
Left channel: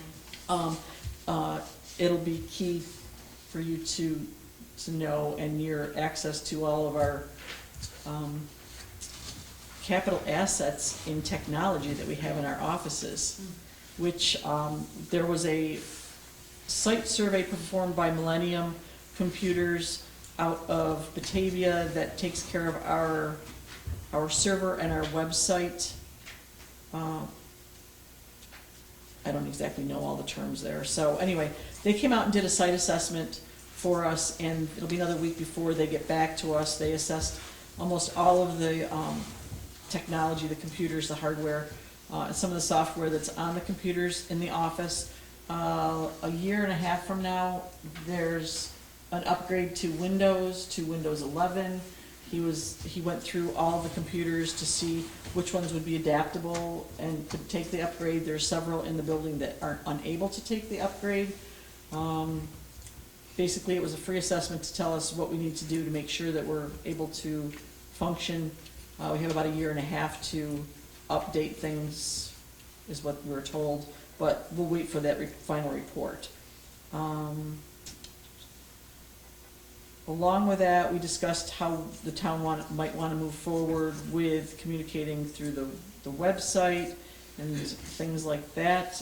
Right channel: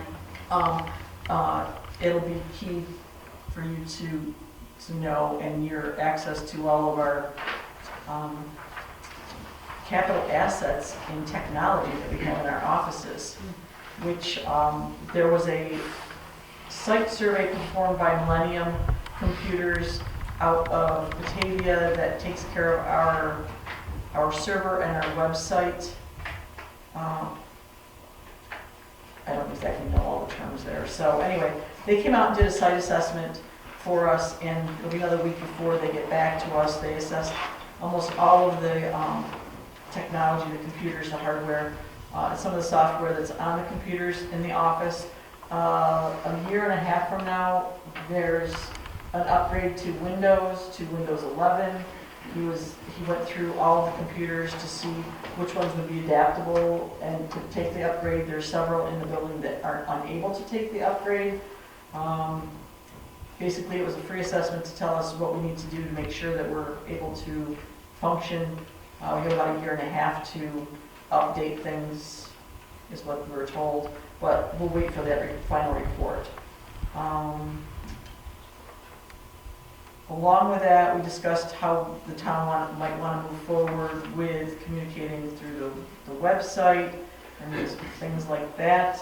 It'll be key for you to know, and your access to all of our capital assets in technology that we have in our offices, which there was a site survey performed by Millennium Computers out of Batavia that takes care of our server and our website. I don't exactly know all the terms there. So anyway, they came out and did a site assessment for us, and it'll be another week before they get back to us. They assessed almost all of the technology, the computers, the hardware, some of the software that's on the computers in the office. A year and a half from now, there's an upgrade to Windows 11. He went through all the computers to see which ones would be adaptable and to take the upgrade. There's several in the building that are unable to take the upgrade. Basically, it was a free assessment to tell us what we need to do to make sure that we're able to function. We have about a year and a half to update things, is what we were told, but we'll wait for that final report. Along with that, we discussed how the town might want to move forward with communicating through the website and things like that.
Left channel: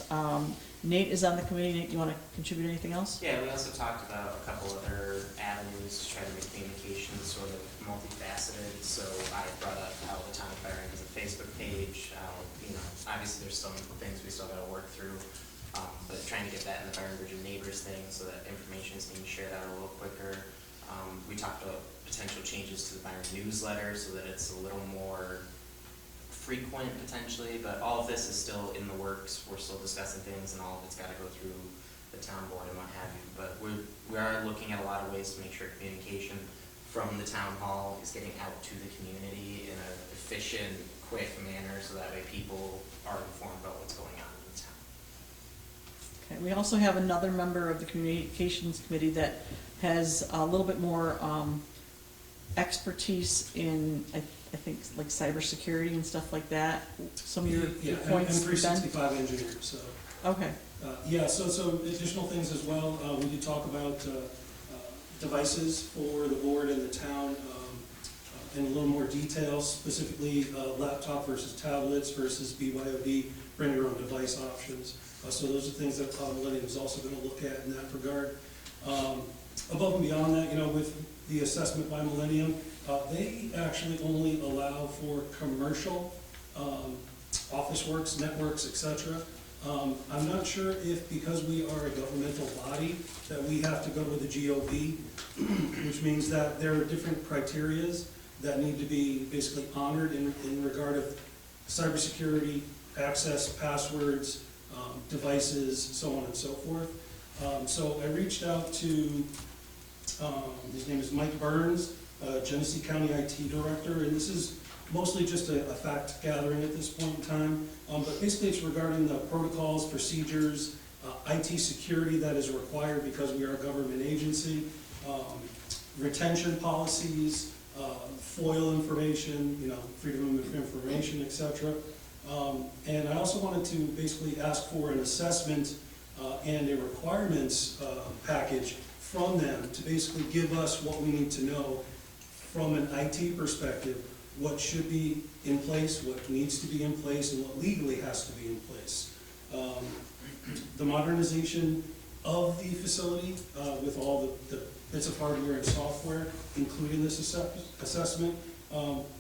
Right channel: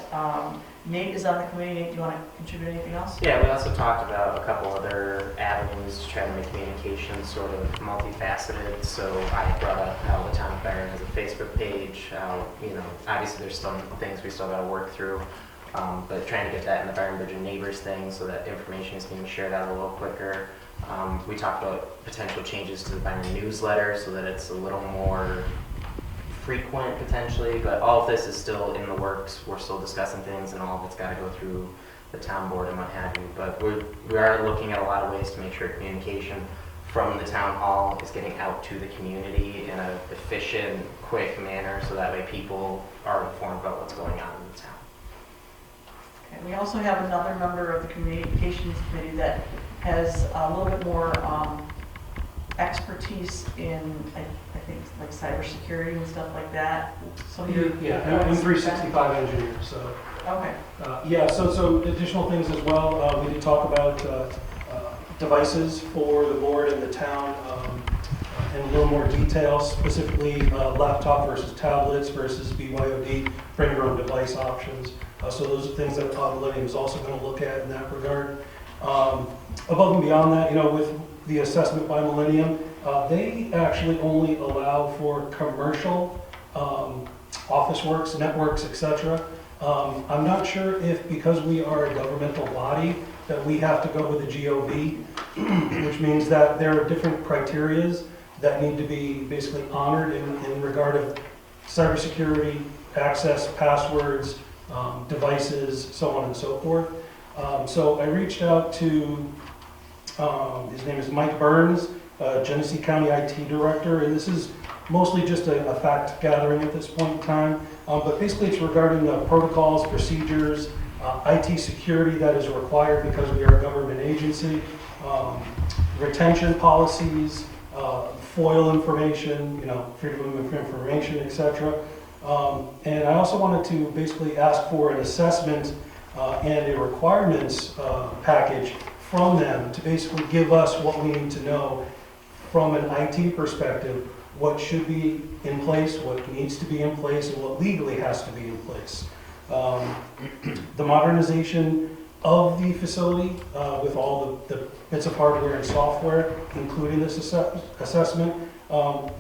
Nate is on the committee. Nate, do you want to contribute anything else? Yeah, we also talked about a couple other avenues to try to make communication sort of multifaceted. So I brought up how the town of Byron has a Facebook page, how, obviously there's some things we still got to work through, but trying to get that in the Byron Bridge and Neighbors thing so that information is being shared out a little quicker. We talked about potential changes to the Byron newsletter so that it's a little more frequent potentially, but all of this is still in the works. We're still discussing things, and all of it's got to go through the town board and what have you. But we are looking at a lot of ways to make sure communication from the town hall is getting out to the community in an efficient, quick manner, so that way people are informed about what's going on in the town. Okay. We also have another member of the communications committee that has a little bit more expertise in, I think, like cybersecurity and stuff like that. Some of your I'm 365 engineer, so. Okay. So additional things as well. We did talk about devices for the board and the town in a little more detail, specifically laptop versus tablets versus BYOD, bring your own device options. So those are things that Millennium is also going to look at in that regard. Above and beyond that, with the assessment by Millennium, they actually only allow for commercial office works, networks, etc. I'm not sure if, because we are a governmental body, that we have to go with the GOB, which means that there are different criterias that need to be basically honored in regard of cybersecurity, access, passwords, devices, so on and so forth. So I reached out to, his name is Mike Burns, Genesee County IT Director, and this is mostly just a fact gathering at this point in time. But basically it's regarding the protocols, procedures, IT security that is required because we are a government agency, retention policies, FOIL information, freedom of information, etc. And I also wanted to basically ask for an assessment and a requirements package from them to basically give us what we need to know from an IT perspective, what should be in place, what needs to be in place, and what legally has to be in place. The modernization of the facility with all the bits of hardware and software, including this assessment,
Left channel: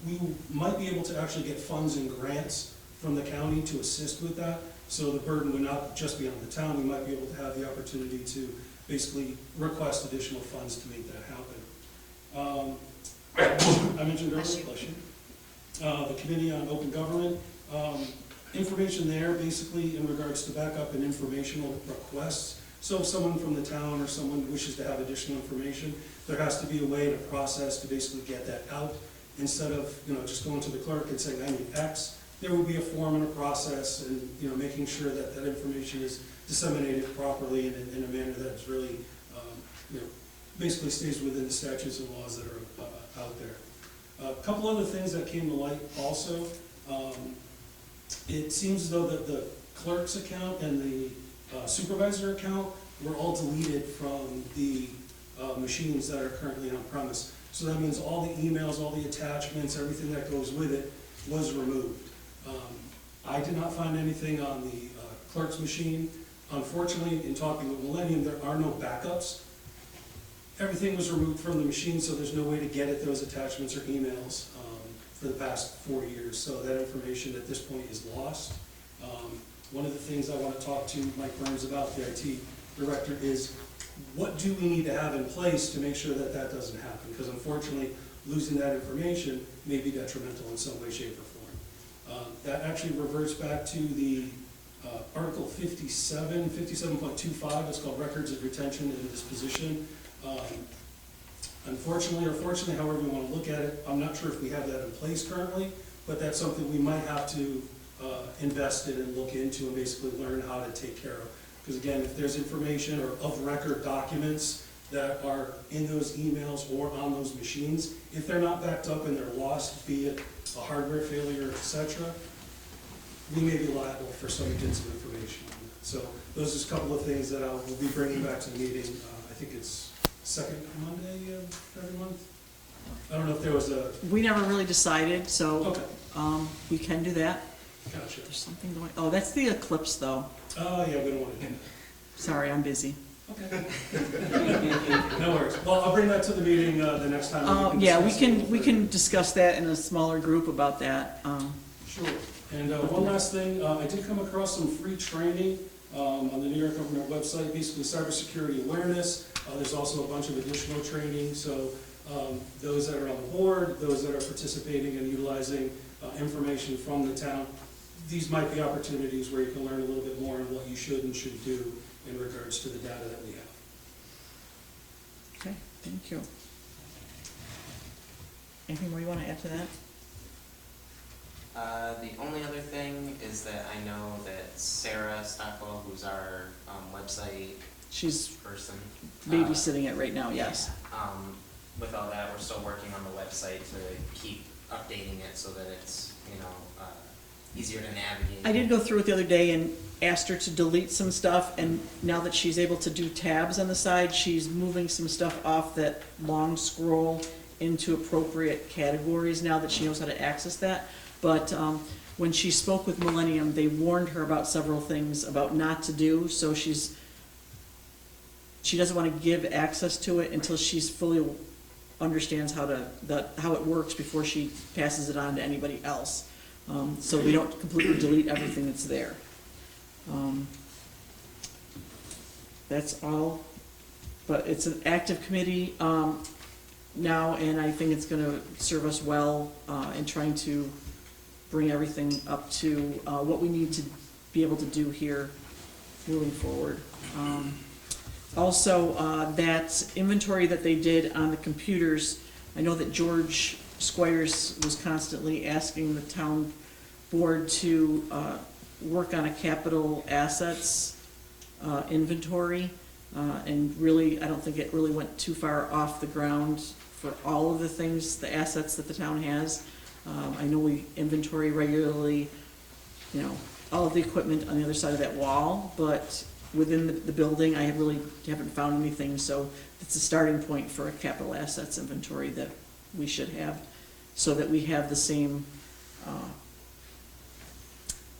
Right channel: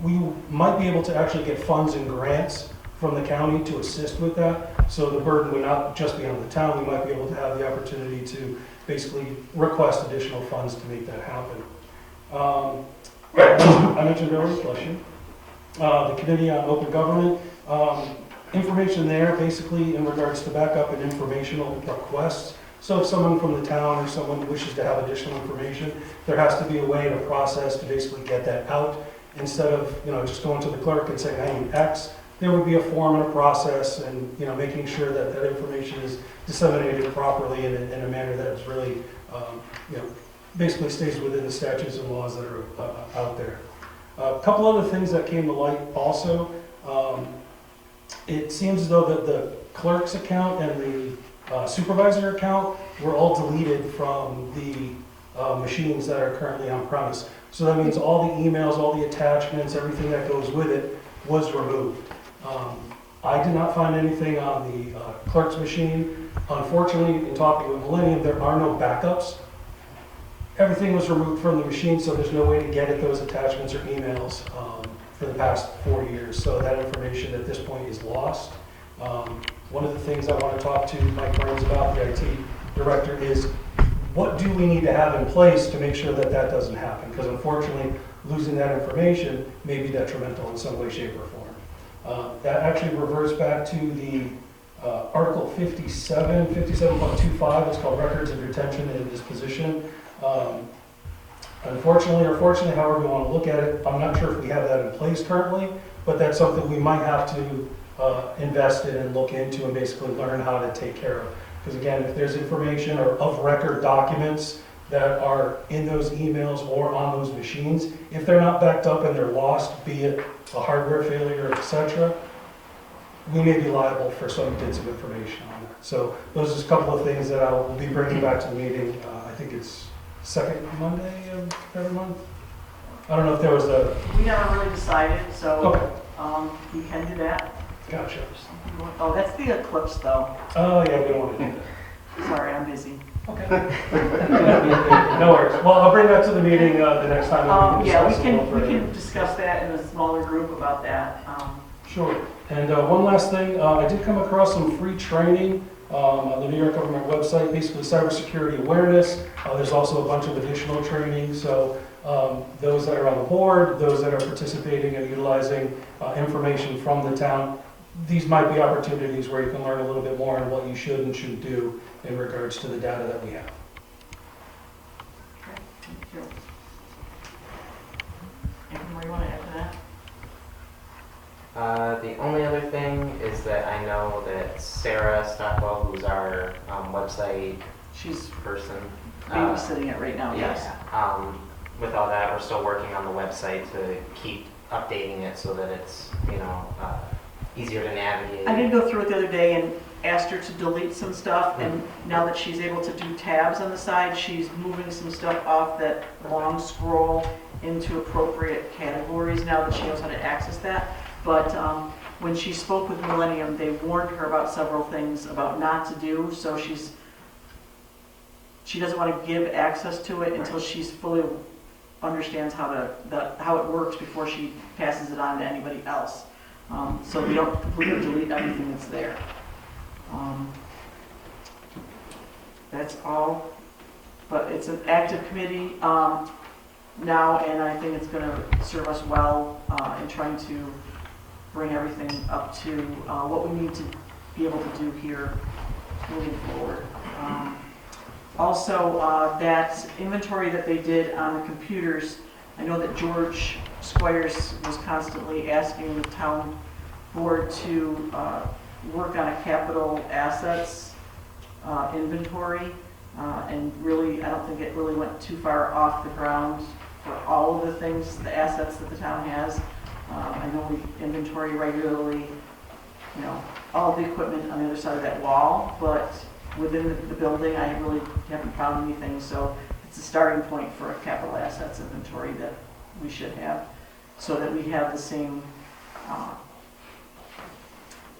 we might be able to actually get funds and grants from the county to assist with that. So the burden would not just be on the town. We might be able to have the opportunity to basically request additional funds to make that happen. I mentioned earlier, the Committee on Open Government, information there basically in regards to backup and informational requests. So if someone from the town or someone wishes to have additional information, there has to be a way to process to basically get that out. Instead of just going to the clerk and saying, I need X, there would be a form and a process, and making sure that that information is disseminated properly in a manner that is really, basically stays within the statutes and laws that are out there. A couple other things that came to light also. It seems as though that the clerk's account and the supervisor account were all deleted from the machines that are currently on premise. So that means all the emails, all the attachments, everything that goes with it was removed. I did not find anything on the clerk's machine. Unfortunately, in talking with Millennium, there are no backups. everything was removed from the machine, so there's no way to get at those attachments or emails for the past 4 years. So that information at this point is lost. One of the things I want to talk to Mike Burns about, the IT director, is what do we need to have in place to make sure that that doesn't happen? Because unfortunately, losing that information may be detrimental in some way, shape, or form. That actually reverts back to the Article 57.25, it's called Records of Retention and Disposition. Unfortunately, or fortunately, however we want to look at it, I'm not sure if we have that in place currently, but that's something we might have to invest in and look into and basically learn how to take care of. Because again, if there's information or of record documents that are in those emails or on those machines, if they're not backed up and they're lost, be it a hardware failure, etc., we may be liable for some bits of information on that. So those are just a couple of things that I will be bringing back to the meeting. I think it's second Monday of every month. I don't know if there was a... We never really decided, so Okay, we can do that. gotcha. Oh, that's the eclipse, though. Oh, yeah, we don't want to do Sorry, I'm busy. that. No worries. Well, I'll bring that to the meeting the next time. Yeah, we discuss it a little can further. discuss that in a smaller group about that. Sure. And one last thing, I did come across some free training on the New York government website, basically cybersecurity awareness. There's also a bunch of additional training, so those that are on the board, those that are participating and utilizing information from the town, these might be opportunities where you can learn a little bit more on what you should and shouldn't do in regards to the data that we have. Thank you. Anything more you want to add to that? The only other thing is that I know that Sarah Stockwell, who's our website She's person. babysitting it right now, yes. Yeah, with all that, we're still working on the website to keep updating it so that it's, easier to navigate. I did go through it the other day and asked her to delete some stuff, and now that she's able to do tabs on the side, she's moving some stuff off that long scroll into appropriate categories now that she knows how to access that. But when she spoke with Millennium, they warned her about several things about not to do, so she doesn't want to give access to it until she's fully understands how it works before she passes it on to anybody else. So we don't completely delete everything that's there. That's all, but it's an active committee now, and I think it's going to serve us well in trying to bring everything up to what we need to be able to do here moving forward. Also, that inventory that they did on the computers, I know that George Squires was constantly asking the town board to work on a capital assets inventory, and really, I don't think it really went too far off the ground for all of the things, the assets that the town has. I know we inventory regularly, all the equipment on the other side of that wall, but within the building, I really haven't found anything, so it's a starting point for a capital assets inventory that we should have, so that we have the same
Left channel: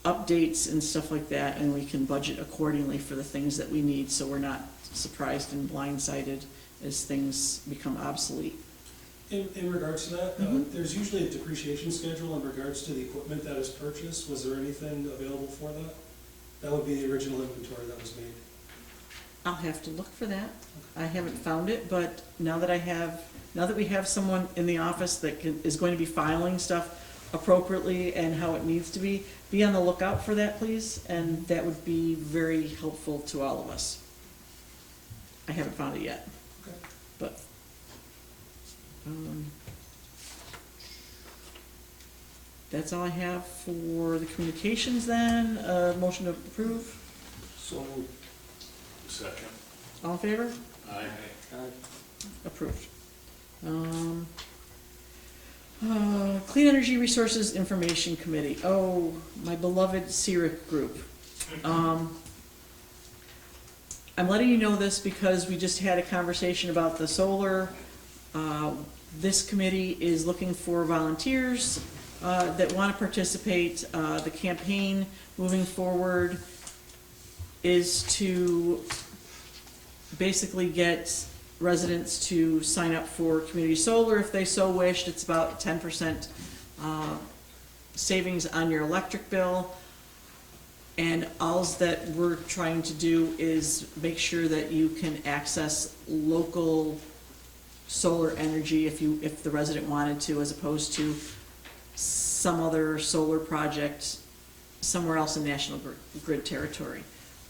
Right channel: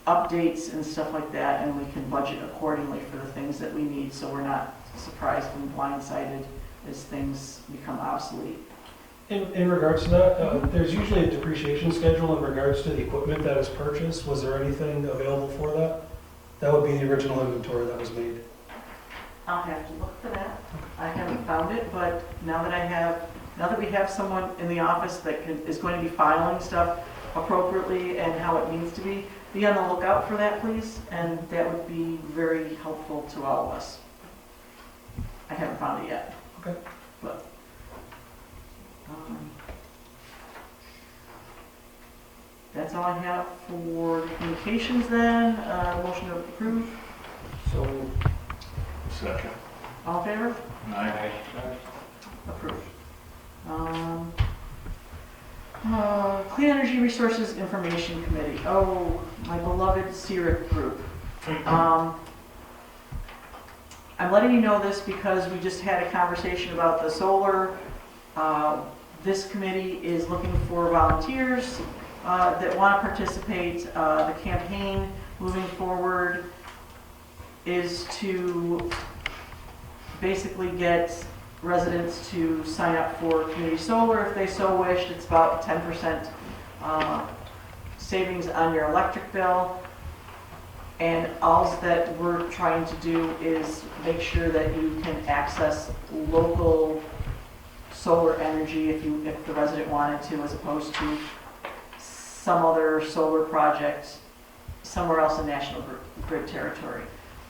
updates and stuff like that, and we can budget accordingly for the things that we need, so we're not surprised and blindsided as things become obsolete. In regards to that, there's usually a depreciation schedule in regards to the equipment that is purchased. Was there anything available for that? That would be the original inventory that was made. I'll have to look for that. I haven't found it, but now that we have someone in the office that is going to be filing stuff appropriately and how it needs to be on the lookout for that, please, and that would be very helpful to all of us. I haven't found it yet. Okay. But, that's all I have for communications then. Motion to approve. So, Second. All in favor? Aye. Approved. Clean Energy Resources Information Committee. Oh, my beloved CRIP group. I'm letting you know this because we just had a conversation about the solar. This committee is looking for volunteers that want to participate. The campaign moving forward is to basically get residents to sign up for community solar if they so wished. It's about 10% savings on your electric bill. And all that we're trying to do is make sure that you can access local solar energy if the resident wanted to, as opposed to some other solar project somewhere else in National Grid territory.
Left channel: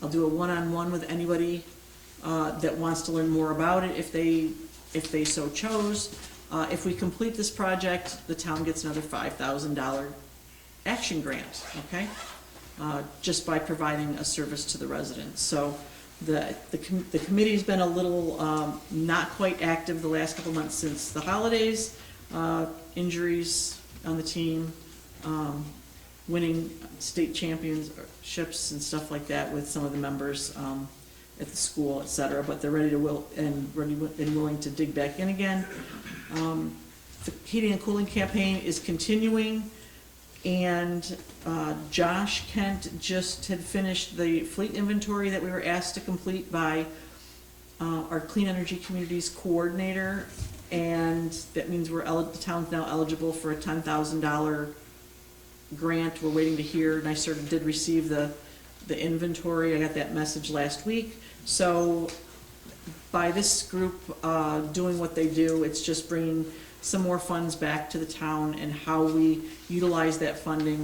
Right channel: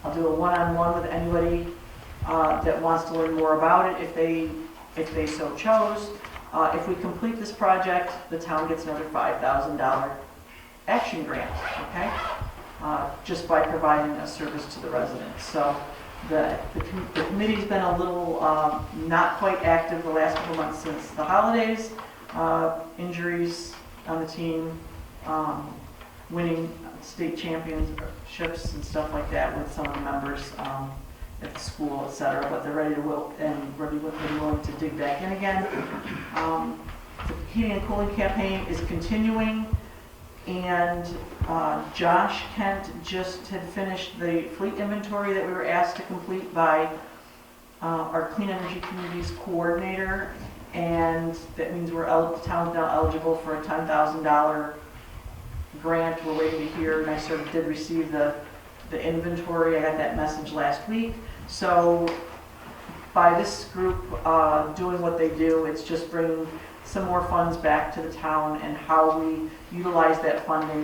I'll do a one-on-one with anybody that wants to learn more about it if they so chose. If we complete this project, the town gets another $5,000 action grant, okay? Just by providing a service to the residents. So the committee's been a little not quite active the last couple months since the holidays, injuries on the team, winning state championships and stuff like that with some of the members at the school, et cetera, but they're ready to willing to dig back in again. The heating and cooling campaign is continuing, and Josh Kent just had finished the fleet inventory that we were asked to complete by our Clean Energy Communities Coordinator, and that means the town's now eligible for a $10,000 grant. We're waiting to hear, and I sort of did receive the inventory. I got that message last week. So by this group doing what they do, it's just bringing some more funds back to the town, and how we utilize that funding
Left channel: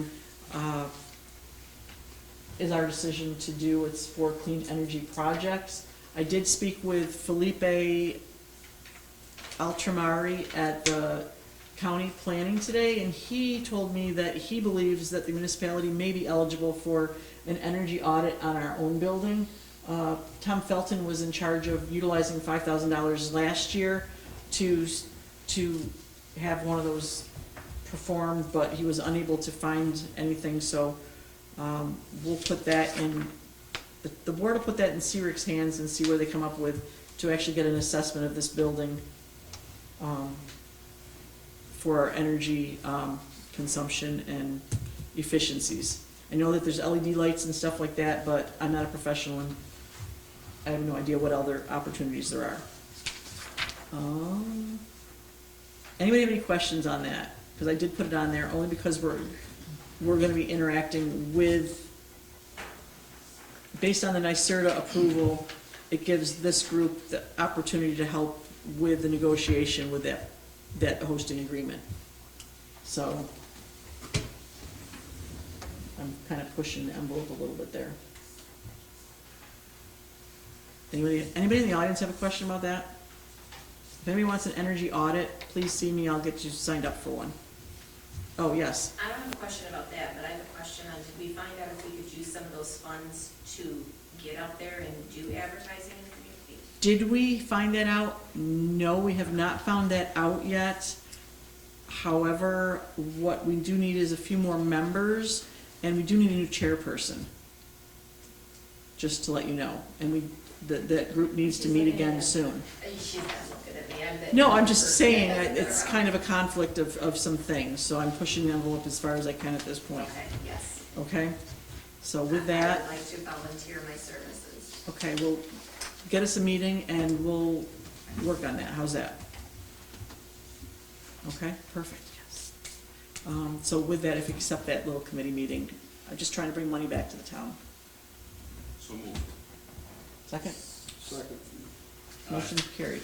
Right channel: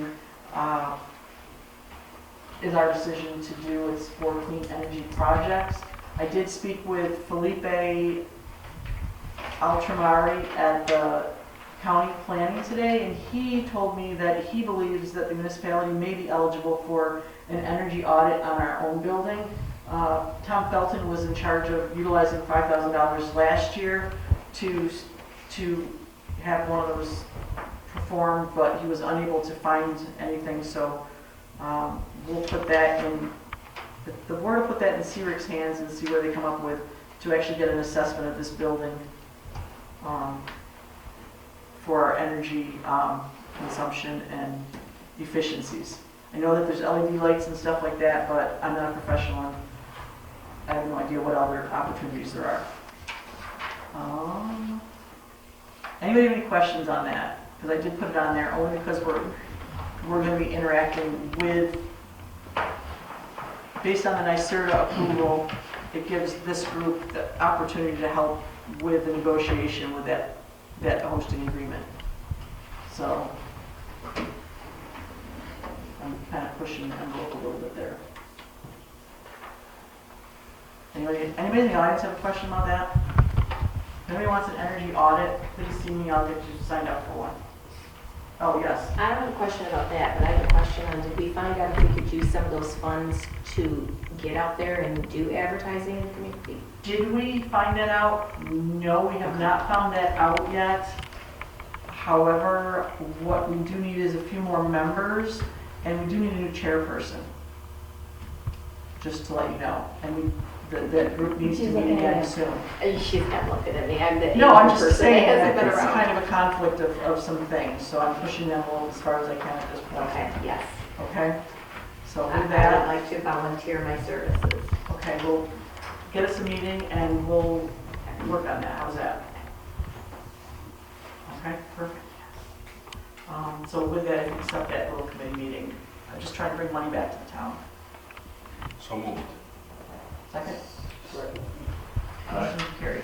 is our decision to do. It's for clean energy projects. I did speak with Felipe Altramari at the county planning today, and he told me that he believes that the municipality may be eligible for an energy audit on our own building. Tom Felton was in charge of utilizing $5,000 last year to have one of those performed, but he was unable to find anything, so we'll put that in, the board will put that in CRIC's hands and see what they come up with to actually get an assessment of this building for our energy consumption and efficiencies. I know that there's LED lights and stuff like that, but I'm not a professional and I have no idea what other opportunities there are. Anybody have any questions on that? Because I did put it on there only because we're going to be interacting with, based on the NYSERDA approval, it gives this group the opportunity to help with the negotiation with that hosting agreement. So I'm kind of pushing the envelope a little bit there. Anybody in the audience have a question about that? If anybody wants an energy audit, please see me, I'll get you signed up for one. Oh, yes. I don't have a question about that, but I have a question on, did we find out if we could use some of those funds to get out there and do advertising in the community? Did we find that out? No, we have not found that out yet. However, what we do need is a few more members, and we do need a new chairperson. Just to let you know. And that group needs to meet again soon. She's not looking at me. I'm the No, I'm just person saying that that hasn't been it's around. kind of a conflict of some things, so I'm pushing the envelope as far as I can at this point. Okay, yes. Okay? So I with would that, like to volunteer my services. okay, we'll get us a meeting and we'll work on that. How's that? Okay, perfect. So with that, if you accept that little committee meeting, I'm just trying to bring money back to the town. So moved. Second? Motion carried.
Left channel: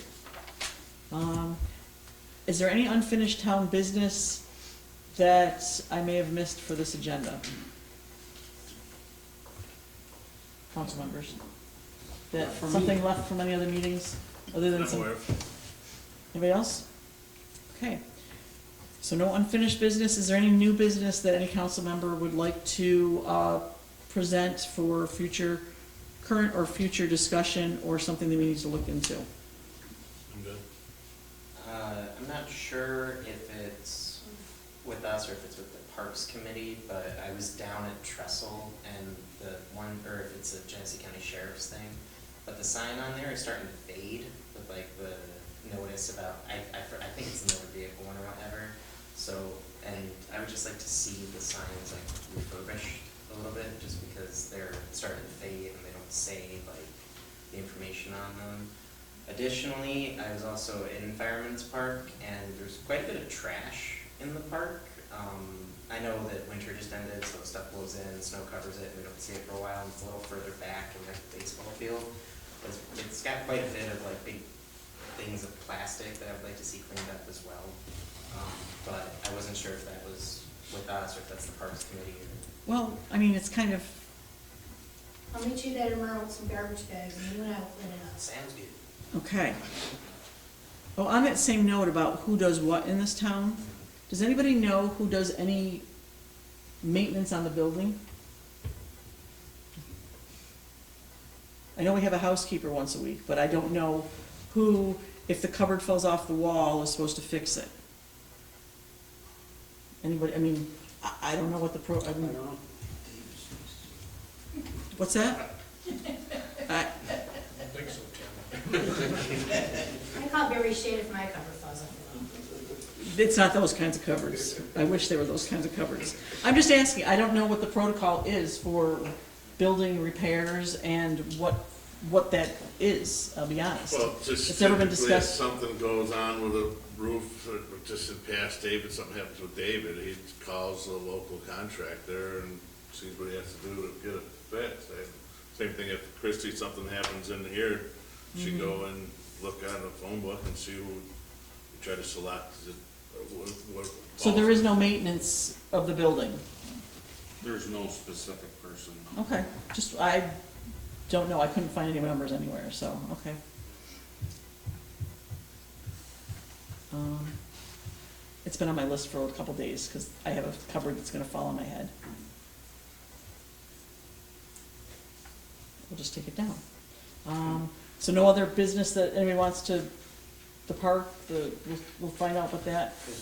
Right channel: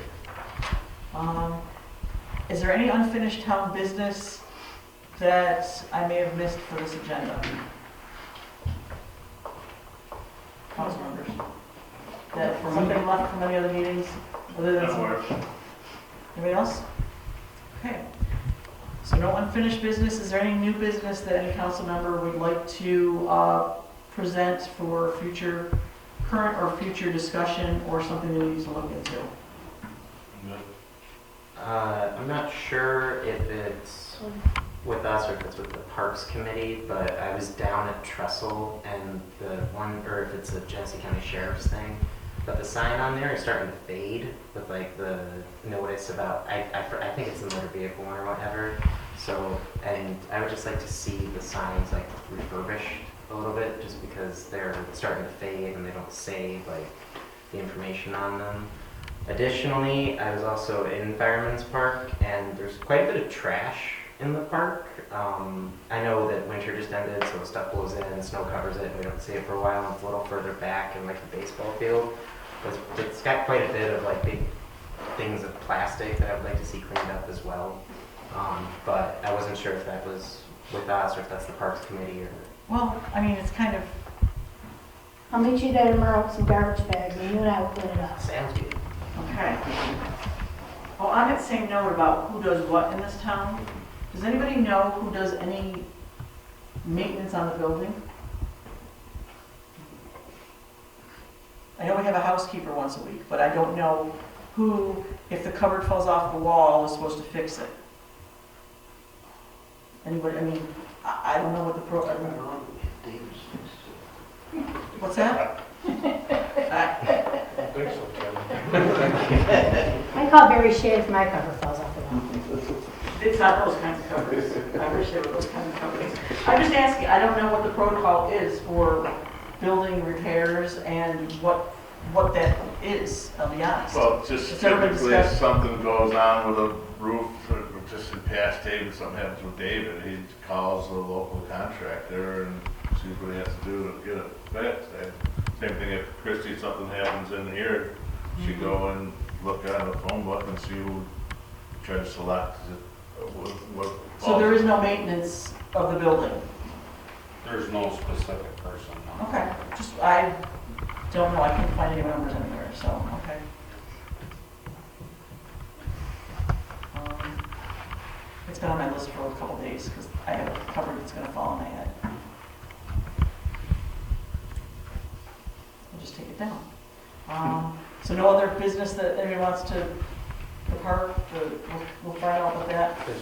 Is there any unfinished town business that I may have missed for this agenda? Council members? That, or something left from any other meetings, other than some? Anybody else? Okay. So no unfinished business. Is there any new business that any council member would like to present for future, current or future discussion, or something that we need to look into? I'm not sure if it's with us or if it's with the Parks Committee, but I was down at Trestle and the one, or if it's the Genesee County Sheriff's thing, but the sign on there is starting to fade with like the notice about, I think it's the motor vehicle one or whatever. So, and I would just like to see the signs like refurbished a little bit, just because they're starting to fade and they don't say like the information on them. Additionally, I was also in Fireman's Park, and there's quite a bit of trash in the park. I know that winter just ended, so stuff blows in and snow covers it, and we don't see it for a while, and it's a little further back in like the baseball field. It's got quite a bit of like big things of plastic that I would like to see cleaned up as well. But I wasn't sure if that was with us or if that's the Parks Committee or. Well, I mean, it's kind of, I'll meet you there tomorrow with some garbage bags, and you and I will clean it up. Sounds good. okay. Well, on that same note about who does what in this town, does anybody know who does any maintenance on the building? I know we have a housekeeper once a week, but I don't know who, if the cupboard falls off the wall, is supposed to fix it. Anybody, I mean, I don't know what the pro, I don't know. What's that? I don't think so, Kevin. I call Barry Shea if my cover falls off the wall. It's not those kinds of covers. I wish they were those kinds of covers. I'm just asking, I don't know what the protocol is for building repairs and what that is, I'll be honest. Well, just It's never been typically if discussed. something goes on with a roof, or just in past David, something happens with David, he calls the local contractor and sees what he has to do to get it fixed. And same thing if Christie, something happens in here, she go and look on the phone book and see who, try to select what. So there is no maintenance of the building? There's no specific person. no. Okay, just, I don't know, I can't find any members anywhere, so, okay. It's been on my list for a couple days, because I have a cupboard that's gonna fall on my head. We'll just take it down. So no other business that anybody wants to depart, we'll find out what that. There's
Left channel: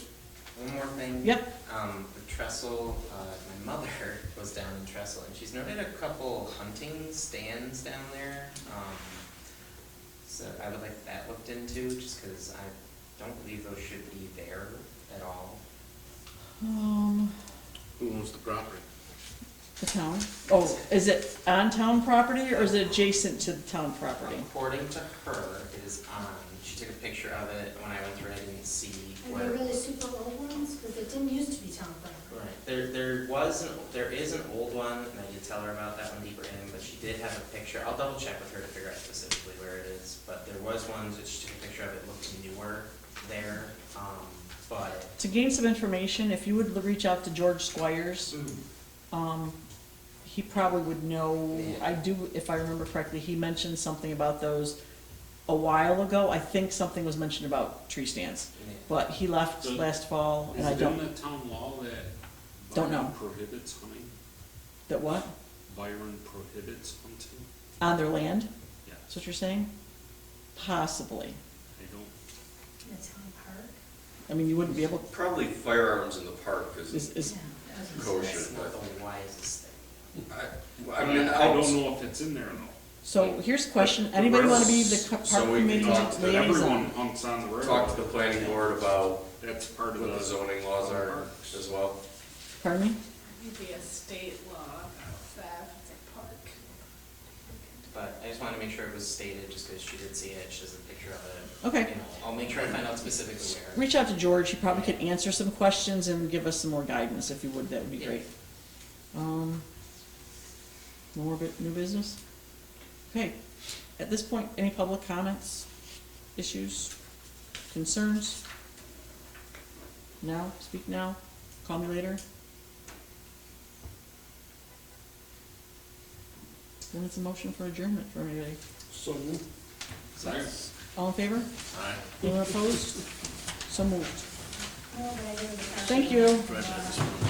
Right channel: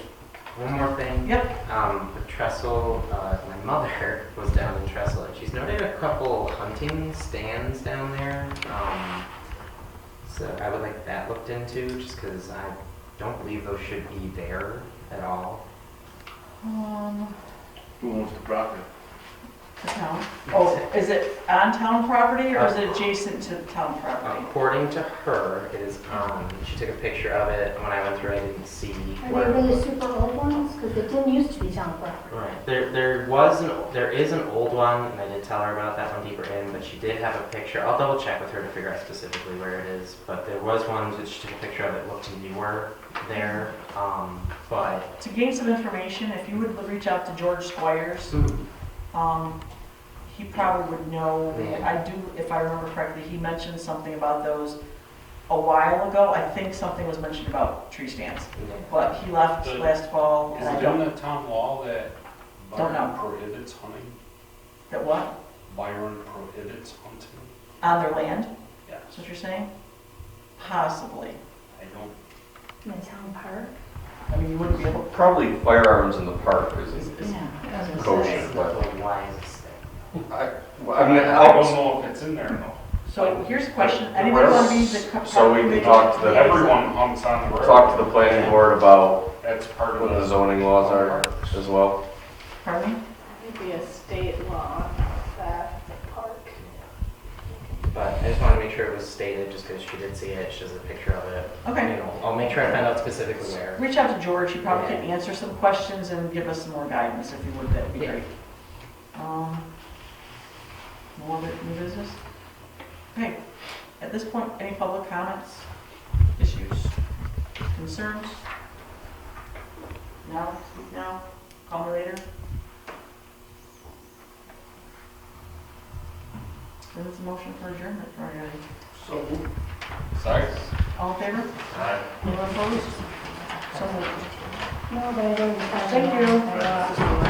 one more thing. Yep. The trestle, my mother was down in Trestle, and she's noted a couple hunting stands down there. So I would like that looked into, just because I don't believe those should be there at all. Who owns the property? The town. Oh, is it on town property or is it adjacent to the town property? According to her, it is on. She took a picture of it. When I went through, I didn't see Are where. they really super old ones? Because it didn't used to be town property. Right. There is an old one, and I did tell her about that one deeper in, but she did have a picture. I'll double check with her to figure out specifically where it is. But there was one that she took a picture of that looked newer there. But To gain some information, if you would reach out to George Squires, he probably would know. Yeah. I do, if I remember correctly, he mentioned something about those a while ago. I think something was mentioned about tree stands, but he left last fall, Is and I it in don't, the town law that Don't Byron know. prohibits hunting? that what? Byron prohibits hunting? On their land? Yeah. That's what you're saying? Possibly. I don't, In a town park? I mean, you wouldn't be able, Probably firearms in the park is is, Yeah. kosher, that's but the wisest thing. I mean, I don't know if it's in there though. so here's a question, anybody want to be the park So we can committee talk to the- liaison? Everyone hunts on the road. talk to the planning board about That's part of what the zoning laws are as well. Pardon me? It'd be a state law that it's a park. But I just wanted to make sure it was stated, just because she did see it. She has a picture of it. Okay. You know, I'll make sure I find out specifically where. Reach out to George, he probably can answer some questions and give us some more guidance if he would, that would be Yeah. great. More new business? Okay, at this point, any public comments, issues, concerns? Now, speak now, call me later? Then it's a motion for adjournment for everybody. So, Sorry. All in favor? Aye. Anyone opposed? So moved. No, but I don't. Thank you.